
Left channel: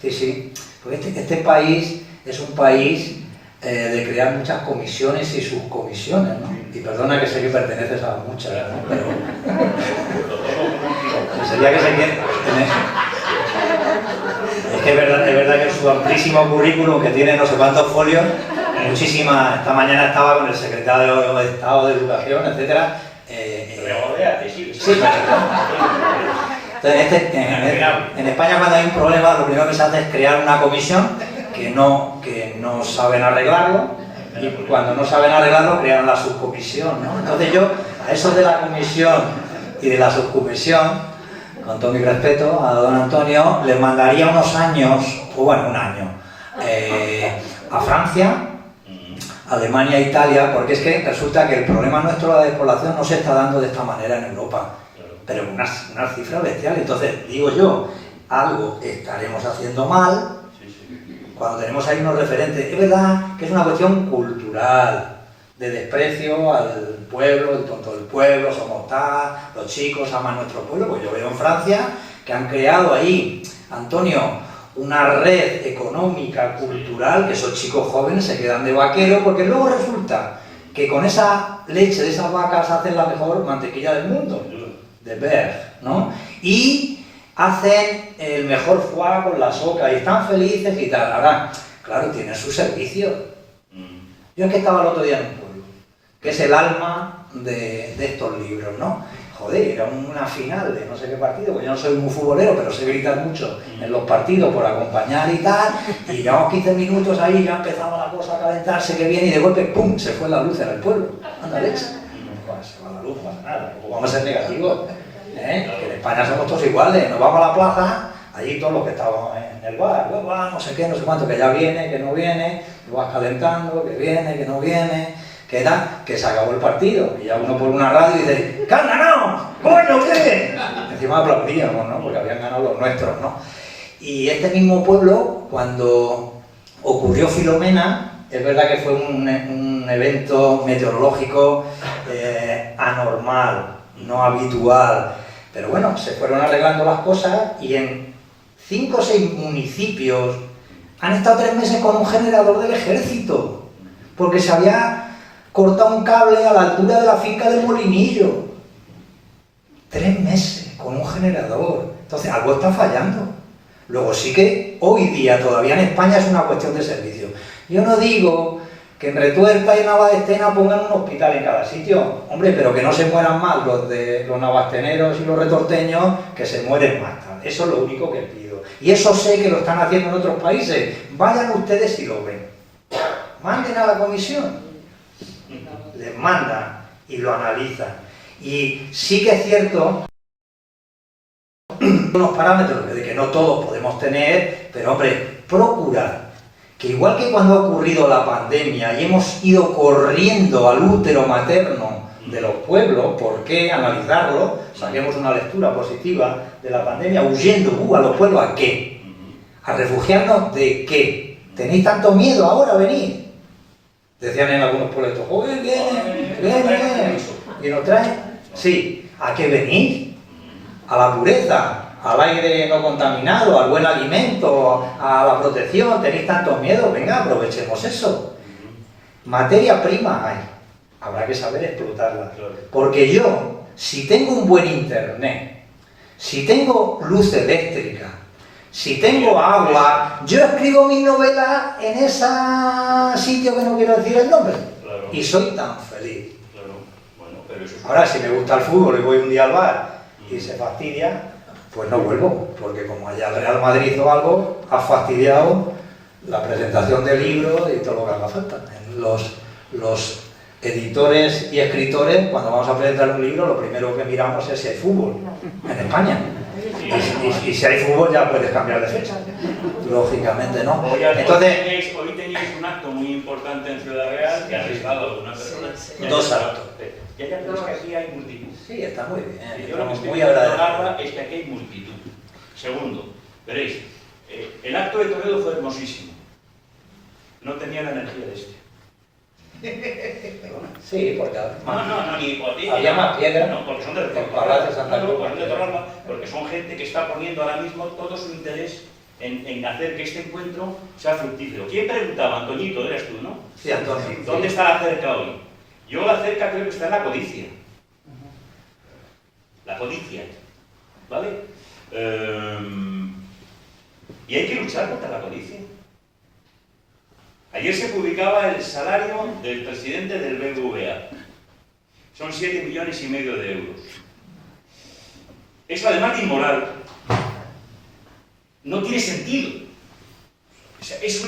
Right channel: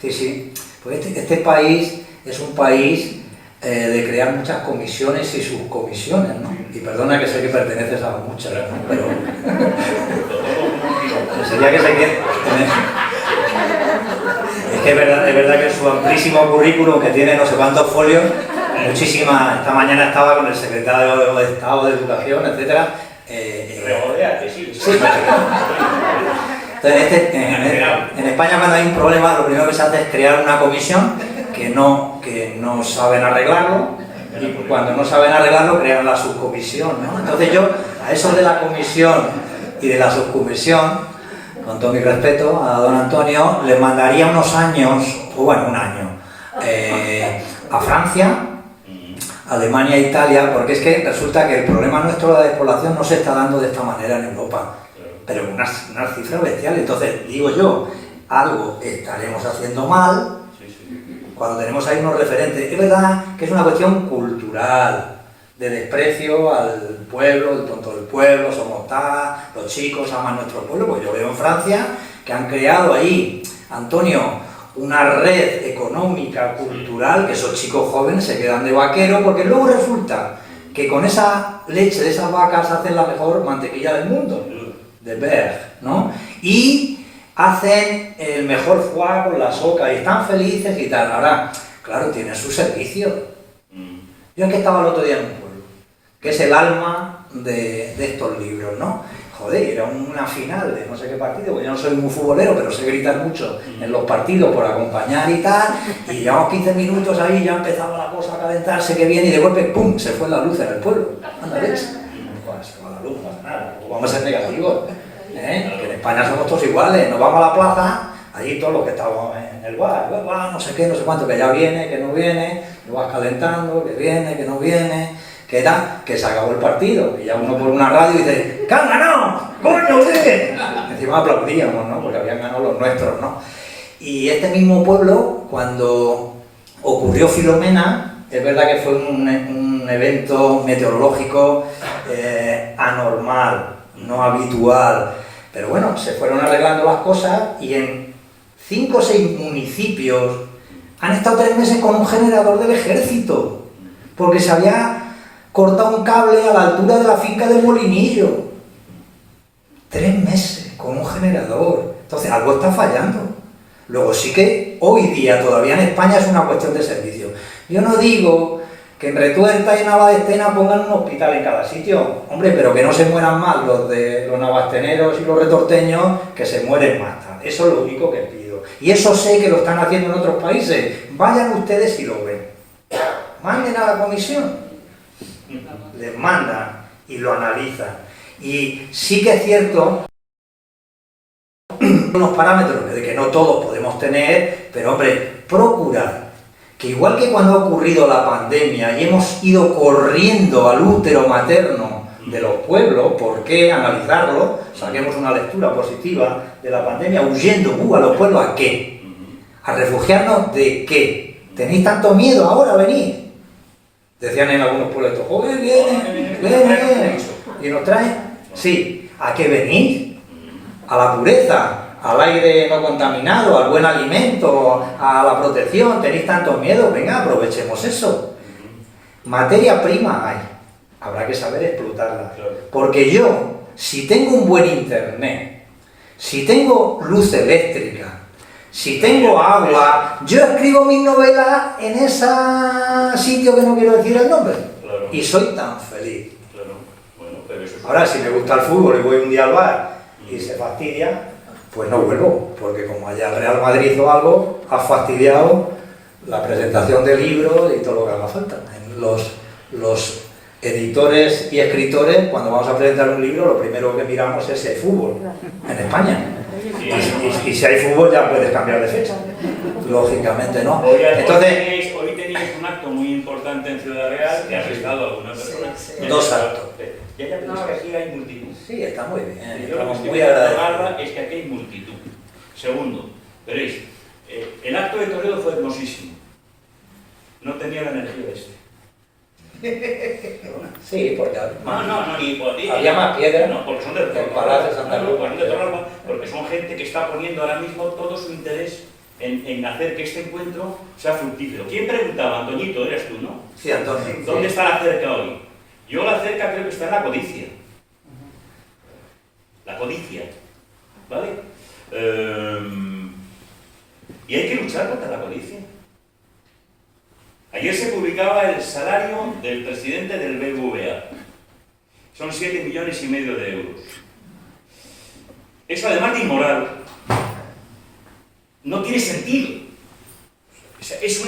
Sí, porque este país es un país de crear muchas comisiones y subcomisiones, ¿no? Y perdona que sé que perteneces a muchas, ¿no? Pero sería que se quiere. Es que es verdad que su amplísimo currículum, que tiene no sé cuántos folios, muchísimas. Esta mañana estaba con el secretario de Estado de Educación, etcétera. Regodéate, sí. Sí, entonces, en España, cuando hay un problema, lo primero que se hace es crear una comisión que no saben arreglarlo, y cuando no saben arreglarlo, crean la subcomisión, ¿no? Entonces yo, a eso de la comisión y de la subcomisión, con todo mi respeto a don Antonio, le mandaría unos años, o bueno, un año, a Francia, Alemania, Italia, porque es que resulta que el problema nuestro de la despoblación no se está dando de esta manera en Europa, pero unas cifras bestiales. Entonces, digo yo, algo estaremos haciendo mal cuando tenemos ahí unos referentes. Es verdad que es una cuestión cultural, de desprecio al pueblo, el tonto del pueblo, somos los chicos aman nuestro pueblo. Pues yo veo en Francia que han creado ahí, Antonio, una red económica, cultural, que esos chicos jóvenes se quedan de vaquero, porque luego resulta que con esa leche de esas vacas hacen la mejor mantequilla del mundo, de Berg, ¿no? Y hacen el mejor foie con la soca y están felices y tal. Ahora, claro, tienen su servicio. Yo es que estaba el otro día en un pueblo, que es el alma de estos libros, ¿no? Joder, era una final de no sé qué partido, pues yo no soy muy futbolero, pero sé gritar mucho en los partidos por acompañar y tal, y llevamos 15 minutos ahí, ya empezaba la cosa a calentarse, que bien, y de golpe, ¡pum!, se fue la luz en el pueblo. Anda, ¿ves? Se va la luz, no pasa nada, vamos a ser negativos, que en España somos todos iguales, nos vamos a la plaza, allí todos los que estábamos en el bar, no sé qué, no sé cuánto, que ya viene, que no viene, lo vas calentando, que viene, que no viene, que se acabó el partido, y ya uno por una radio dice, ¡que han ganado! ¡Coño, qué! Encima aplaudíamos, ¿no? Porque habían ganado los nuestros, ¿no? Y este mismo pueblo, cuando ocurrió Filomena, es verdad que fue un evento meteorológico anormal, no habitual, pero bueno, se fueron arreglando las cosas y en 5 o 6 municipios han estado 3 meses con un generador del ejército, porque se había cortado un cable a la altura de la finca del Molinillo. 3 meses con un generador. Entonces, algo está fallando. Luego sí que hoy día todavía en España es una cuestión de servicio. Yo no digo que en Retuerta y en Navastena pongan un hospital en cada sitio. Hombre, pero que no se mueran más los navasteneros y los retorteños, que se mueren más. Eso es lo único que pido. Y eso sé que lo están haciendo en otros países. Vayan ustedes y lo ven. Manden a la comisión. Les mandan y lo analizan. Y sí que es cierto unos parámetros de que no todos podemos tener, pero hombre, procurar que igual que cuando ha ocurrido la pandemia y hemos ido corriendo al útero materno de los pueblos, ¿por qué analizarlo? Saquemos una lectura positiva de la pandemia, huyendo a los pueblos, ¿a qué? ¿A refugiarnos de qué? ¿Tenéis tanto miedo ahora? Venid. Decían en algunos pueblos, joder, viene, y nos traen. Sí, ¿a qué venís? A la pureza, al aire no contaminado, al buen alimento, a la protección. ¿Tenéis tanto miedo? Venga, aprovechemos eso. Materia prima hay, habrá que saber explotarla. Porque yo, si tengo un buen internet, si tengo luz eléctrica, si tengo agua, yo escribo mis novelas en ese sitio que no quiero decir el nombre. Claro. Y soy tan feliz. Claro. Bueno, pero eso es... Ahora, si me gusta el fútbol y voy un día al bar y se fastidia, pues no vuelvo, porque como haya el Real Madrid o algo, has fastidiado la presentación del libro y todo lo que haga falta. Los editores y escritores, cuando vamos a presentar un libro, lo primero que miramos es el fútbol en España. Y si hay fútbol ya puedes cambiar de fecha, lógicamente no. Entonces, hoy teníais un acto muy importante en Ciudad Real que ha arrestado a algunas personas. Sí. 2 actos. Ya es que aquí hay multitud. Sí, está muy bien. Yo lo que Estamos estoy muy viendo agradecidos. es que aquí hay multitud. Segundo, veréis, el acto de Toledo fue hermosísimo. no tenía la energía de este. Sí, porque había más piedra. No, porque son de Torralba, porque son gente que está poniendo ahora mismo todo su interés en hacer que este encuentro sea fructífero. ¿Quién preguntaba? Antoñito, eres tú, ¿no? Sí, Antonio. ¿Dónde está la cerca hoy? Yo la cerca creo que está en la codicia. La codicia, ¿vale? Y hay que luchar contra la codicia. Ayer se publicaba el salario del presidente del BBVA. Son 7,5 millones de euros. Eso, además de inmoral, no tiene sentido. O sea, es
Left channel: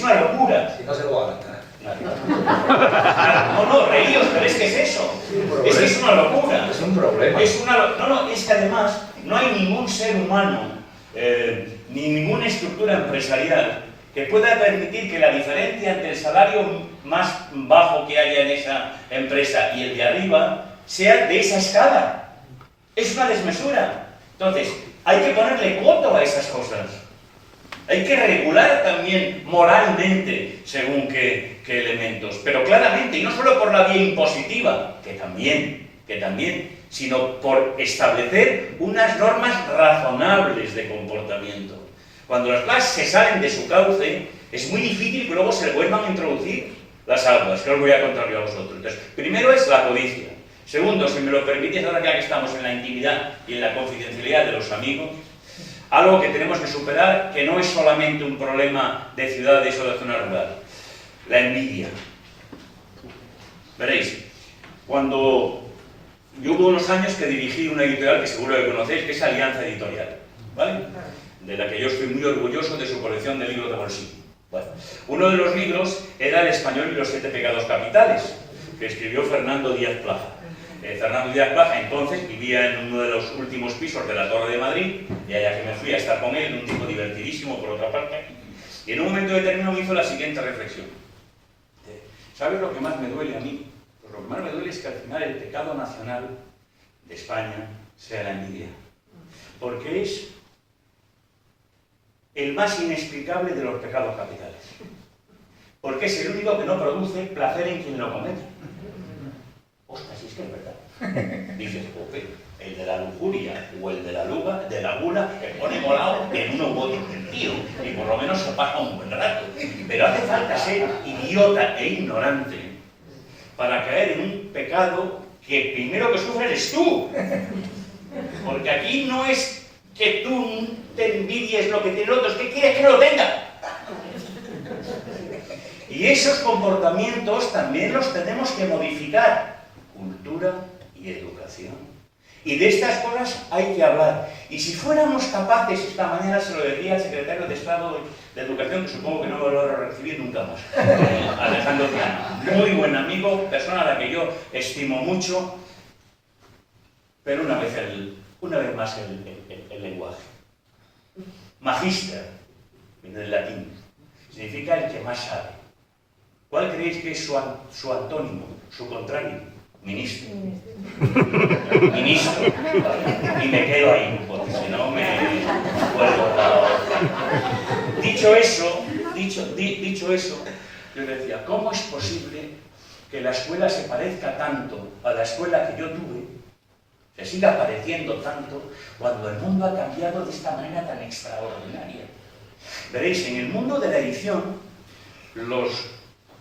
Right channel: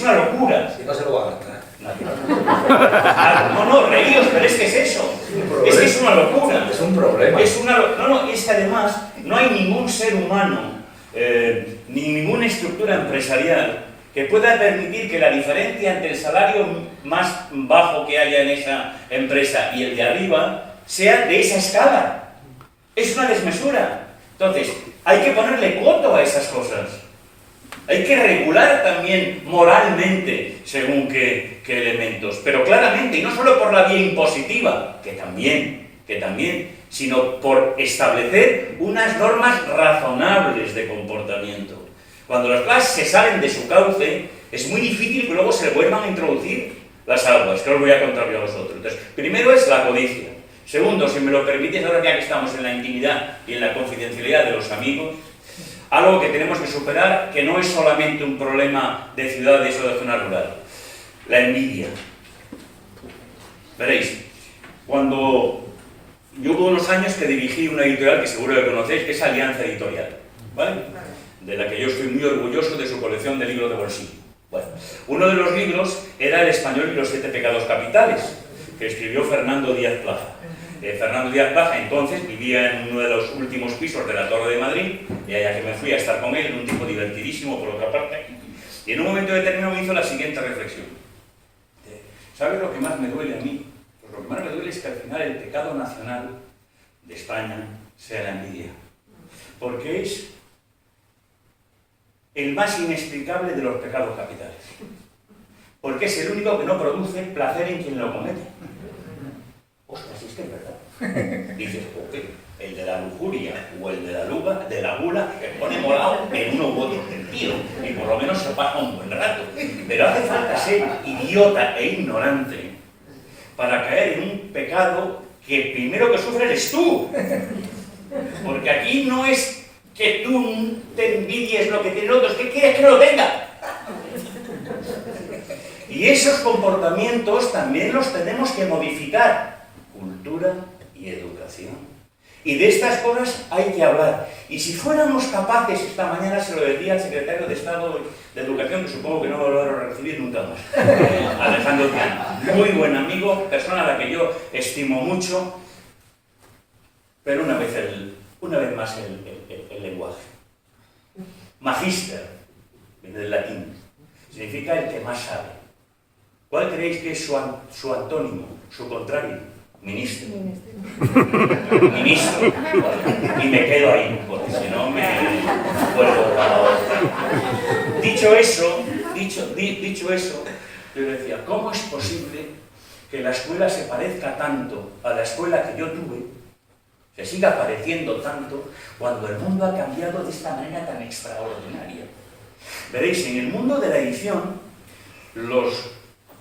una locura. Si no se lo va a gastar. No, reíos, pero es que es eso. Es que es una locura. Es un problema. Es que además no hay ningún ser humano, ni ninguna estructura empresarial que pueda permitir que la diferencia entre el salario más bajo que haya en esa empresa y el de arriba sea de esa escala. Es una desmesura. Entonces, hay que ponerle coto a esas cosas. Hay que regular también moralmente según qué elementos, pero claramente, y no solo por la vía impositiva, que también, sino por establecer unas normas razonables de comportamiento. Cuando las cosas se salen de su cauce, es muy difícil que luego se vuelvan a introducir las aguas, que os voy a contar yo a vosotros. Entonces, primero es la codicia. Segundo, si me lo permitís, ahora ya que estamos en la intimidad y en la confidencialidad de los amigos, algo que tenemos que superar, que no es solamente un problema de ciudades o de zona rural, la envidia. Veréis, cuando yo hubo unos años que dirigí una editorial que seguro que conocéis, que es Alianza Editorial, ¿vale? De la que yo estoy muy orgulloso de su colección de libros de bolsillo. Bueno, uno de los libros era El español y los 7 pecados capitales, que escribió Fernando Díaz Plaza. Fernando Díaz Plaza entonces vivía en uno de los últimos pisos de la Torre de Madrid, y allá que me fui a estar con él, un tipo divertidísimo por otra parte, y en un momento determinado me hizo la siguiente reflexión. ¿Sabes lo que más me duele a mí? Pues lo que más me duele es que al final el pecado nacional de España sea la envidia, porque es el más inexplicable de los pecados capitales, porque es el único que no produce placer en quien lo comete. Ostras, si es que es verdad. Dices, ok, el de la lujuria o el de la gula te pone morado en uno u otro sentido, y por lo menos se pasa un buen rato. Pero hace falta ser idiota e ignorante para caer en un pecado que primero que sufre eres tú. Porque aquí no es que tú te envidies lo que tiene el otro, es que quieres que no lo tenga. Y esos comportamientos también los tenemos que modificar. Cultura y educación. Y de estas cosas hay que hablar. Y si fuéramos capaces, esta mañana se lo decía al secretario de Estado de Educación, que supongo que no lo voy a recibir nunca más, Alejandro Tiano, muy buen amigo, persona a la que yo estimo mucho, pero una vez más el lenguaje. Magister, del latín, significa el que más sabe. ¿Cuál creéis que es su antónimo, su contrario? Ministro. Ministro. Y me quedo ahí, porque si no me vuelvo la otra. Dicho eso, yo decía, ¿cómo es posible que la escuela se parezca tanto a la escuela que yo tuve, se siga pareciendo tanto, cuando el mundo ha cambiado de esta manera tan extraordinaria? Veréis, en el mundo de la edición,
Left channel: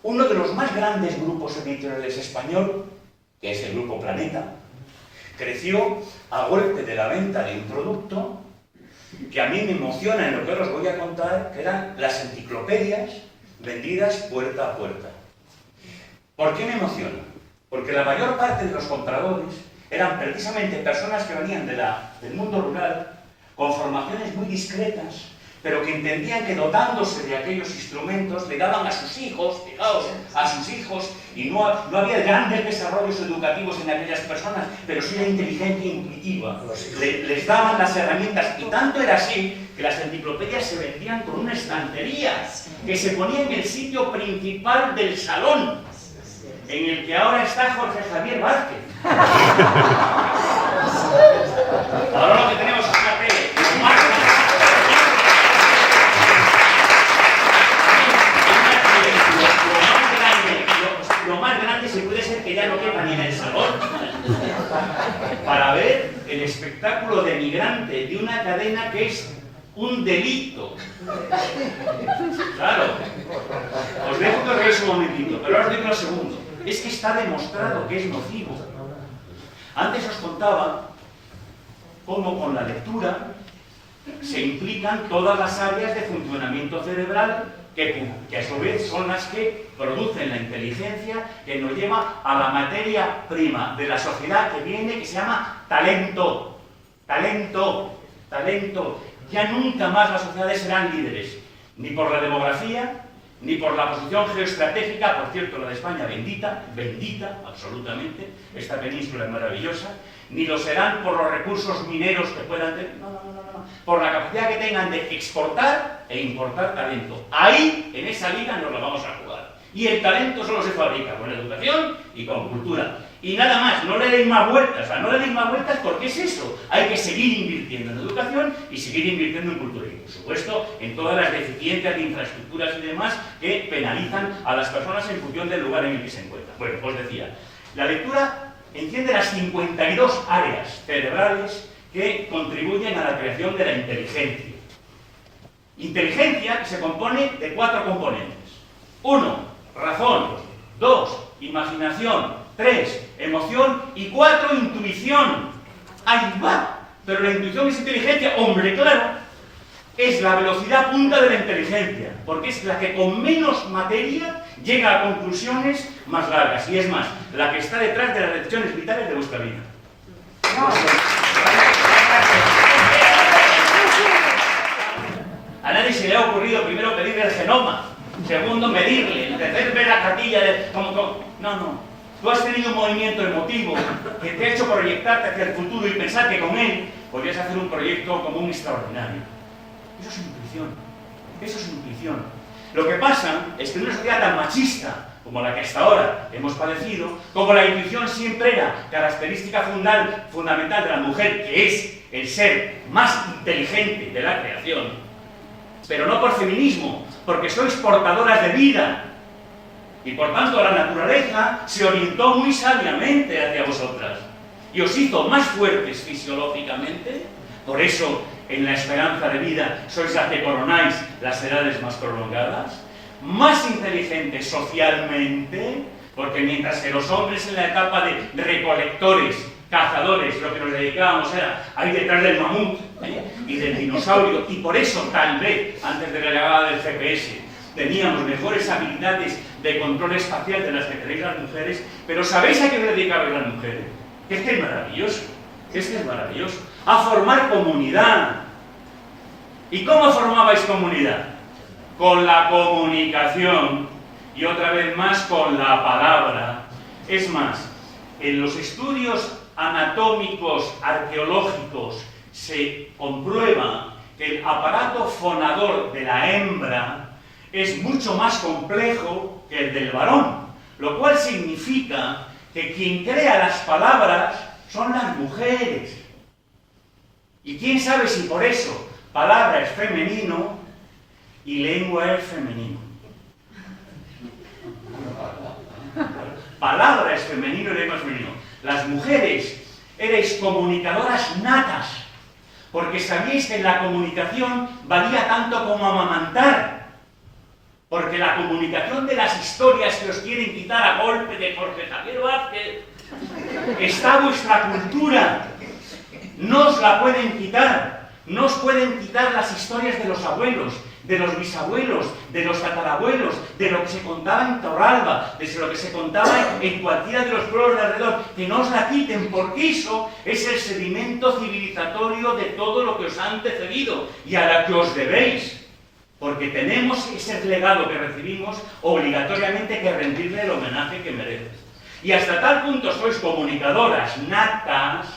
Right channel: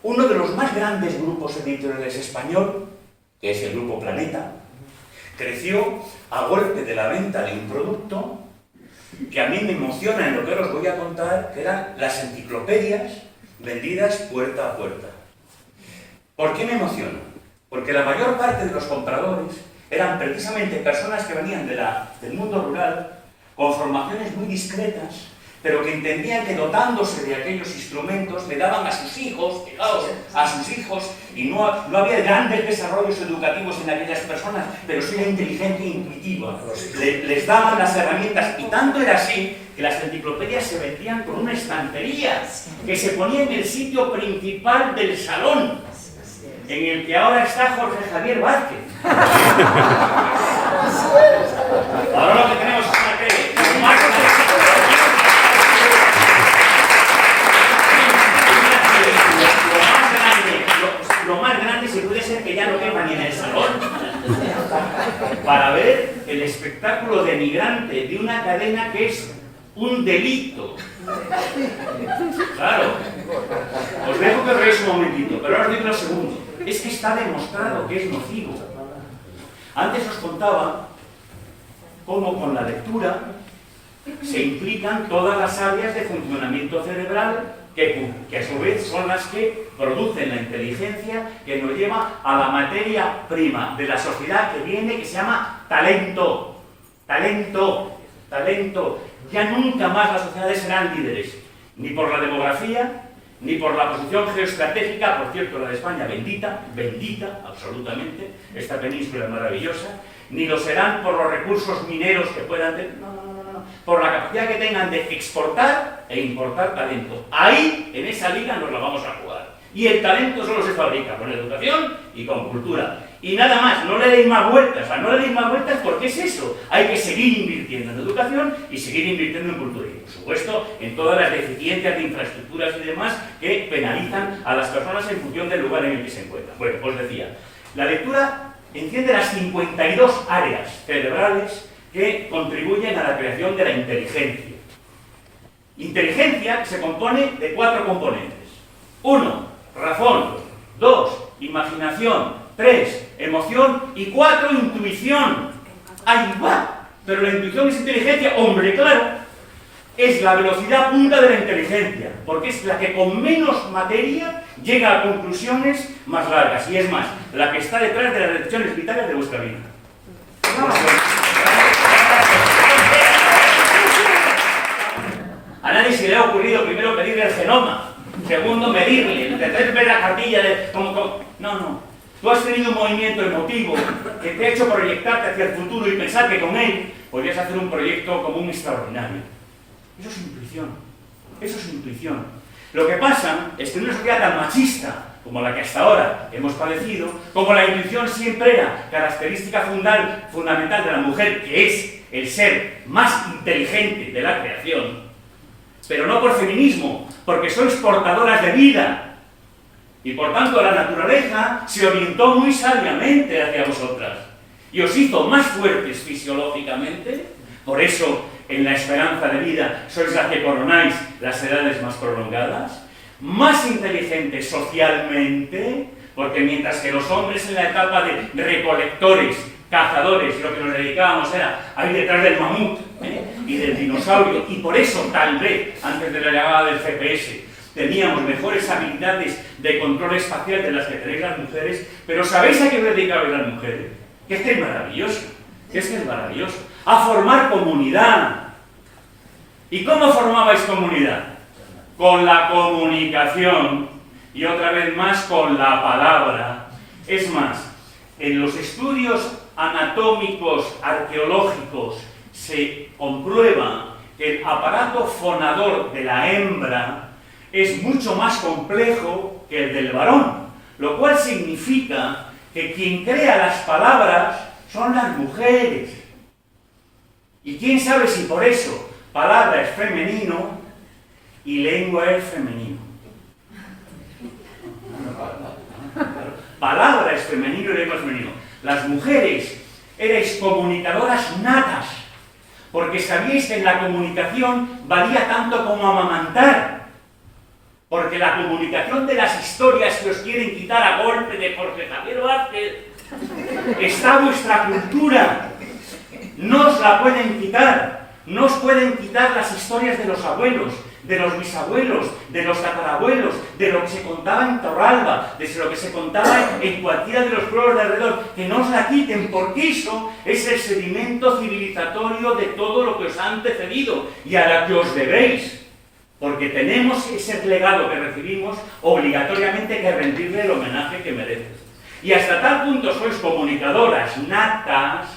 uno de los más grandes grupos editoriales español, que es el Grupo Planeta, creció a golpe de la venta de un producto que a mí me emociona en lo que os voy a contar, que eran las enciclopedias vendidas puerta a puerta. ¿Por qué me emociona? Porque la mayor parte de los compradores eran precisamente personas que venían del mundo rural, con formaciones muy discretas, pero que entendían que dotándose de aquellos instrumentos le daban a sus hijos, fijaos, a sus hijos, y no había grandes desarrollos educativos en aquellas personas, pero sí la inteligencia intuitiva. Les daban las herramientas, y tanto era así que las enciclopedias se vendían con una estantería que se ponía en el sitio principal del salón, en el que ahora está Jorge Javier Vázquez. Ahora lo que tenemos es una tele. para ver el espectáculo denigrante de una cadena que es un delito. Claro. Os dejo que os veáis un momentito, pero ahora os digo lo segundo. Es que está demostrado que es nocivo. Antes os contaba cómo con la lectura se implican todas las áreas de funcionamiento cerebral que a su vez son las que producen la inteligencia que nos lleva a la materia prima de la sociedad que viene, que se llama talento. Talento. Talento. Ya nunca más las sociedades serán líderes, ni por la demografía, ni por la posición geoestratégica, por cierto, la de España, bendita, bendita, absolutamente, esta península es maravillosa, ni lo serán por los recursos mineros que puedan tener, no, por la capacidad que tengan de exportar e importar talento. Ahí, en esa liga, nos la vamos a jugar. Y el talento solo se fabrica con educación y con cultura. Y nada más, no le deis más vueltas, o sea, no le deis más vueltas porque es eso. Hay que seguir invirtiendo en educación y seguir invirtiendo en cultura. Y por supuesto, en todas las deficiencias de infraestructuras y demás que penalizan a las personas en función del lugar en el que se encuentran. Bueno, os decía, la lectura enciende las 52 áreas cerebrales que contribuyen a la creación de la inteligencia. Inteligencia que se compone de 4 componentes. 1, razón. 2, imaginación. 3, emoción. Y 4, intuición. Ahí va. Pero la intuición es inteligencia. Hombre, claro. Es la velocidad punta de la inteligencia. Porque es la que con menos materia llega a conclusiones más largas. Y es más, la que está detrás de las decisiones vitales de vuestra vida. A nadie se le ha ocurrido primero pedirle el genoma, segundo medirle, tercero ver la cartilla de... No. Tú has tenido un movimiento emotivo que te ha hecho proyectarte hacia el futuro y pensar que con él podrías hacer un proyecto común extraordinario. Eso es intuición. Eso es intuición. Lo que pasa es que en una sociedad tan machista como la que hasta ahora hemos padecido, como la intuición siempre era característica fundamental de la mujer, que es el ser más inteligente de la creación, pero no por feminismo, porque sois portadoras de vida. Y por tanto la naturaleza se orientó muy sabiamente hacia vosotras y os hizo más fuertes fisiológicamente. Por eso en la esperanza de vida sois las que coronáis las edades más prolongadas, más inteligentes socialmente, porque mientras que los hombres en la etapa de recolectores, cazadores, lo que nos dedicábamos era ahí detrás del mamut y del dinosaurio, y por eso tal vez antes de la llegada del GPS teníamos mejores habilidades de control espacial de las que tenéis las mujeres. Pero ¿sabéis a qué os dedicabais las mujeres? Que es que es maravilloso, a formar comunidad. ¿Y cómo formabais comunidad? Con la comunicación y otra vez más con la palabra. Es más, en los estudios anatómicos, arqueológicos, se comprueba que el aparato fonador de la hembra es mucho más complejo que el del varón, lo cual significa que quien crea las palabras son las mujeres. Y quién sabe si por eso palabra es femenino y lengua es femenino. Palabra es femenino y lengua es femenino. Las mujeres erais comunicadoras natas, porque sabíais que en la comunicación valía tanto como amamantar. Porque la comunicación de las historias que os quieren quitar a golpe de Jorge Javier Vázquez está vuestra cultura. No os la pueden quitar. No os pueden quitar las historias de los abuelos, de los bisabuelos, de los tatarabuelos, de lo que se contaba en Torralba, de lo que se contaba en cualquiera de los pueblos de alrededor. Que no os la quiten, porque eso es el sedimento civilizatorio de todo lo que os ha antecedido y a la que os debéis. Porque tenemos ese legado que recibimos obligatoriamente que rendirle el homenaje que merece. Y hasta tal punto sois comunicadoras natas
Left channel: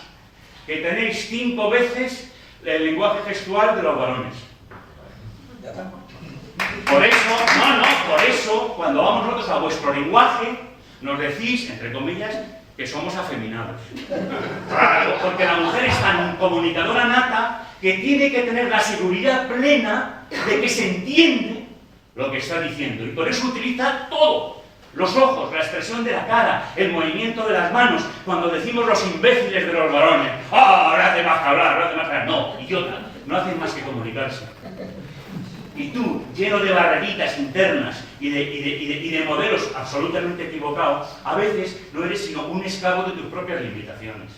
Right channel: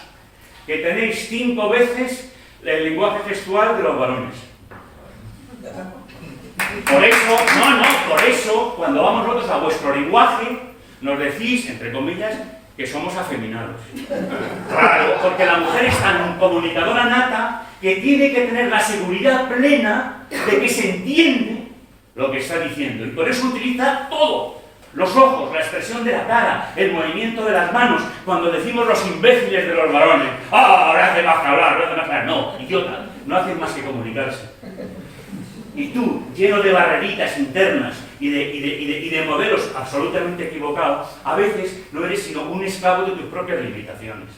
que tenéis 5 veces el lenguaje gestual de los varones. Por eso, cuando vamos nosotros a vuestro lenguaje, nos decís, entre comillas, que somos afeminados. Claro, porque la mujer es tan comunicadora nata que tiene que tener la seguridad plena de que se entiende lo que está diciendo. Y por eso utiliza todo. Los ojos, la expresión de la cara, el movimiento de las manos, cuando decimos los imbéciles de los varones, ¡ah, ahora hace más que hablar, ahora hace más que hablar! No, idiota, no hacen más que comunicarse. Y tú, lleno de barreritas internas y de modelos absolutamente equivocados, a veces no eres sino un esclavo de tus propias limitaciones.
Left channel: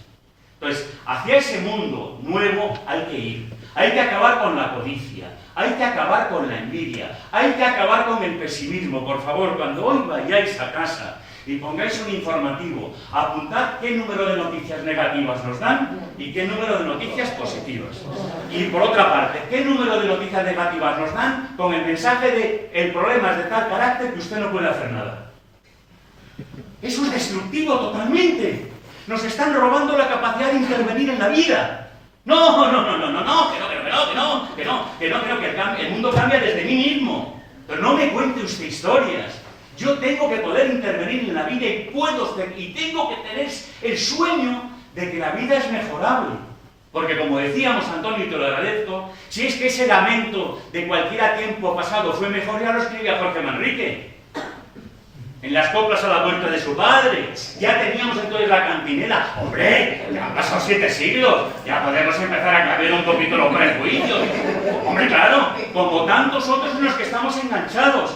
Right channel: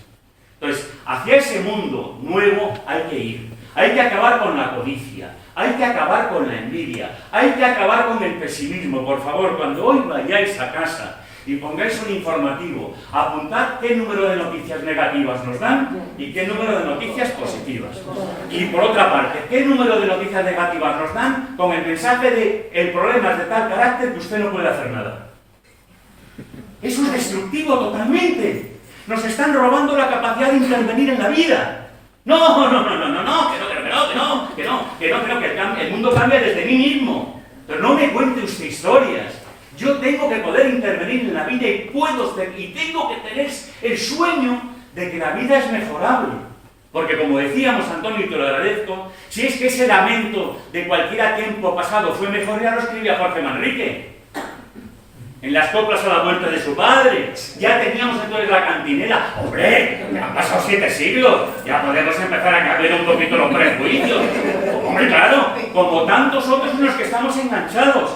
Entonces, hacia ese mundo nuevo hay que ir. Hay que acabar con la codicia, hay que acabar con la envidia, hay que acabar con el pesimismo. Por favor, cuando hoy vayáis a casa y pongáis un informativo, apuntad qué número de noticias negativas nos dan y qué número de noticias positivas. Y por otra parte, qué número de noticias negativas nos dan con el mensaje de el problema es de tal carácter que usted no puede hacer nada. Eso es destructivo totalmente. Nos están robando la capacidad de intervenir en la vida. No, que el mundo cambia desde mí mismo. Pero no me cuente usted historias. Yo tengo que poder intervenir en la vida y tengo que tener el sueño de que la vida es mejorable. Porque como decíamos, Antonio, y te lo agradezco, si es que ese lamento de cualquier tiempo pasado fue mejor, ya lo escribía Jorge Manrique. En las coplas a la vuelta de su padre, ya teníamos entonces la cantinela. ¡Hombre! Ya han pasado 7 siglos, ya podemos empezar a cambiar un poquito los prejuicios. ¡Hombre, claro! Como tantos otros en los que estamos enganchados.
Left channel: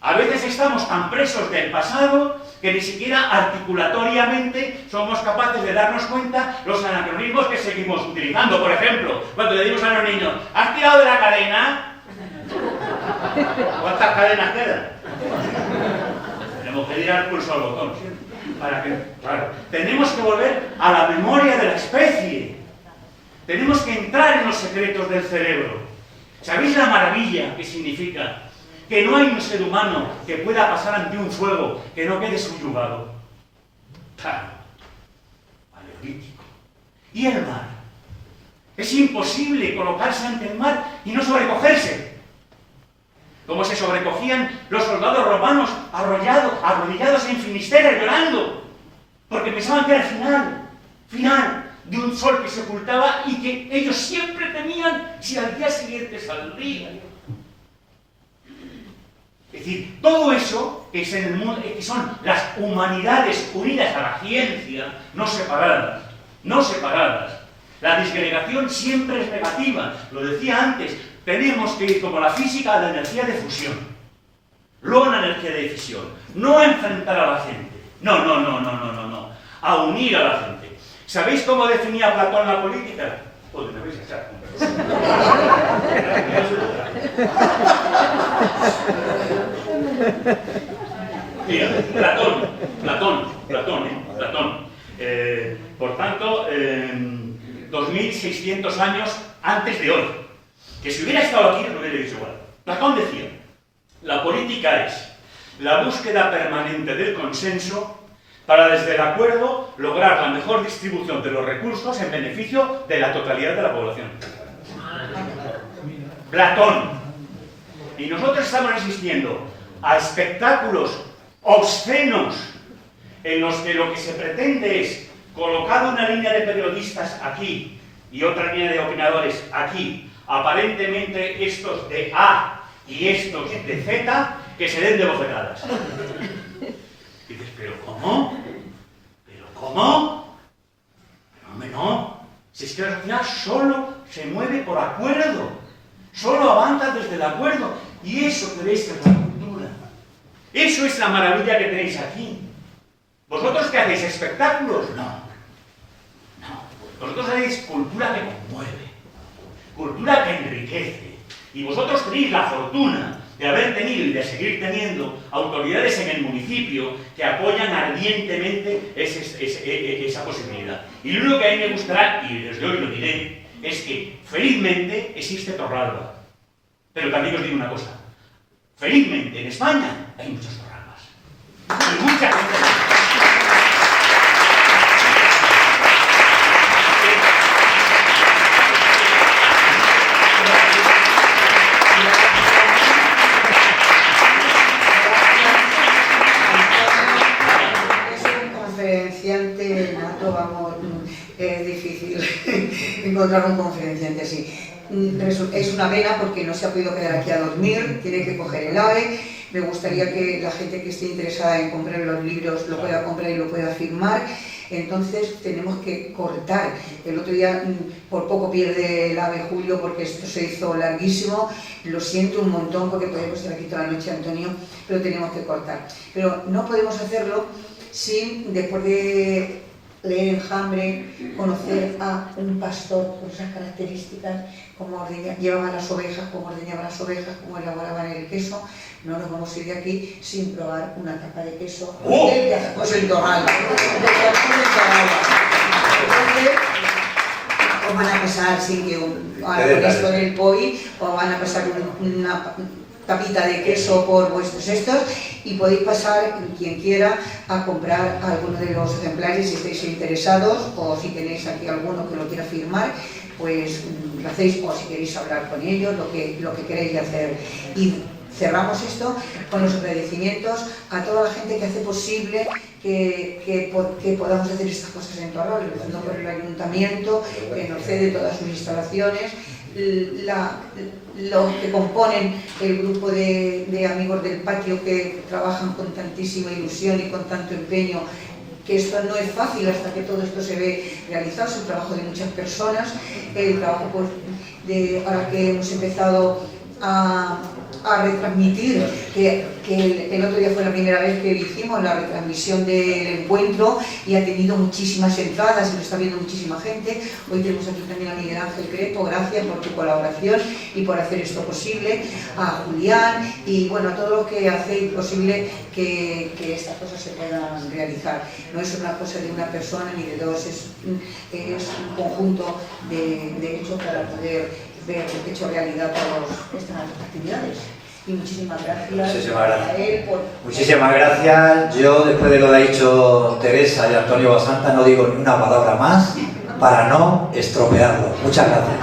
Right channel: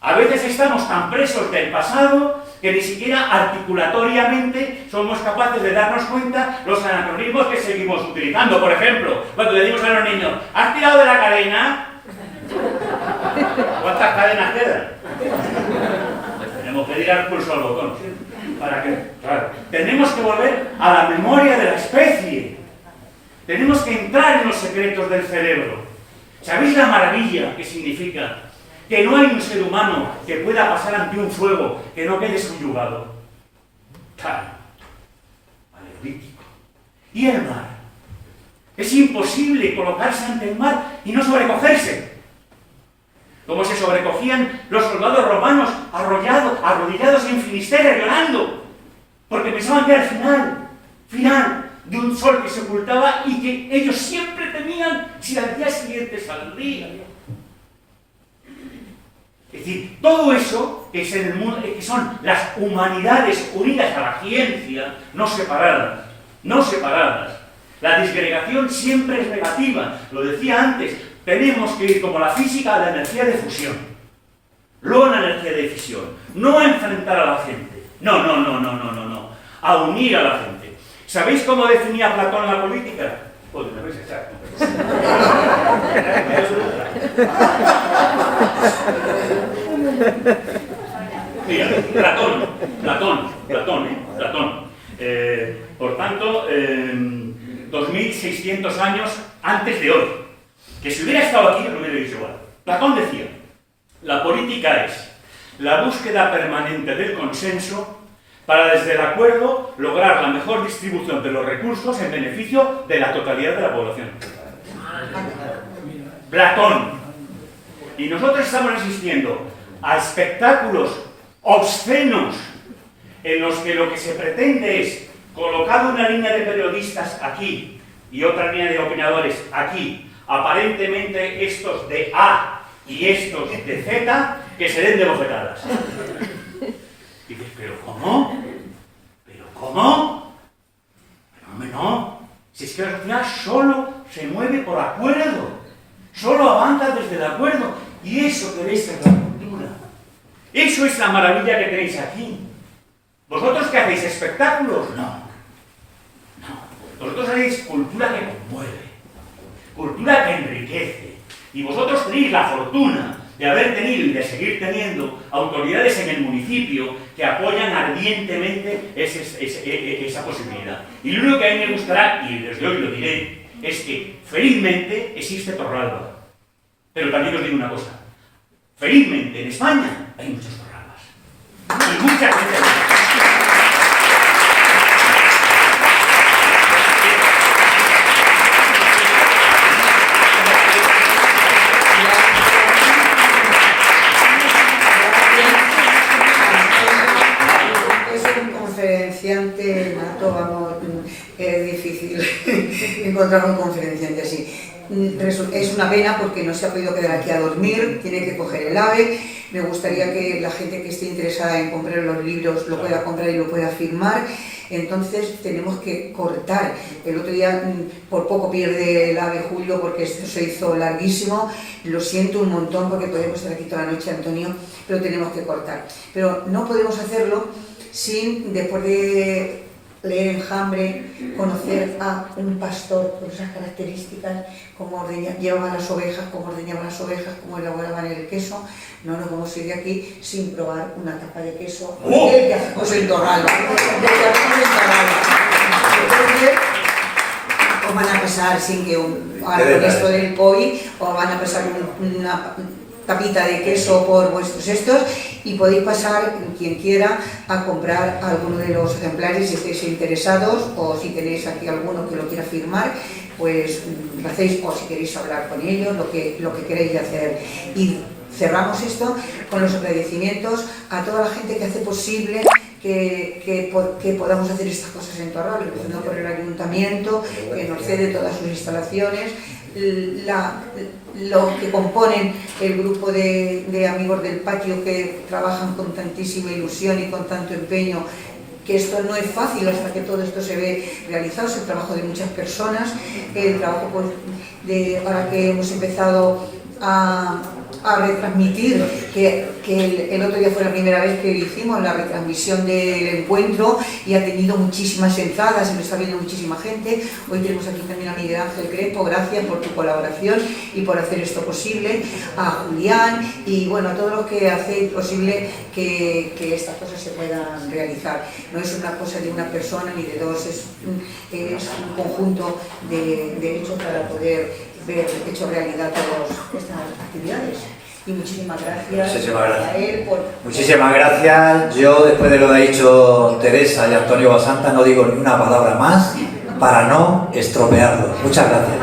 A veces estamos tan presos del pasado que ni siquiera articulatoriamente somos capaces de darnos cuenta los anacronismos que seguimos utilizando. Por ejemplo, cuando le decimos a los niños, ¿has tirado de la cadena? ¿Cuántas cadenas quedan? Tenemos que tirar el pulso al botón. Para que, claro, tenemos que volver a la memoria de la especie. Tenemos que entrar en los secretos del cerebro. ¿Sabéis la maravilla que significa? Que no hay un ser humano que pueda pasar ante un fuego que no quede subyugado. Claro, alevítico. ¿Y el mar? Es imposible colocarse ante el mar y no sobrecogerse. Como se sobrecogían los soldados romanos arrodillados en Finisterre llorando, porque pensaban que era el final de un sol que se ocultaba y que ellos siempre temían si al día siguiente saldría. Es decir, todo eso que es en el mundo, que son las humanidades unidas a la ciencia, no separadas. La disgregación siempre es negativa. Lo decía antes, tenemos que ir como la física a la energía de fusión. Luego la energía de fisión. No a enfrentar a la gente. No. A unir a la gente. ¿Sabéis cómo definía Platón la política? Pues me vais a echar. Mira, Platón. Por tanto, 2600 años antes de hoy. Que si hubiera estado aquí, no hubiera dicho igual. Platón decía, la política es la búsqueda permanente del consenso para desde el acuerdo lograr la mejor distribución de los recursos en beneficio de la totalidad de la población. Platón. Y nosotros estamos asistiendo a espectáculos obscenos en los que lo que se pretende es colocar una línea de periodistas aquí y otra línea de opinadores aquí, aparentemente estos de A y estos de Z, que se den de bofetadas. Y dices, ¿pero cómo? Pero hombre, no. Si es que la sociedad solo se mueve por acuerdo, solo avanza desde el acuerdo. Y eso tenéis que es la cultura. Eso es la maravilla que tenéis aquí. ¿Vosotros qué hacéis? ¿Espectáculos? No. Vosotros hacéis cultura que conmueve, cultura que enriquece. Y vosotros tenéis la fortuna de haber tenido y de seguir teniendo autoridades en el municipio que apoyan ardientemente esa posibilidad. Y lo único que a mí me gustará, y desde hoy lo diré, es que felizmente existe Torralba. Pero también os digo una cosa, felizmente en España hay muchos Torralbas. Y mucha gente... Es difícil encontrar un conferenciante así. Es una pena porque no se ha podido quedar aquí a dormir, tiene que coger el AVE. Me gustaría que la gente que esté interesada en comprar los libros lo pueda comprar y lo pueda firmar. Entonces tenemos que cortar. El otro día por poco pierde el ave Julio porque esto se hizo larguísimo. Lo siento un montón porque podemos estar aquí toda la noche, Antonio, pero tenemos que cortar. Pero no podemos hacerlo sin, después de leer Enjambre, conocer a un pastor con esas características, cómo llevaban las ovejas, cómo ordeñaban las ovejas, cómo elaboraban el queso. No nos vamos a ir de aquí sin probar una tapa de queso del que hacemos en Torralba. Entonces, os van a pasar sin que con esto del POI, os van a pasar una tapita de queso por vuestros estos y podéis pasar, quien quiera, a comprar alguno de los ejemplares si estáis interesados o si tenéis aquí alguno que lo quiera firmar, pues lo hacéis, o si queréis hablar con ellos, lo que queréis hacer. Y cerramos esto con los agradecimientos a toda la gente que hace posible que podamos hacer estas cosas en Torralba, empezando por el ayuntamiento, que nos cede todas sus instalaciones, los que componen el grupo de amigos del patio que trabajan con tantísima ilusión y con tanto empeño, que esto no es fácil hasta que todo esto se ve realizado, es el trabajo de muchas personas, el trabajo ahora que hemos empezado a retransmitir, que el otro día fue la primera vez que hicimos la retransmisión del encuentro y ha tenido muchísimas entradas, y me está viendo muchísima gente. Hoy tenemos aquí también a Miguel Ángel Crespo, gracias por tu colaboración y por hacer esto posible, a Julián y bueno, a todos los que hacéis posible que estas cosas se puedan realizar. No es una cosa de una persona ni de dos, es un conjunto de hechos para poder ver hecho realidad todas estas actividades. Y muchísimas gracias. Muchísimas gracias. A él por... Muchísimas gracias. Yo, después de lo que ha dicho Teresa y Antonio Basanta, no digo ni una palabra más para no estropearlo. Muchas gracias.